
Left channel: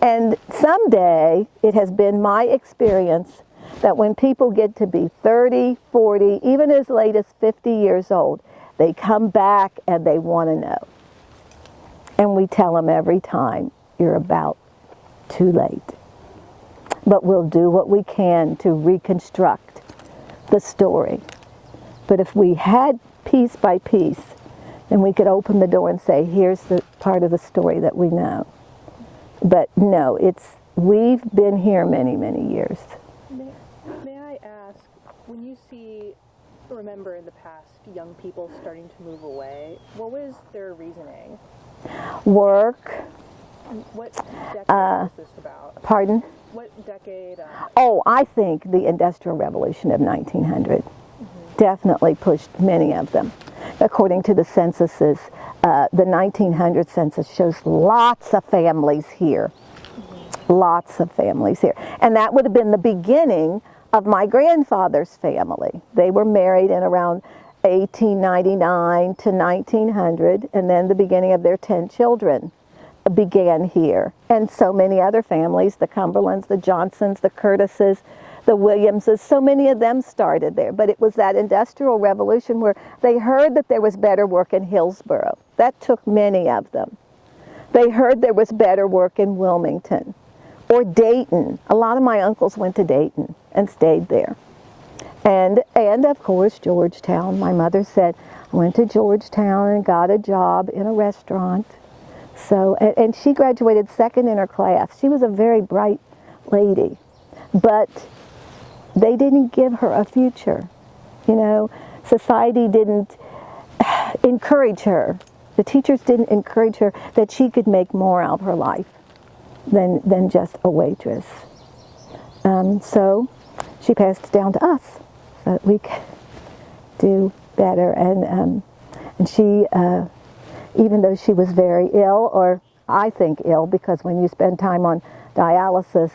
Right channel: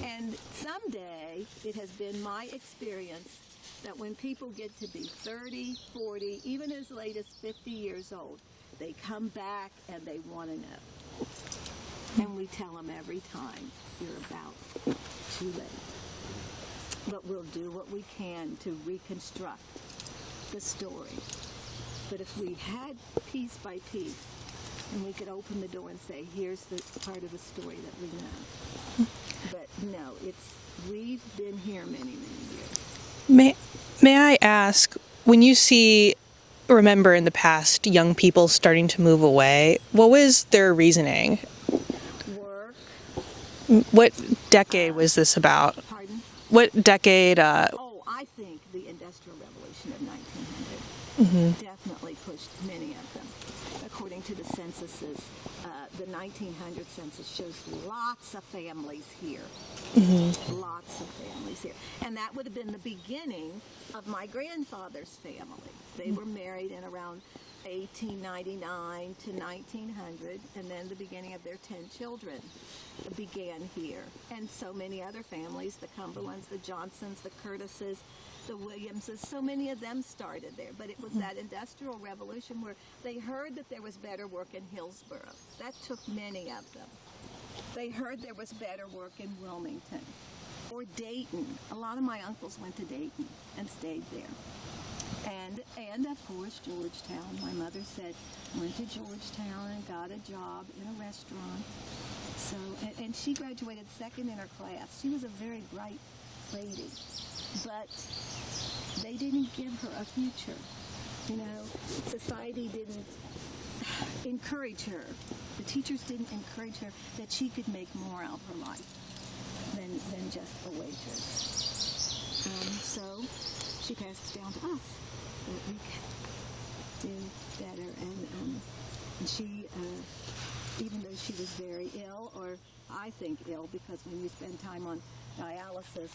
And someday, it has been my experience that when people get to be 30, 40, even as late as 50 years old, they come back and they want to know. And we tell them every time, you're about too late. But we'll do what we can to reconstruct the story. But if we had piece by piece, then we could open the door and say, here's the part of the story that we know. But no, we've been here many, many years. May I ask, when you remember in the past young people starting to move away, what was their reasoning? Work. What decade was this about? Pardon? What decade? I think the Industrial Revolution of 1900 definitely pushed many of them. According to the censuses, the 1900 census shows lots of families here. Lots of families here. And that would have been the beginning of my grandfather's family. They were married in around 1899 to 1900, and then the beginning of their 10 children began here. And so many other families, the Cumberlands, the Johnsons, the Curtises, the Williamses, so many of them started there. But it was that Industrial Revolution where they heard that there was better work in Hillsborough. That took many of them. They heard there was better work in Wilmington or Dayton. A lot of my uncles went to Dayton and stayed there. And of course, Georgetown. My mother said, I went to Georgetown and got a job in a restaurant. So, and she graduated second in her class. She was a very bright lady. But they didn't give her a future. You know, society didn't encourage her. The teachers didn't encourage her that she could make more out of her life than just a waitress. So she passed it down to us that we could do better. And she, even though she was very ill, or I think ill, because when you spend time on dialysis,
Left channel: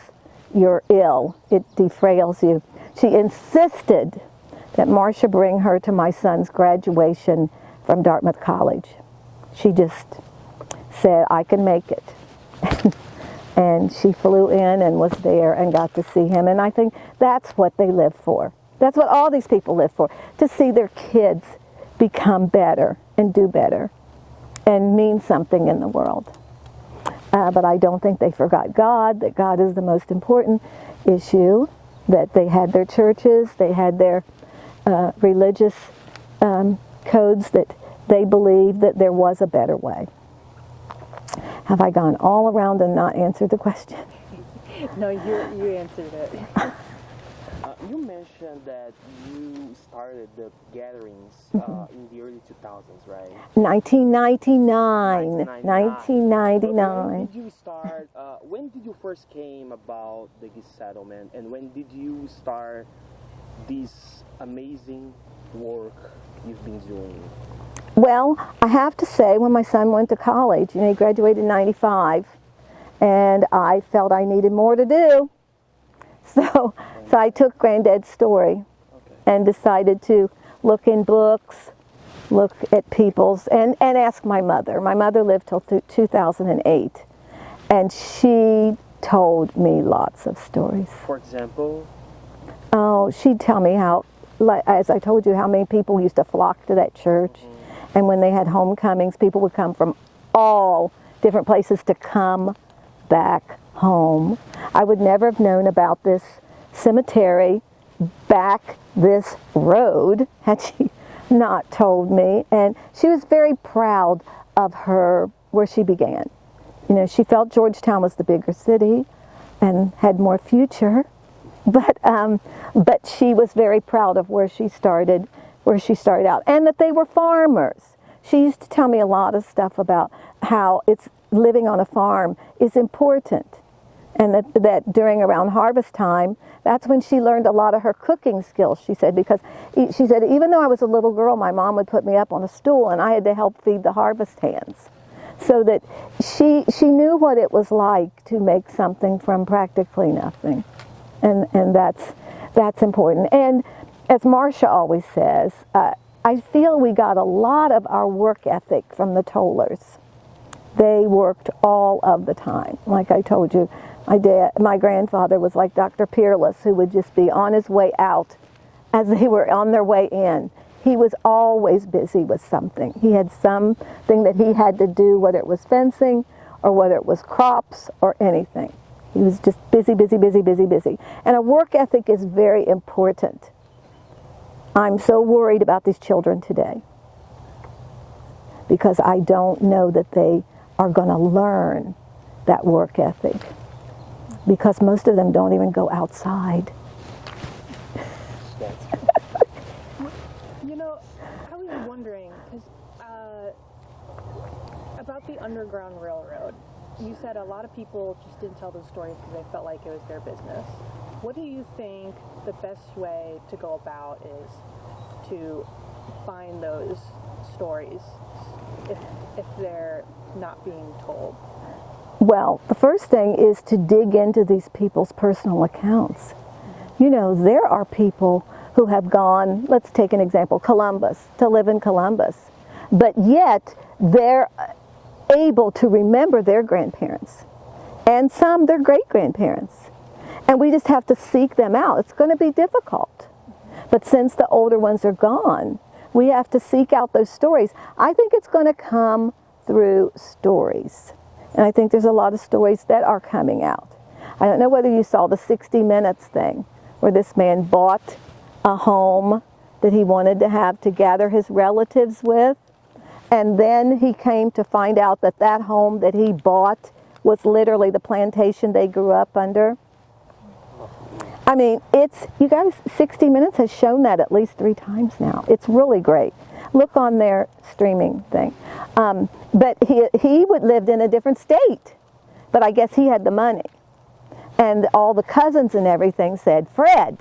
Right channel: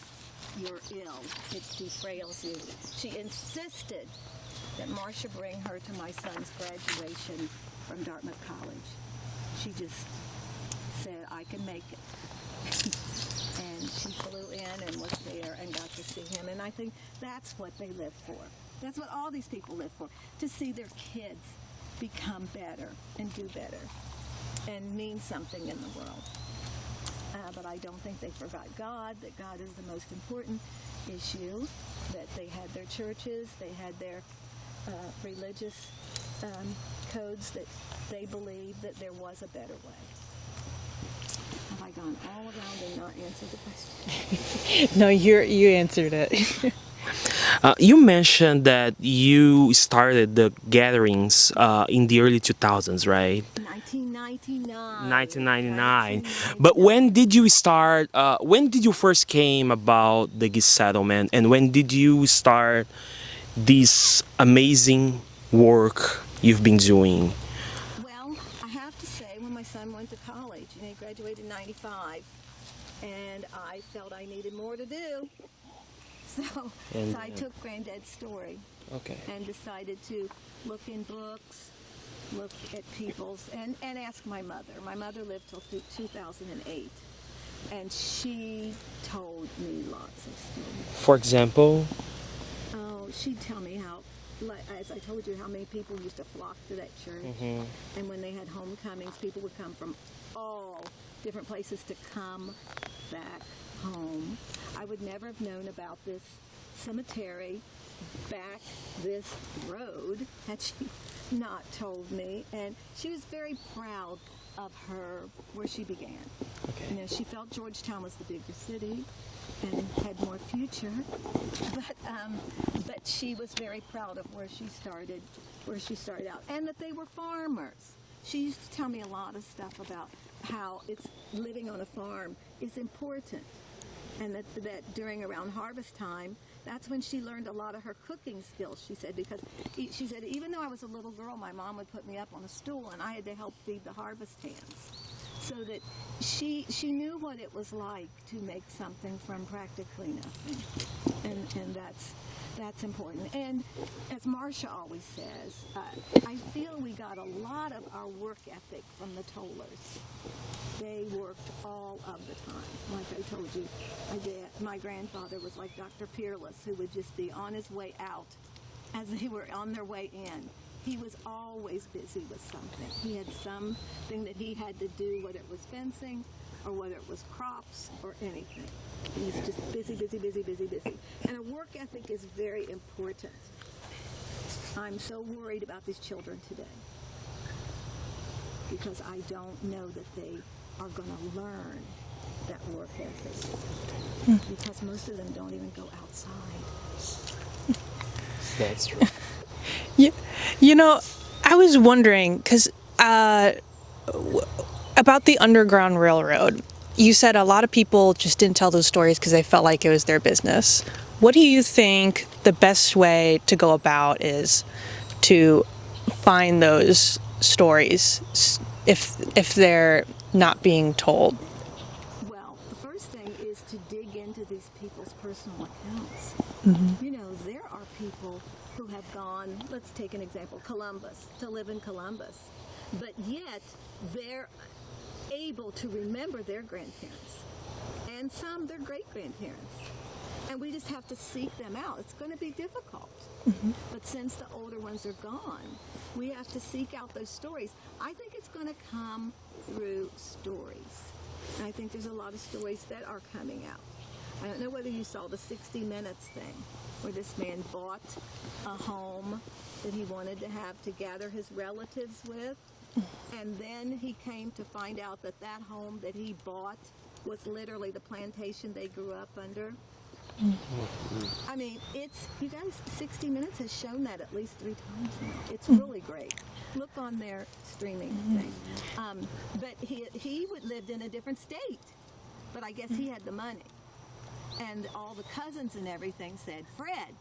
you're ill. It defrails you. She insisted that Marcia bring her to my son's graduation from Dartmouth College. She just said, I can make it. And she flew in and was there and got to see him. And I think that's what they live for. That's what all these people live for, to see their kids become better and do better and mean something in the world. But I don't think they forgot God, that God is the most important issue, that they had their churches, they had their religious codes, that they believed that there was a better way. Have I gone all around and not answered the question? No, you answered it. You mentioned that you started the gatherings in the early 2000s, right? 1999. 1999. But when did you start, when did you first came about the Gist settlement, and when did you start this amazing work you've been doing? Well, I have to say, when my son went to college, he graduated in 95, and I felt I needed more to do. So I took Granddad's story and decided to look in books, look at people's, and ask my mother. My mother lived till 2008, and she told me lots of stories. For example? Oh, she'd tell me how, as I told you, how many people used to flock to that church. And when they had homecomings, people would come from all different places to come back home. I would never have known about this cemetery back this road had she not told me. And she was very proud of where she began. She felt Georgetown was the bigger city and had more future. But she was very proud of where she started out, and that they were farmers. She used to tell me a lot of stuff about how living on a farm is important, and that during around harvest time, that's when she learned a lot of her cooking skills, she said, because she said, even though I was a little girl, my mom would put me up on a stool and I had to help feed the harvest hands. So that she knew what it was like to make something from practically nothing. And that's important. And as Marcia always says, I feel we got a lot of our work ethic from the tollers. They worked all of the time. Like I told you, my grandfather was like Dr. Peerless, who would just be on his way out as they were on their way in. He was always busy with something. He had something that he had to do, whether it was fencing or whether it was crops or anything. He was just busy, busy, busy, busy, busy. And a work ethic is very important. I'm so worried about these children today because I don't know that they are going to learn that work ethic because most of them don't even go outside. That's true. I was wondering, because about the Underground Railroad, you said a lot of people just didn't tell those stories because they felt like it was their business. What do you think the best way to go about is to find those stories if they're not being told? Well, the first thing is to dig into these people's personal accounts. Mm-hmm. There are people who have gone, let's take an example, Columbus, to live in Columbus, but yet they're able to remember their grandparents, and some their great-grandparents. And we just have to seek them out. It's going to be difficult. Mm-hmm. But since the older ones are gone, we have to seek out those stories. I think it's going to come through stories. And I think there's a lot of stories that are coming out. I don't know whether you saw the 60 Minutes thing, where this man bought a home that he wanted to have to gather his relatives with. And then he came to find out that that home that he bought was literally the plantation they grew up under. I mean, you guys, 60 Minutes has shown that at least 3 times now. It's really great. Look on their streaming thing. But he lived in a different state, but I guess he had the money. And all the cousins and everything said, Fred,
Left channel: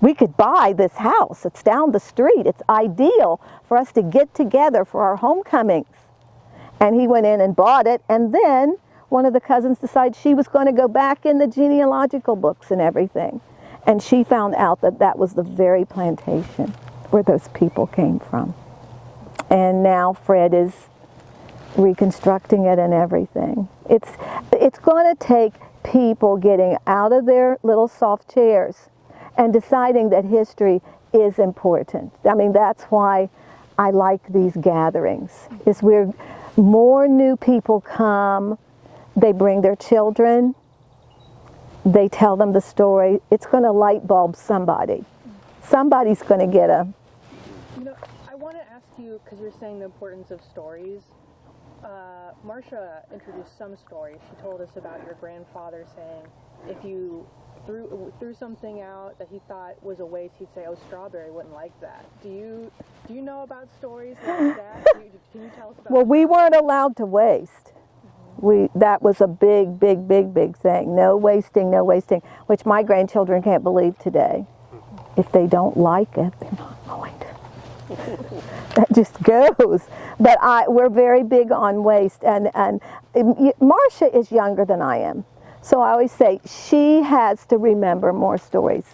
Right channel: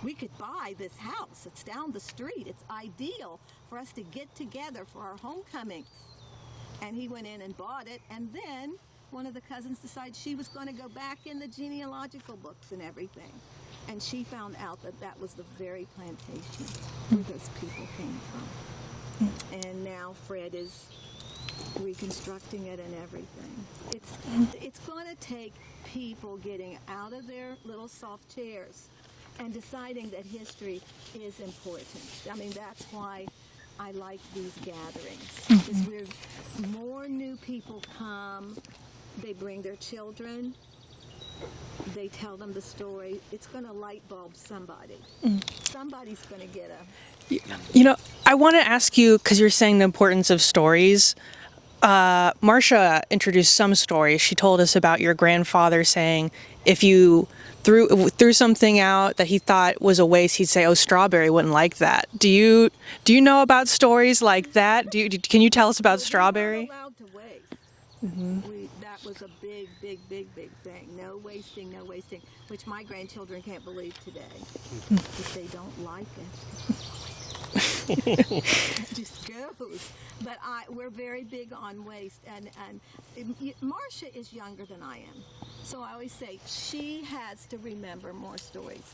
we could buy this house. It's down the street. It's ideal for us to get together for our homecomings. And he went in and bought it. And then one of the cousins decided she was going to go back in the genealogical books and everything. And she found out that that was the very plantation where those people came from. And now Fred is reconstructing it and everything. It's going to take people getting out of their little soft chairs and deciding that history is important. I mean, that's why I like these gatherings, is where more new people come, they bring their children, they tell them the story. It's going to light bulb somebody. Somebody's going to get a... You know, I want to ask you, because you're saying the importance of stories. Marcia introduced some stories. She told us about your grandfather saying if you threw something out that he thought was a waste, he'd say, "Oh, Strawberry wouldn't like that." Do you know about stories like that? Can you tell us about Strawberry? We weren't allowed to waste. That was a big thing. No wasting, no wasting, which my grandchildren can't believe today. If they don't like it, they're not going to. That just goes. But we're very big on waste. And Marcia is younger than I am. So I always say she has to remember more stories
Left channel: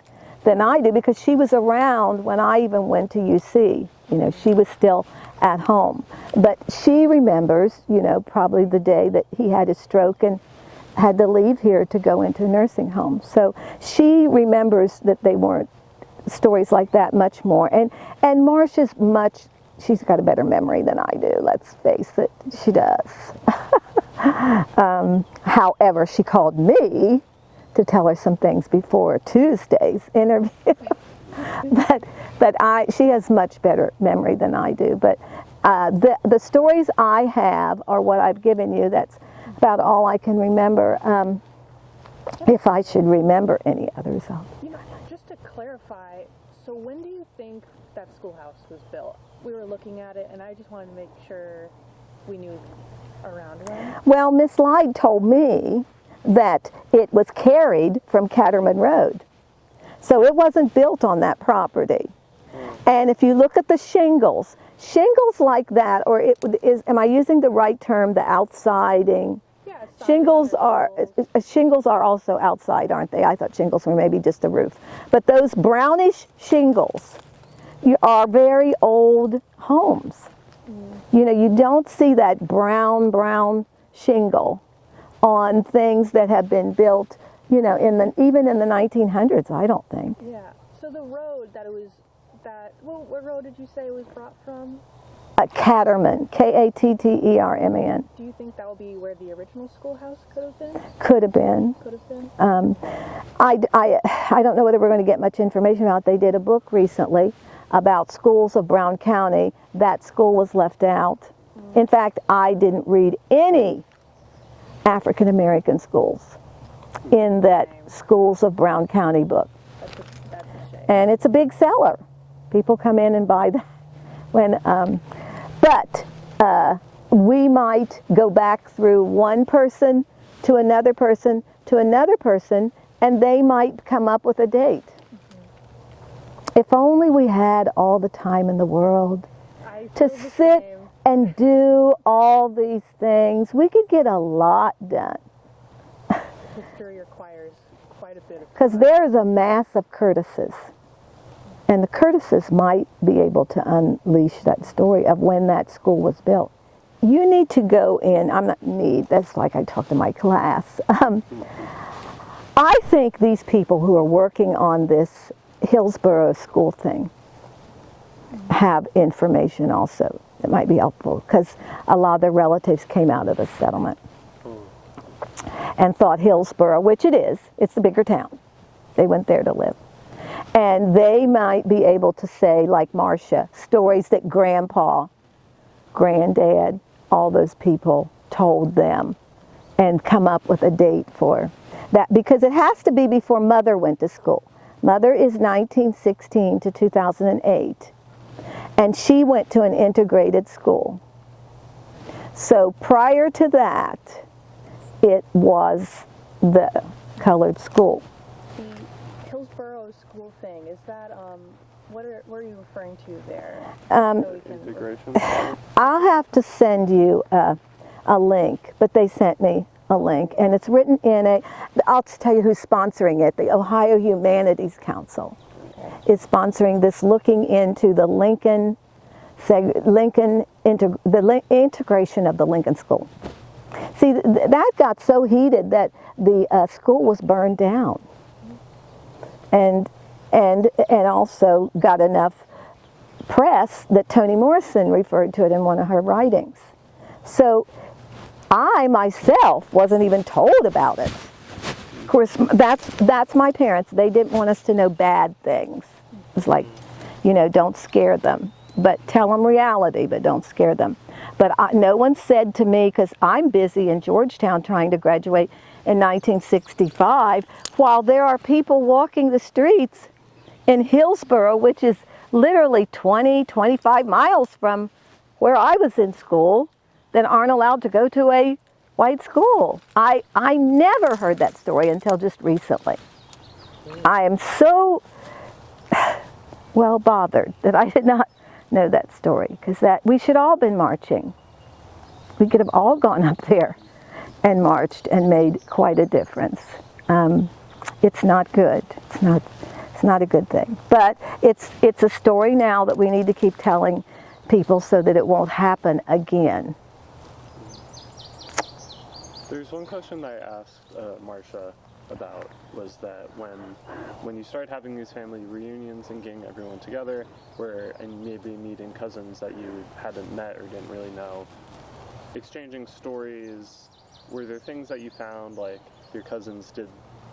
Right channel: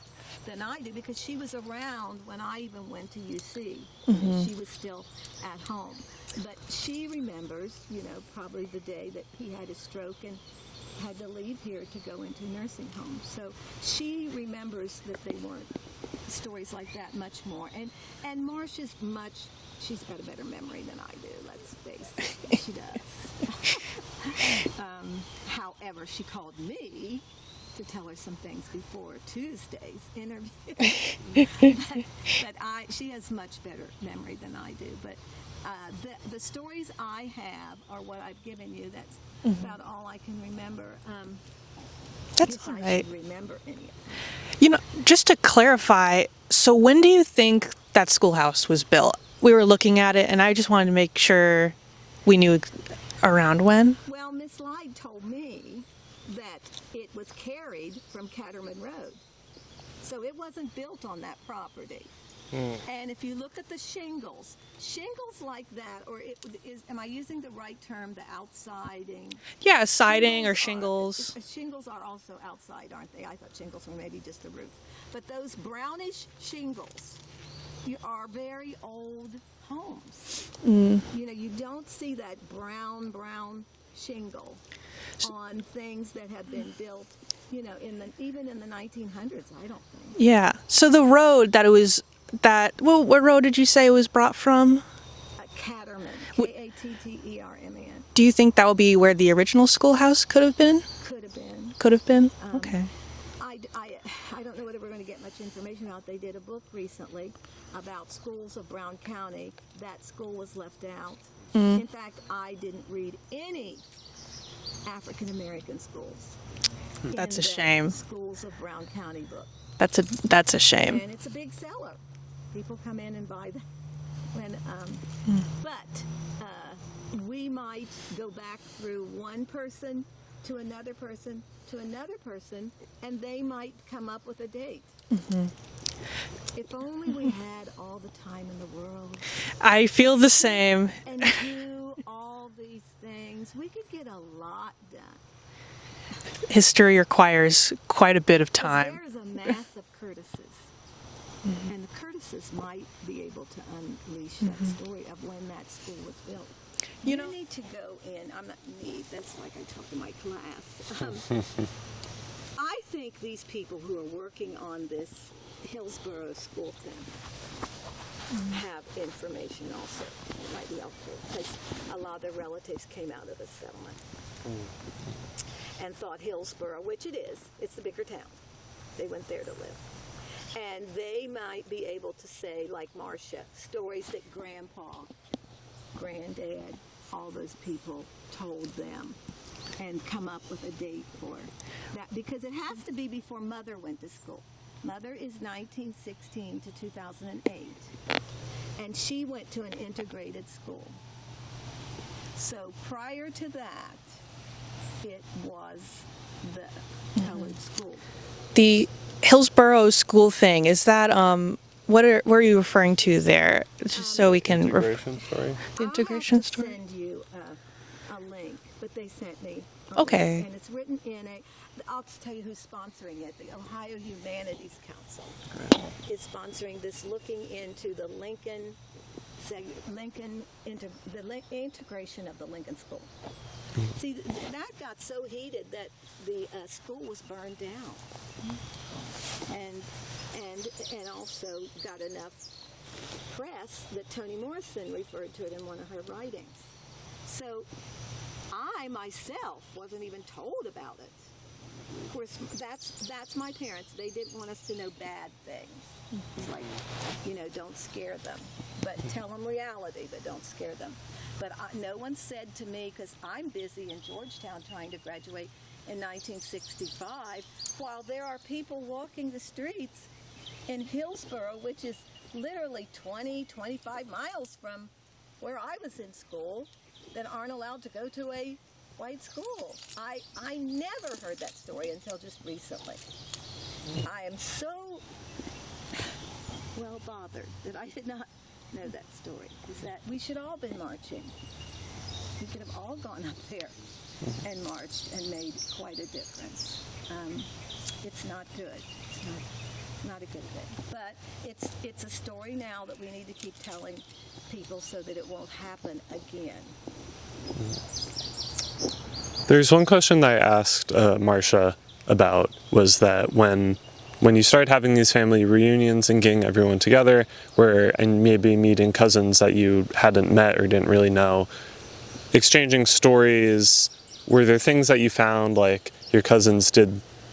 than I do, because she was around when I even went to UC. You know, she was still at home. But she remembers, you know, probably the day that he had his stroke and had to leave here to go into a nursing home. So she remembers that they weren't stories like that much more. And Marcia's she's got a better memory than I do, let's face it. She does. However, she called me to tell her some things before Tuesday's interview. but she has much better memory than I do. But the stories I have are what I've given you. That's about all I can remember. If I should remember any others. You know, just to clarify, so when do you think that schoolhouse was built? We were looking at it, and I just wanted to make sure we knew around when. Well, Miss Lyde told me that it was carried from Catterman Road. So it wasn't built on that property. And if you look at the shingles like that, or am I using the right term, the outsiding? Yeah, siding or shingles. Shingles are also outside, aren't they? I thought shingles were maybe just a roof. But those brownish shingles are very old homes. You know, you don't see that brown shingle on things that have been built, you know, even in the 1900s, I don't think. Yeah. So the road what road did you say it was brought from? Catterman, Katterman. Do you think that would be where the original schoolhouse could have been? Could have been. Could have been? Okay. I don't know whether we're going to get much information out. They did a book recently about schools of Brown County. That school was left out. In fact, I didn't read any African American schools in that Schools of Brown County book. That's a shame. And it's a big seller. People come in and buy that. But we might go back through one person to another person to another person, and they might come up with a date. If only we had all the time in the world. I feel the same. And do all these things. We could get a lot done. History requires quite a bit of time. Because there is a mass of Curtises. And the Curtises might be able to unleash that story of when that school was built. You need to go in, that's like I talk to my class. I think these people who are working on this Hillsborough school thing have information also that might be helpful, because a lot of their relatives came out of the settlement and thought Hillsborough, which it is, it's the bigger town. They went there to live. And they might be able to say, like Marcia, stories that Grandpa, Granddad, all those people told them, and come up with a date for that, because it has to be before Mother went to school. Mother is 1916 to 2008, and she went to an integrated school. So prior to that, it was the colored school. The Hillsborough school thing, is that, what are you referring to there? Just so we can... I'll have to send you a link, but they sent me link. Okay. And it's written in I'll tell you who's sponsoring it. The Ohio Humanities Council is sponsoring this, looking into the integration of the Lincoln School. See, that got so heated that the school was burned down, and also got enough press that Toni Morrison referred to it in one of her writings. So I myself wasn't even told about it. Of course, that's my parents. They didn't want us to know bad things. It's like, don't scare them, but tell them reality, but don't scare them. But no one said to me, because I'm busy in Georgetown trying to graduate in 1965, while there are people walking the streets in Hillsborough, which is literally 25 miles from where I was in school, that aren't allowed to go to a white school. I never heard that story until just recently. I am so well bothered that I did not know that story, because we should all been marching. We could have all gone up there and marched and made quite a difference. It's not good. It's not a good thing. But it's a story now that we need to keep telling people so that it won't happen again. There's one question that I asked Marcia about, was that when you started having these family reunions and getting everyone together, and maybe meeting cousins that you hadn't met or didn't really know, exchanging stories, were there things that you found, like your cousins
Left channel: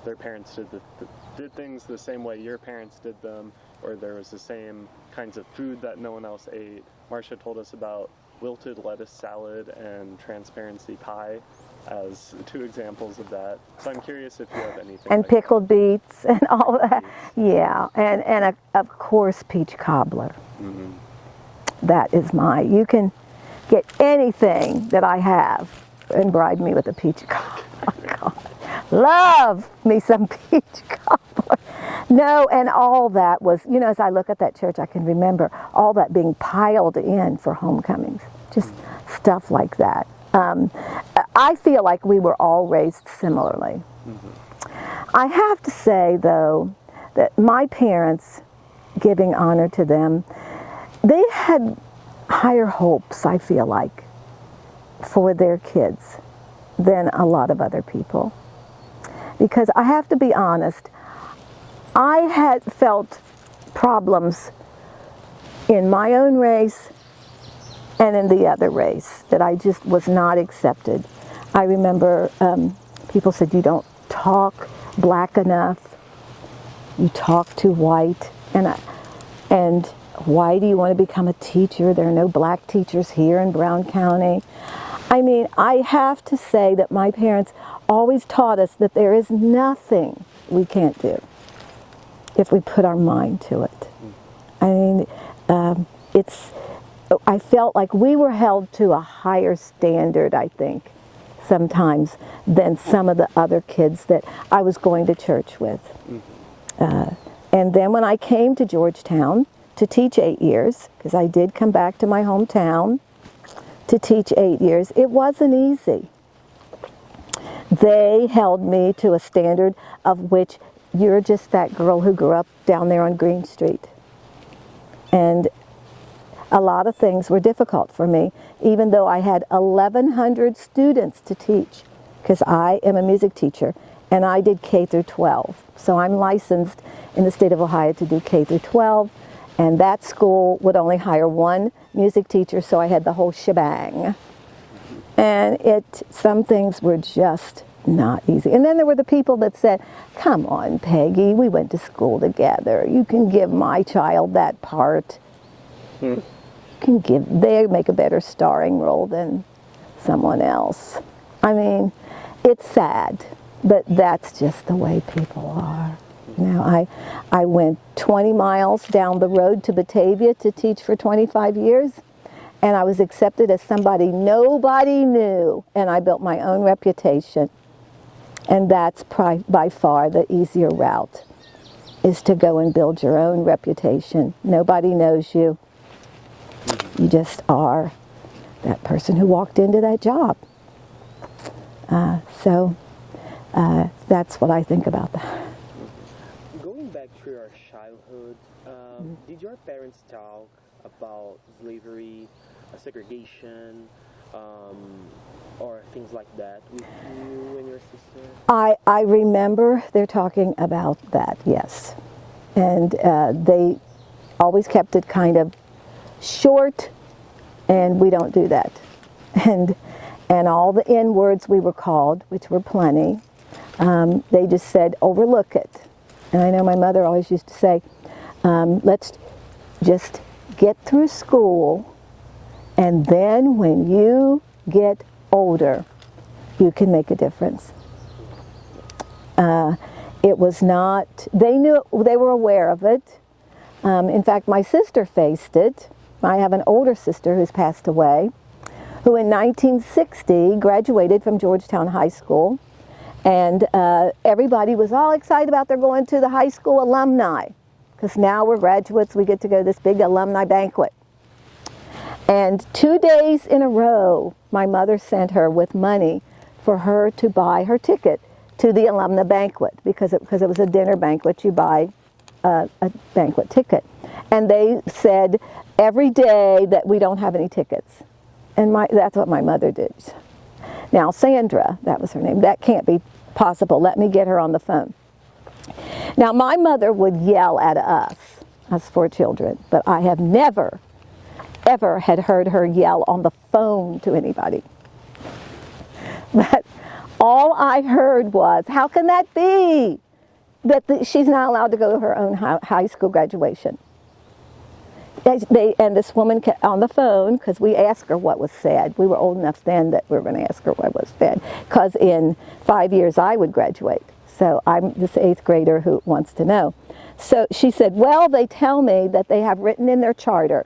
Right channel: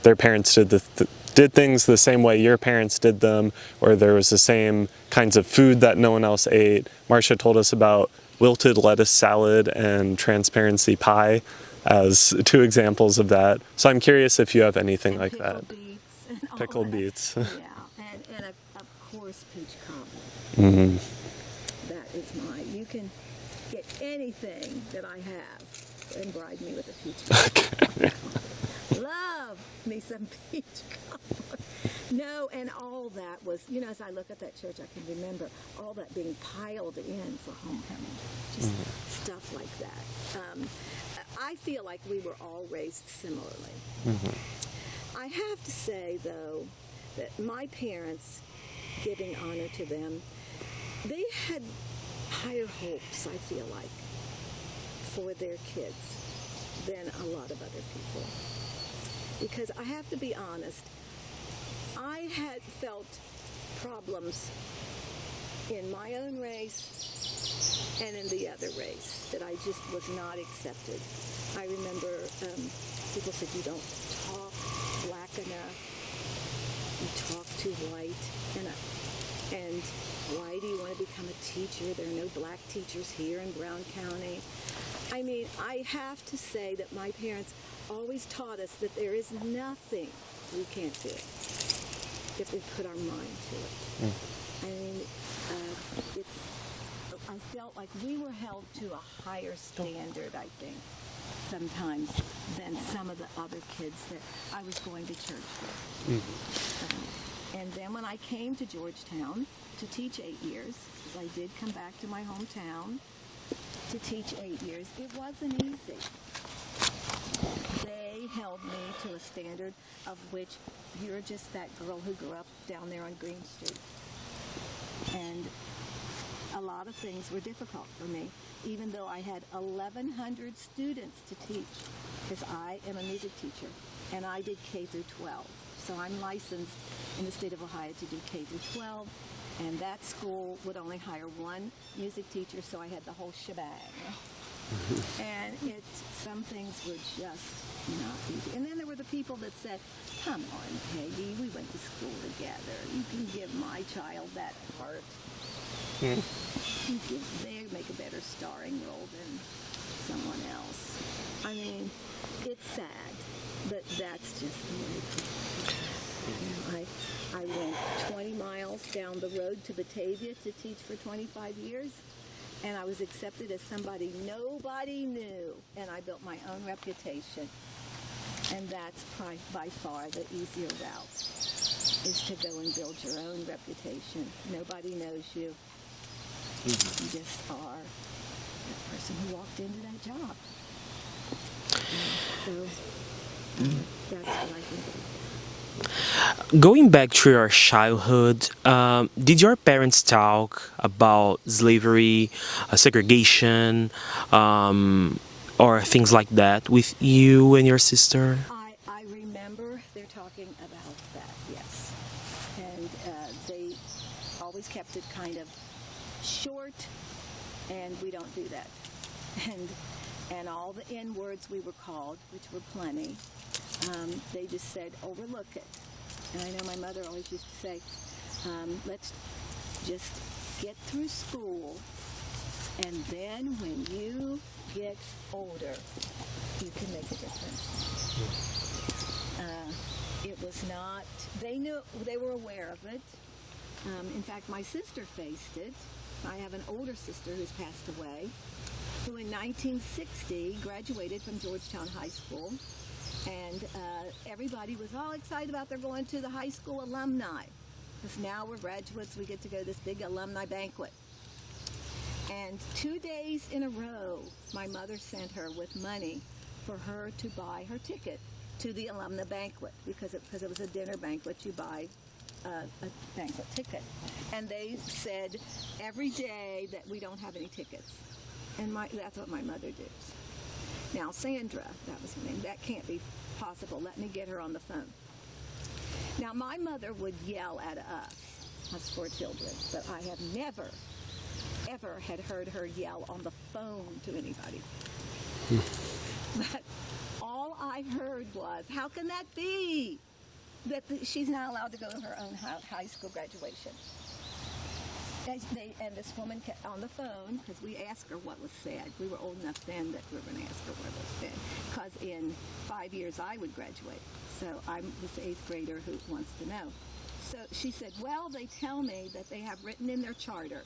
their parents did things the same way your parents did them, or there was the same kinds of food that no one else ate? Marcia told us about wilted lettuce salad and transparency pie as two examples of that. So I'm curious if you have anything like that. And pickled beets and all Pickled that. beets. Yeah, and of course peach cobbler. Mm-hmm. That is you can get anything that I have and bribe me with a peach cobbler. Oh my God. Love me some peach cobbler. No, and all that was, as I look at that church, I can remember all that being piled in for homecomings. Just stuff like that. I feel like we were all raised similarly. Mm-hmm. I have to say, though, that my parents, giving honor to them, they had higher hopes, I feel like, for their kids than a lot of other people. Because I have to be honest, I had felt problems in my own race and in the other race that I just was not accepted. I remember people said, you don't talk black enough, you talk too white, and why do you want to become a teacher? There are no black teachers here in Brown County. I mean, I have to say that my parents always taught us that there is nothing we can't do if we put our mind to it. I mean, I felt like we were held to a higher standard, I think, sometimes, than some of the other kids that I was going to church with. And then when I came to Georgetown to teach 8 years, because I did come back to my hometown to teach 8 years, it wasn't easy. They held me to a standard of which you're just that girl who grew up down there on Green Street. And a lot of things were difficult for me, even though I had 1,100 students to teach, because I am a music teacher, and I did K through 12. So I'm licensed in the state of Ohio to do K through 12, and that school would only hire one music teacher, so I had the whole shebang. And some things were just not easy. And then there were the people that said, come on, Peggy, we went to school together. You can give my child that part. They make a better starring role than someone else. I mean, it's sad, but that's just the way people are. I went 20 miles down the road to Batavia to teach for 25 years, and I was accepted as somebody nobody knew, and I built my own reputation. And that's by far the easier route, is to go and build your own reputation. Nobody knows you. You just are that person who walked into that job. So that's what I think about that. Going back to your childhood, did your parents talk about slavery, segregation, or things like that with you and your sister? I remember they're talking about that, yes. And they always kept it kind of short, and we don't do that. And all the N words we were called, which were plenty, they just said, overlook it. And I know my mother always used to say, let's just get through school, and then when you get older, you can make a difference. It was not, they were aware of it. In fact, my sister faced it. I have an older sister who's passed away, who in 1960 graduated from Georgetown High School. And everybody was all excited about their going to the high school alumni, because now we're graduates, we get to go to this big alumni banquet. And 2 days in a row, my mother sent her with money for her to buy her ticket to the alumni banquet, because it was a dinner banquet, you buy a banquet ticket. And they said every day that we don't have any tickets. And that's what my mother did. Now, Sandra, that was her name, that can't be possible. Let me get her on the phone. Now, my mother would yell at us 4 children, but I have never, ever had heard her yell on the phone to anybody. But all I heard was, how can that be that she's not allowed to go to her own high school graduation? And this woman kept on the phone, because we asked her what was said. We were old enough then that we were going to ask her what was said, because in 5 years I would graduate. So I'm this 8th grader who wants to know. So she said, well, they tell me that they have written in their charter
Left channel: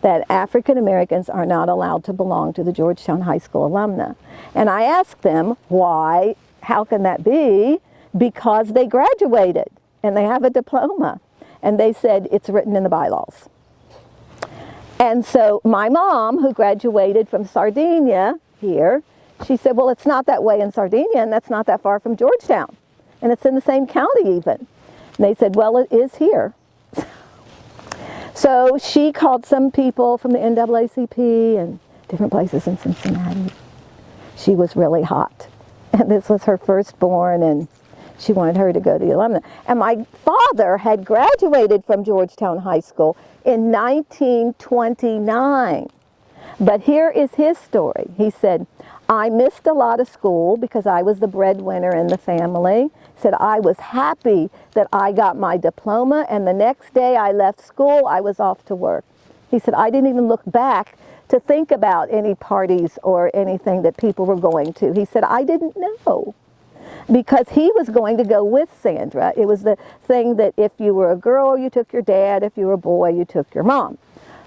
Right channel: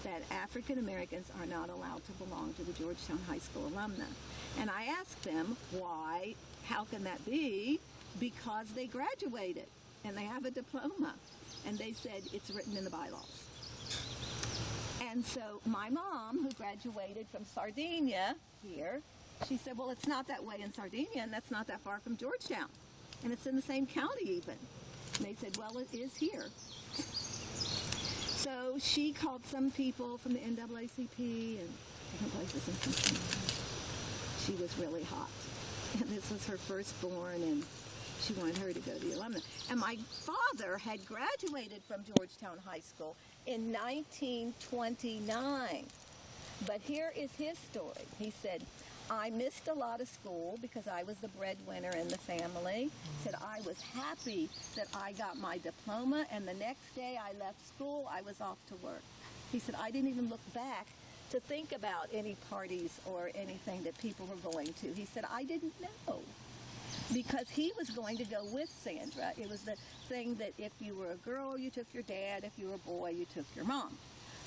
that African Americans are not allowed to belong to the Georgetown High School alumna. And I asked them, why, how can that be? Because they graduated and they have a diploma. And they said, it's written in the bylaws. And so my mom, who graduated from Sardinia here, she said, well, it's not that way in Sardinia, and that's not that far from Georgetown. And it's in the same county even. And they said, well, it is here. So she called some people from the NAACP and different places in Cincinnati. She was really hot. And this was her firstborn, and she wanted her to go to the alumna. And my father had graduated from Georgetown High School in 1929. But here is his story. He said, I missed a lot of school because I was the breadwinner in the family. He said, I was happy that I got my diploma, and the next day I left school, I was off to work. He said, I didn't even look back to think about any parties or anything that people were going to. He said, I didn't know. Because he was going to go with Sandra. It was the thing that if you were a girl, you took your dad. If you were a boy, you took your mom.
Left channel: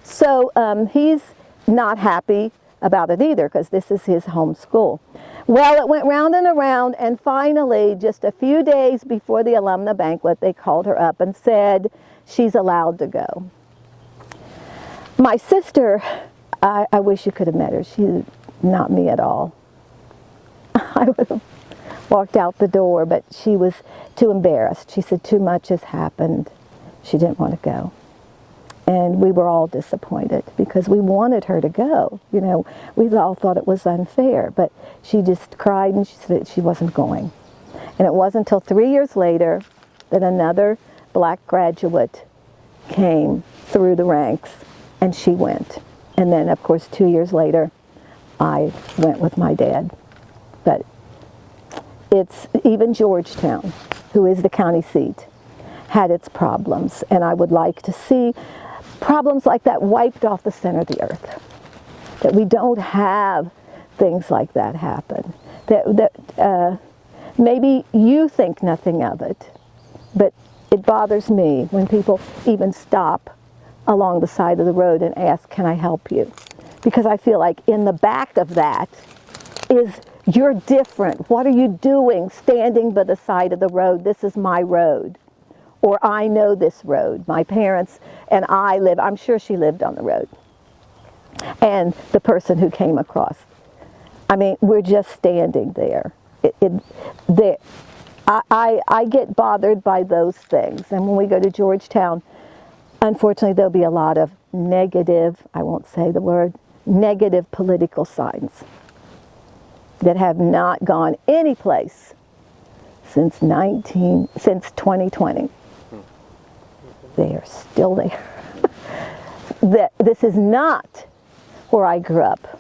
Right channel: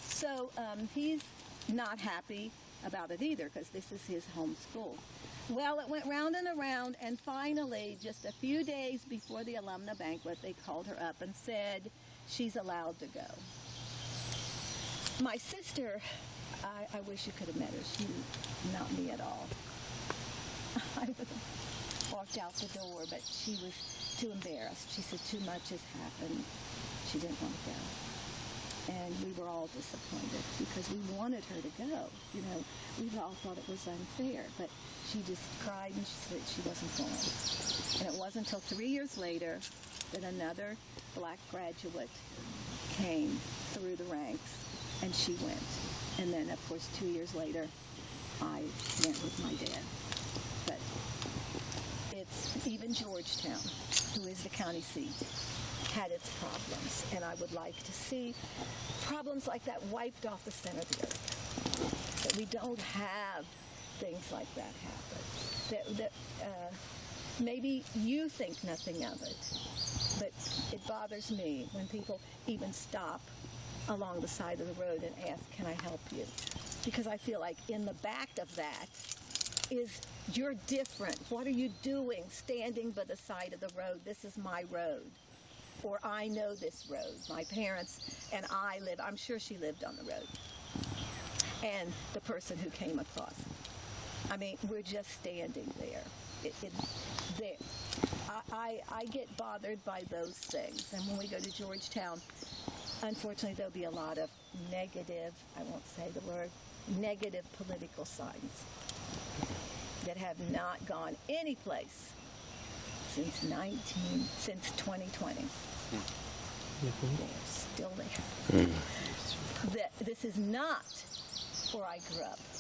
So he's not happy about it either, because this is his home school. Well, it went round and around, and finally, just a few days before the alumna banquet, they called her up and said she's allowed to go. My sister, I wish you could have met her. She's not me at all. I would have walked out the door, but she was too embarrassed. She said too much has happened. She didn't want to go. And we were all disappointed because we wanted her to go. You know, we all thought it was unfair, but she just cried and she said she wasn't going. And it wasn't until 3 years later that another black graduate came through the ranks, and she went. And then, of course, 2 years later, I went with my dad. But it's even Georgetown, who is the county seat, had its problems. And I would like to see problems like that wiped off the center of the earth. That we don't have things like that happen. That maybe you think nothing of it, but it bothers me when people even stop along the side of the road and ask, can I help you? Because I feel like in the back of that is, you're different. What are you doing standing by the side of the road? This is my road. Or I know this road. My parents and I live, I'm sure she lived on the road. And the person who came across. I mean, we're just standing there. I get bothered by those things. And when we go to Georgetown, unfortunately, there'll be a lot of negative, I won't say the word, negative political signs that have not gone anyplace since 2020. They are still there. This is not where I grew up.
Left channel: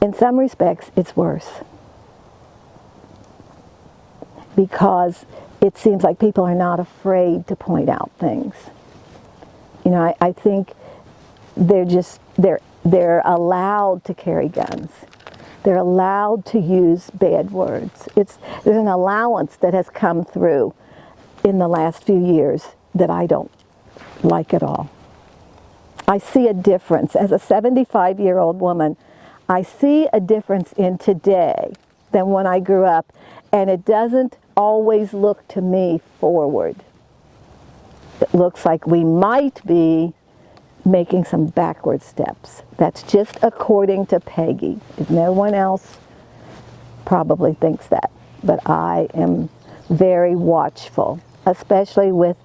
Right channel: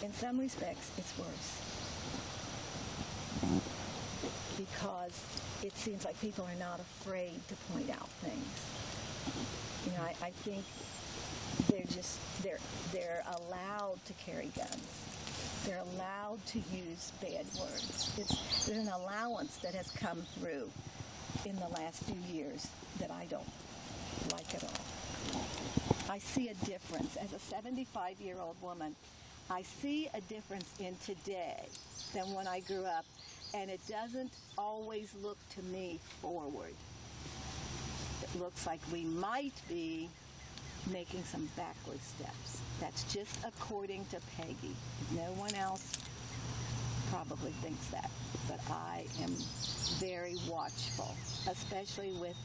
In some respects, it's worse. Because it seems like people are not afraid to point out things. You know, I think they're allowed to carry guns. They're allowed to use bad words. There's an allowance that has come through in the last few years that I don't like at all. I see a difference. As a 75-year-old woman, I see a difference in today than when I grew up, and it doesn't always look to me forward. It looks like we might be making some backward steps. That's just according to Peggy. No one else probably thinks that, but I am very watchful, especially with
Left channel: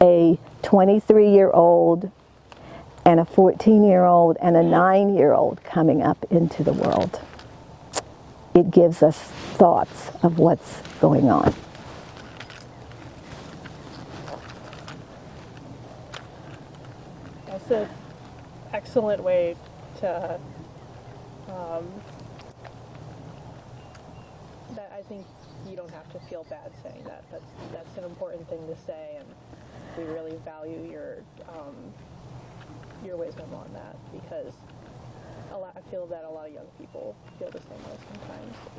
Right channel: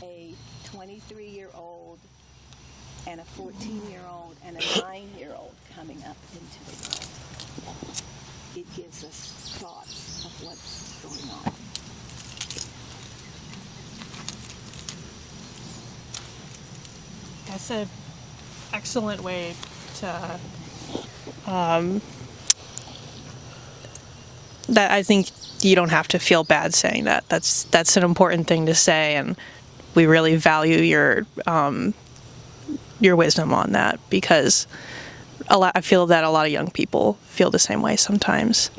a 23-year-old and a 14-year-old and a 9-year-old coming up into the world. It gives us thoughts of what's going on. It's an excellent way to, that I think you don't have to feel bad saying that. That's an important thing to say, and we really value your wisdom on that, because I feel that a lot of young people feel the same way sometimes.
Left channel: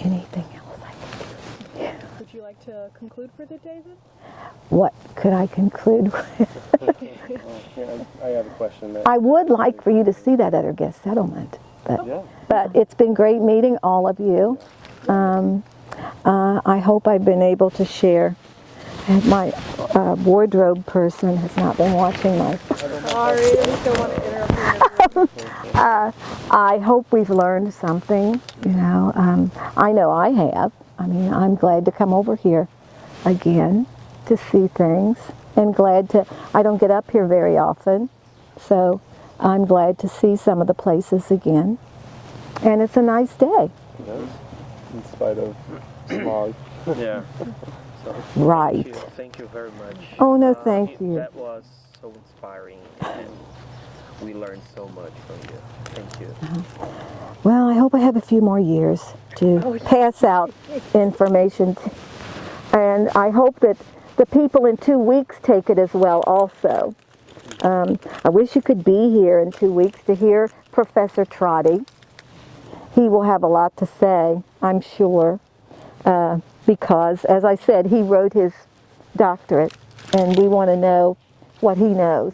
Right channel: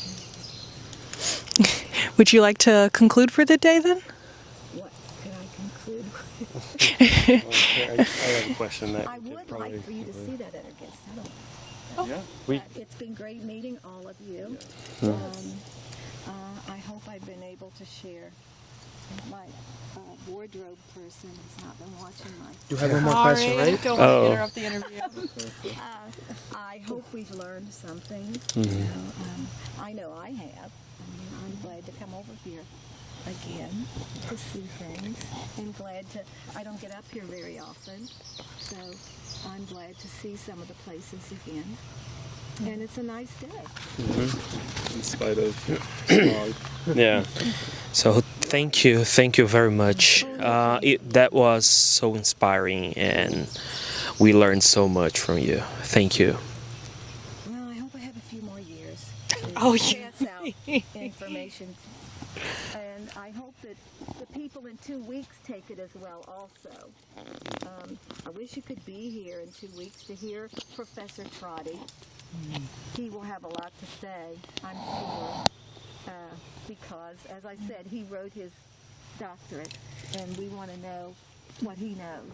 Anything else? Would you like to conclude for the day then? What could I conclude with? I have a question that I would like for you to see that at our guest settlement. But it's been great meeting all of you. I hope I've been able to share. My wardrobe person has not been watching my... I hope we've learned something. You know, I know I have. I mean, I'm glad to come over here again to see things, and glad to... I don't get up here very often, so I'm glad to see some of the places again. And it's a nice day. in spite of smog. Yeah. So Right. thank you very much. Oh, no, thank you. That was so inspiring, and we learned so much from you. Thank you. Well, I hope I have a few more years to pass out information. And I hope that the people in 2 weeks take it as well also. I wish you could be here in 2 weeks to hear Professor Trotty. He will have a lot to say, I'm sure, because, as I said, he wrote his doctorate, and we want to know what he knows.